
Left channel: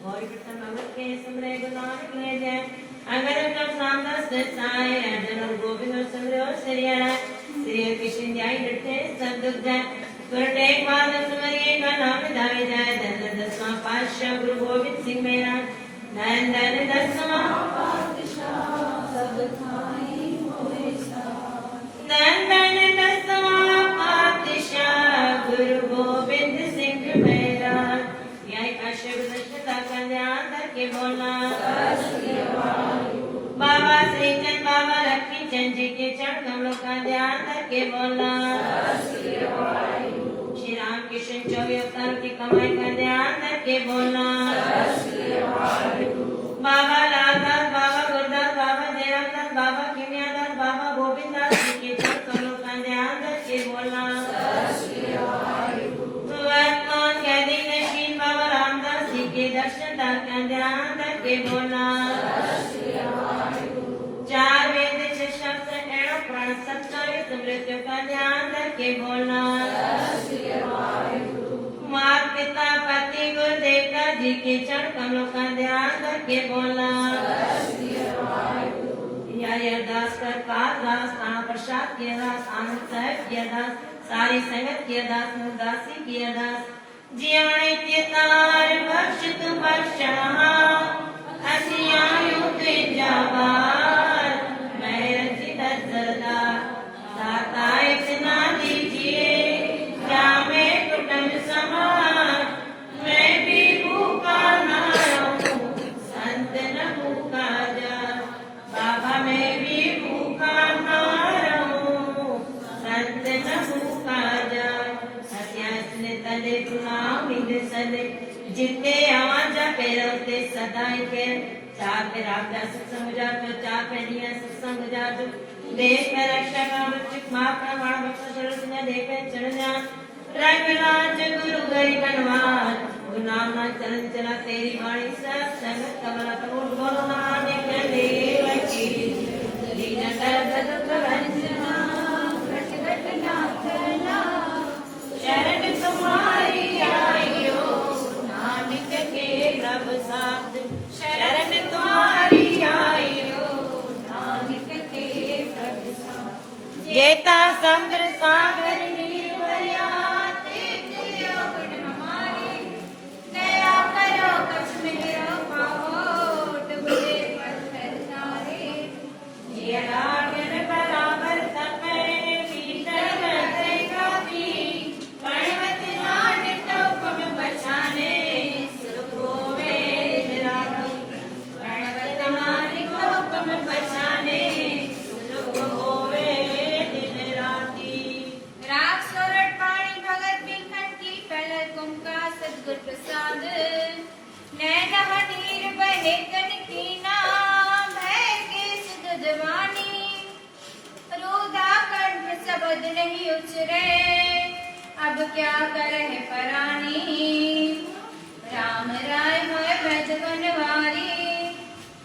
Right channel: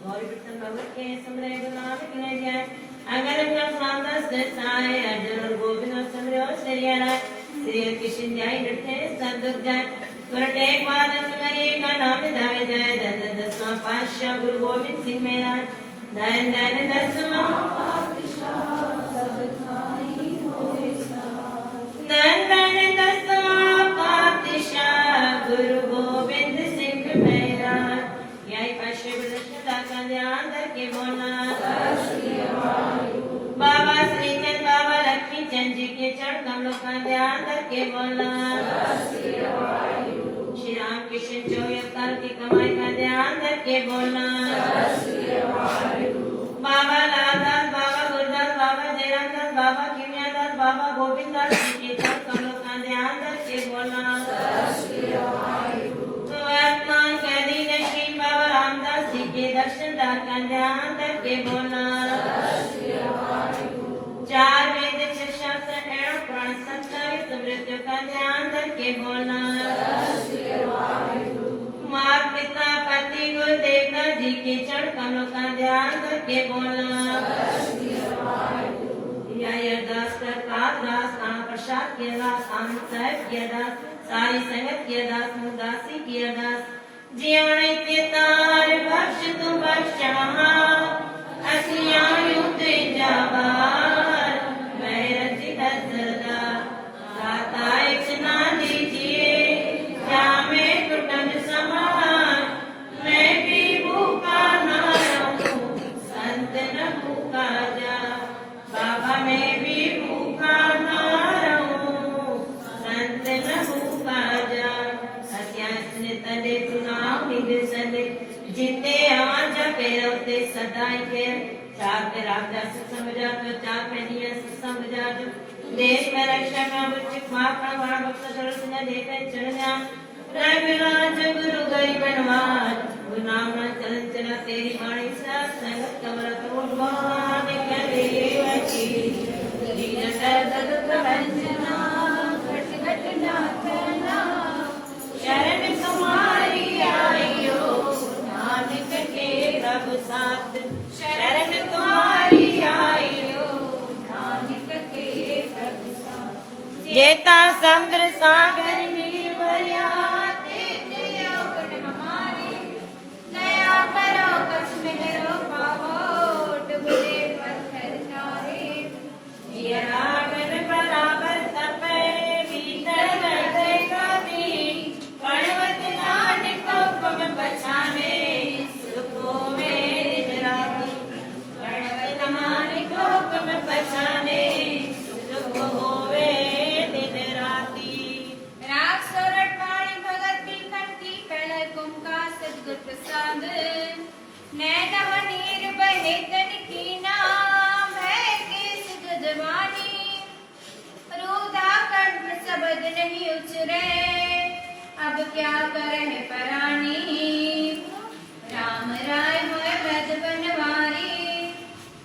गौरी प्रथम भगवत के सुमरे गुरु नानक ले जाए। अगर का सामदास देसाए, अर्जुन और गोविंद और सुमरो सरिया। श्री कृष्ण ध्याई डटे सब दुख जाए, तुरंत एक बार तुम्हारी का नाम धाय जाए। दस दसवां पातशाह गुरु गोविंद सिंह मेरा, धन धन दसवां धन धन दसवां पातशाह गुरु गोविंद सिंह मेरा। यही पातशाह गुरु दर्शन का ध्यान करके बोलना। बाबा श्री चंद बाबा लक्ष्मी चंद जी के चरण कमलों का ध्यान करके बोलना। श्री राम कृष्ण 24 अवतारों की कमाई का ध्यान करके बोलना। बाबा लालदास बाबा गुरदास बाबा जयराम दास बाबा किमिया दास बाबा गोविंद दास जी के चरण कमलों का ध्यान करके बोलना। वर्तमान कैदी नशीन बाबा रामदास जी के दर्शन दास का ध्यान करके बोलना। चार वैदिक शास्त्र एवं प्राण सत्तावित मृत्यु का ध्यान करके बोलना। माता पिता पति गुरुदेव जी के चरण कमलों का ध्यान करके बोलना। अरदास कर कालदास ताना प्रसाद की अरदास, आनंद साहब की अरदास, सारी संगत की अरदास, मुदासी की अरदास। जीवन पितार बख्श तू बख्शा, असियायु ते जवार। मैं रचित सदा दाता इतना दीजिए, क्या मैं कुटुंब समान। मैं भी भूखा ना रहूं, संत न भूखा जा। बाबा मैं भी भूखा ना रहूं, संत न भूखा जा। हत्यासने तने चुनाव मिले सने, जिते आवाज़ पेरोते सदाई के। चार पे रामदास सत्संग जा तो चार पे निया सत्संग जा जो। देश में रक्षा का बुच्चिक माता वाला बख्शा सरस ने देखे चढ़ जा। रघुनाथ गुरु गरीब बनवार, गुरु नाम ना चलन चला तेरी वाणी सब संगत कमला करोड़ भगवान के देव की। दीन दर्द दुख भंजना, घट घट नाचना। शरण तुम्हारी आइयो, नानक के प्रभु साथ। शरण तुम्हारी आइयो, नानक के प्रभु साथ। जेता समुद्र सागर मिली भरिया, तेते अवगुण हमारे। दया करो कछ मेरो पावो, डूबे पत्थर तारे। ये रावण बराबर तपे, भीतर रहेगा भी। कड़वत जाने तो पग बचाने, सुखों में निराती। कड़वत जाने तो पग बचाने, सुखों में दिन राती। राग सोरठ पाणी भगत बिखन की कल कुंका सदगुर प्रसाद। नैन नीर बहे गन की नाम है के सुगधवानी। रूधा कंठ शब्द नहीं उचरे, अब क्या करे परानी। राम राय होए ब्रज बनवारी,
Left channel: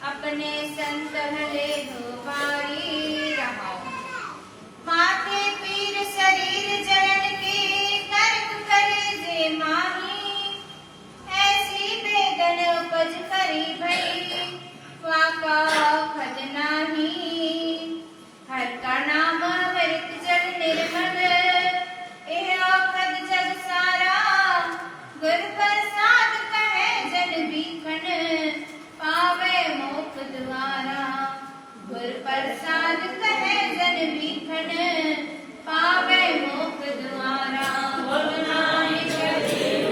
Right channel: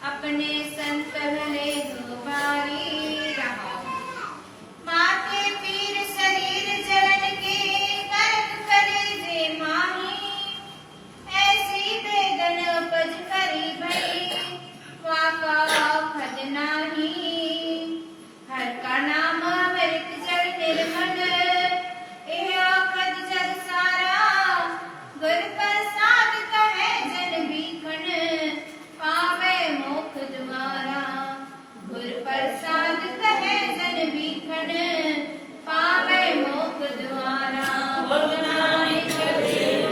अपने संत ले हो बारी। रहा माथे पीर शरीर जलन के, कर्म करे जे माही। ऐसी बेगन उपज करी भई, वाका खजनाही। हर का नाम अमृत जल निर्मल, एह औखद जग सारा। गुर प्रसाद कहे जन बीखन, पावे मोक्ष द्वारा। प्रसाद कहे जन बीखन पावे मोख द्वारा। बोल नानक देव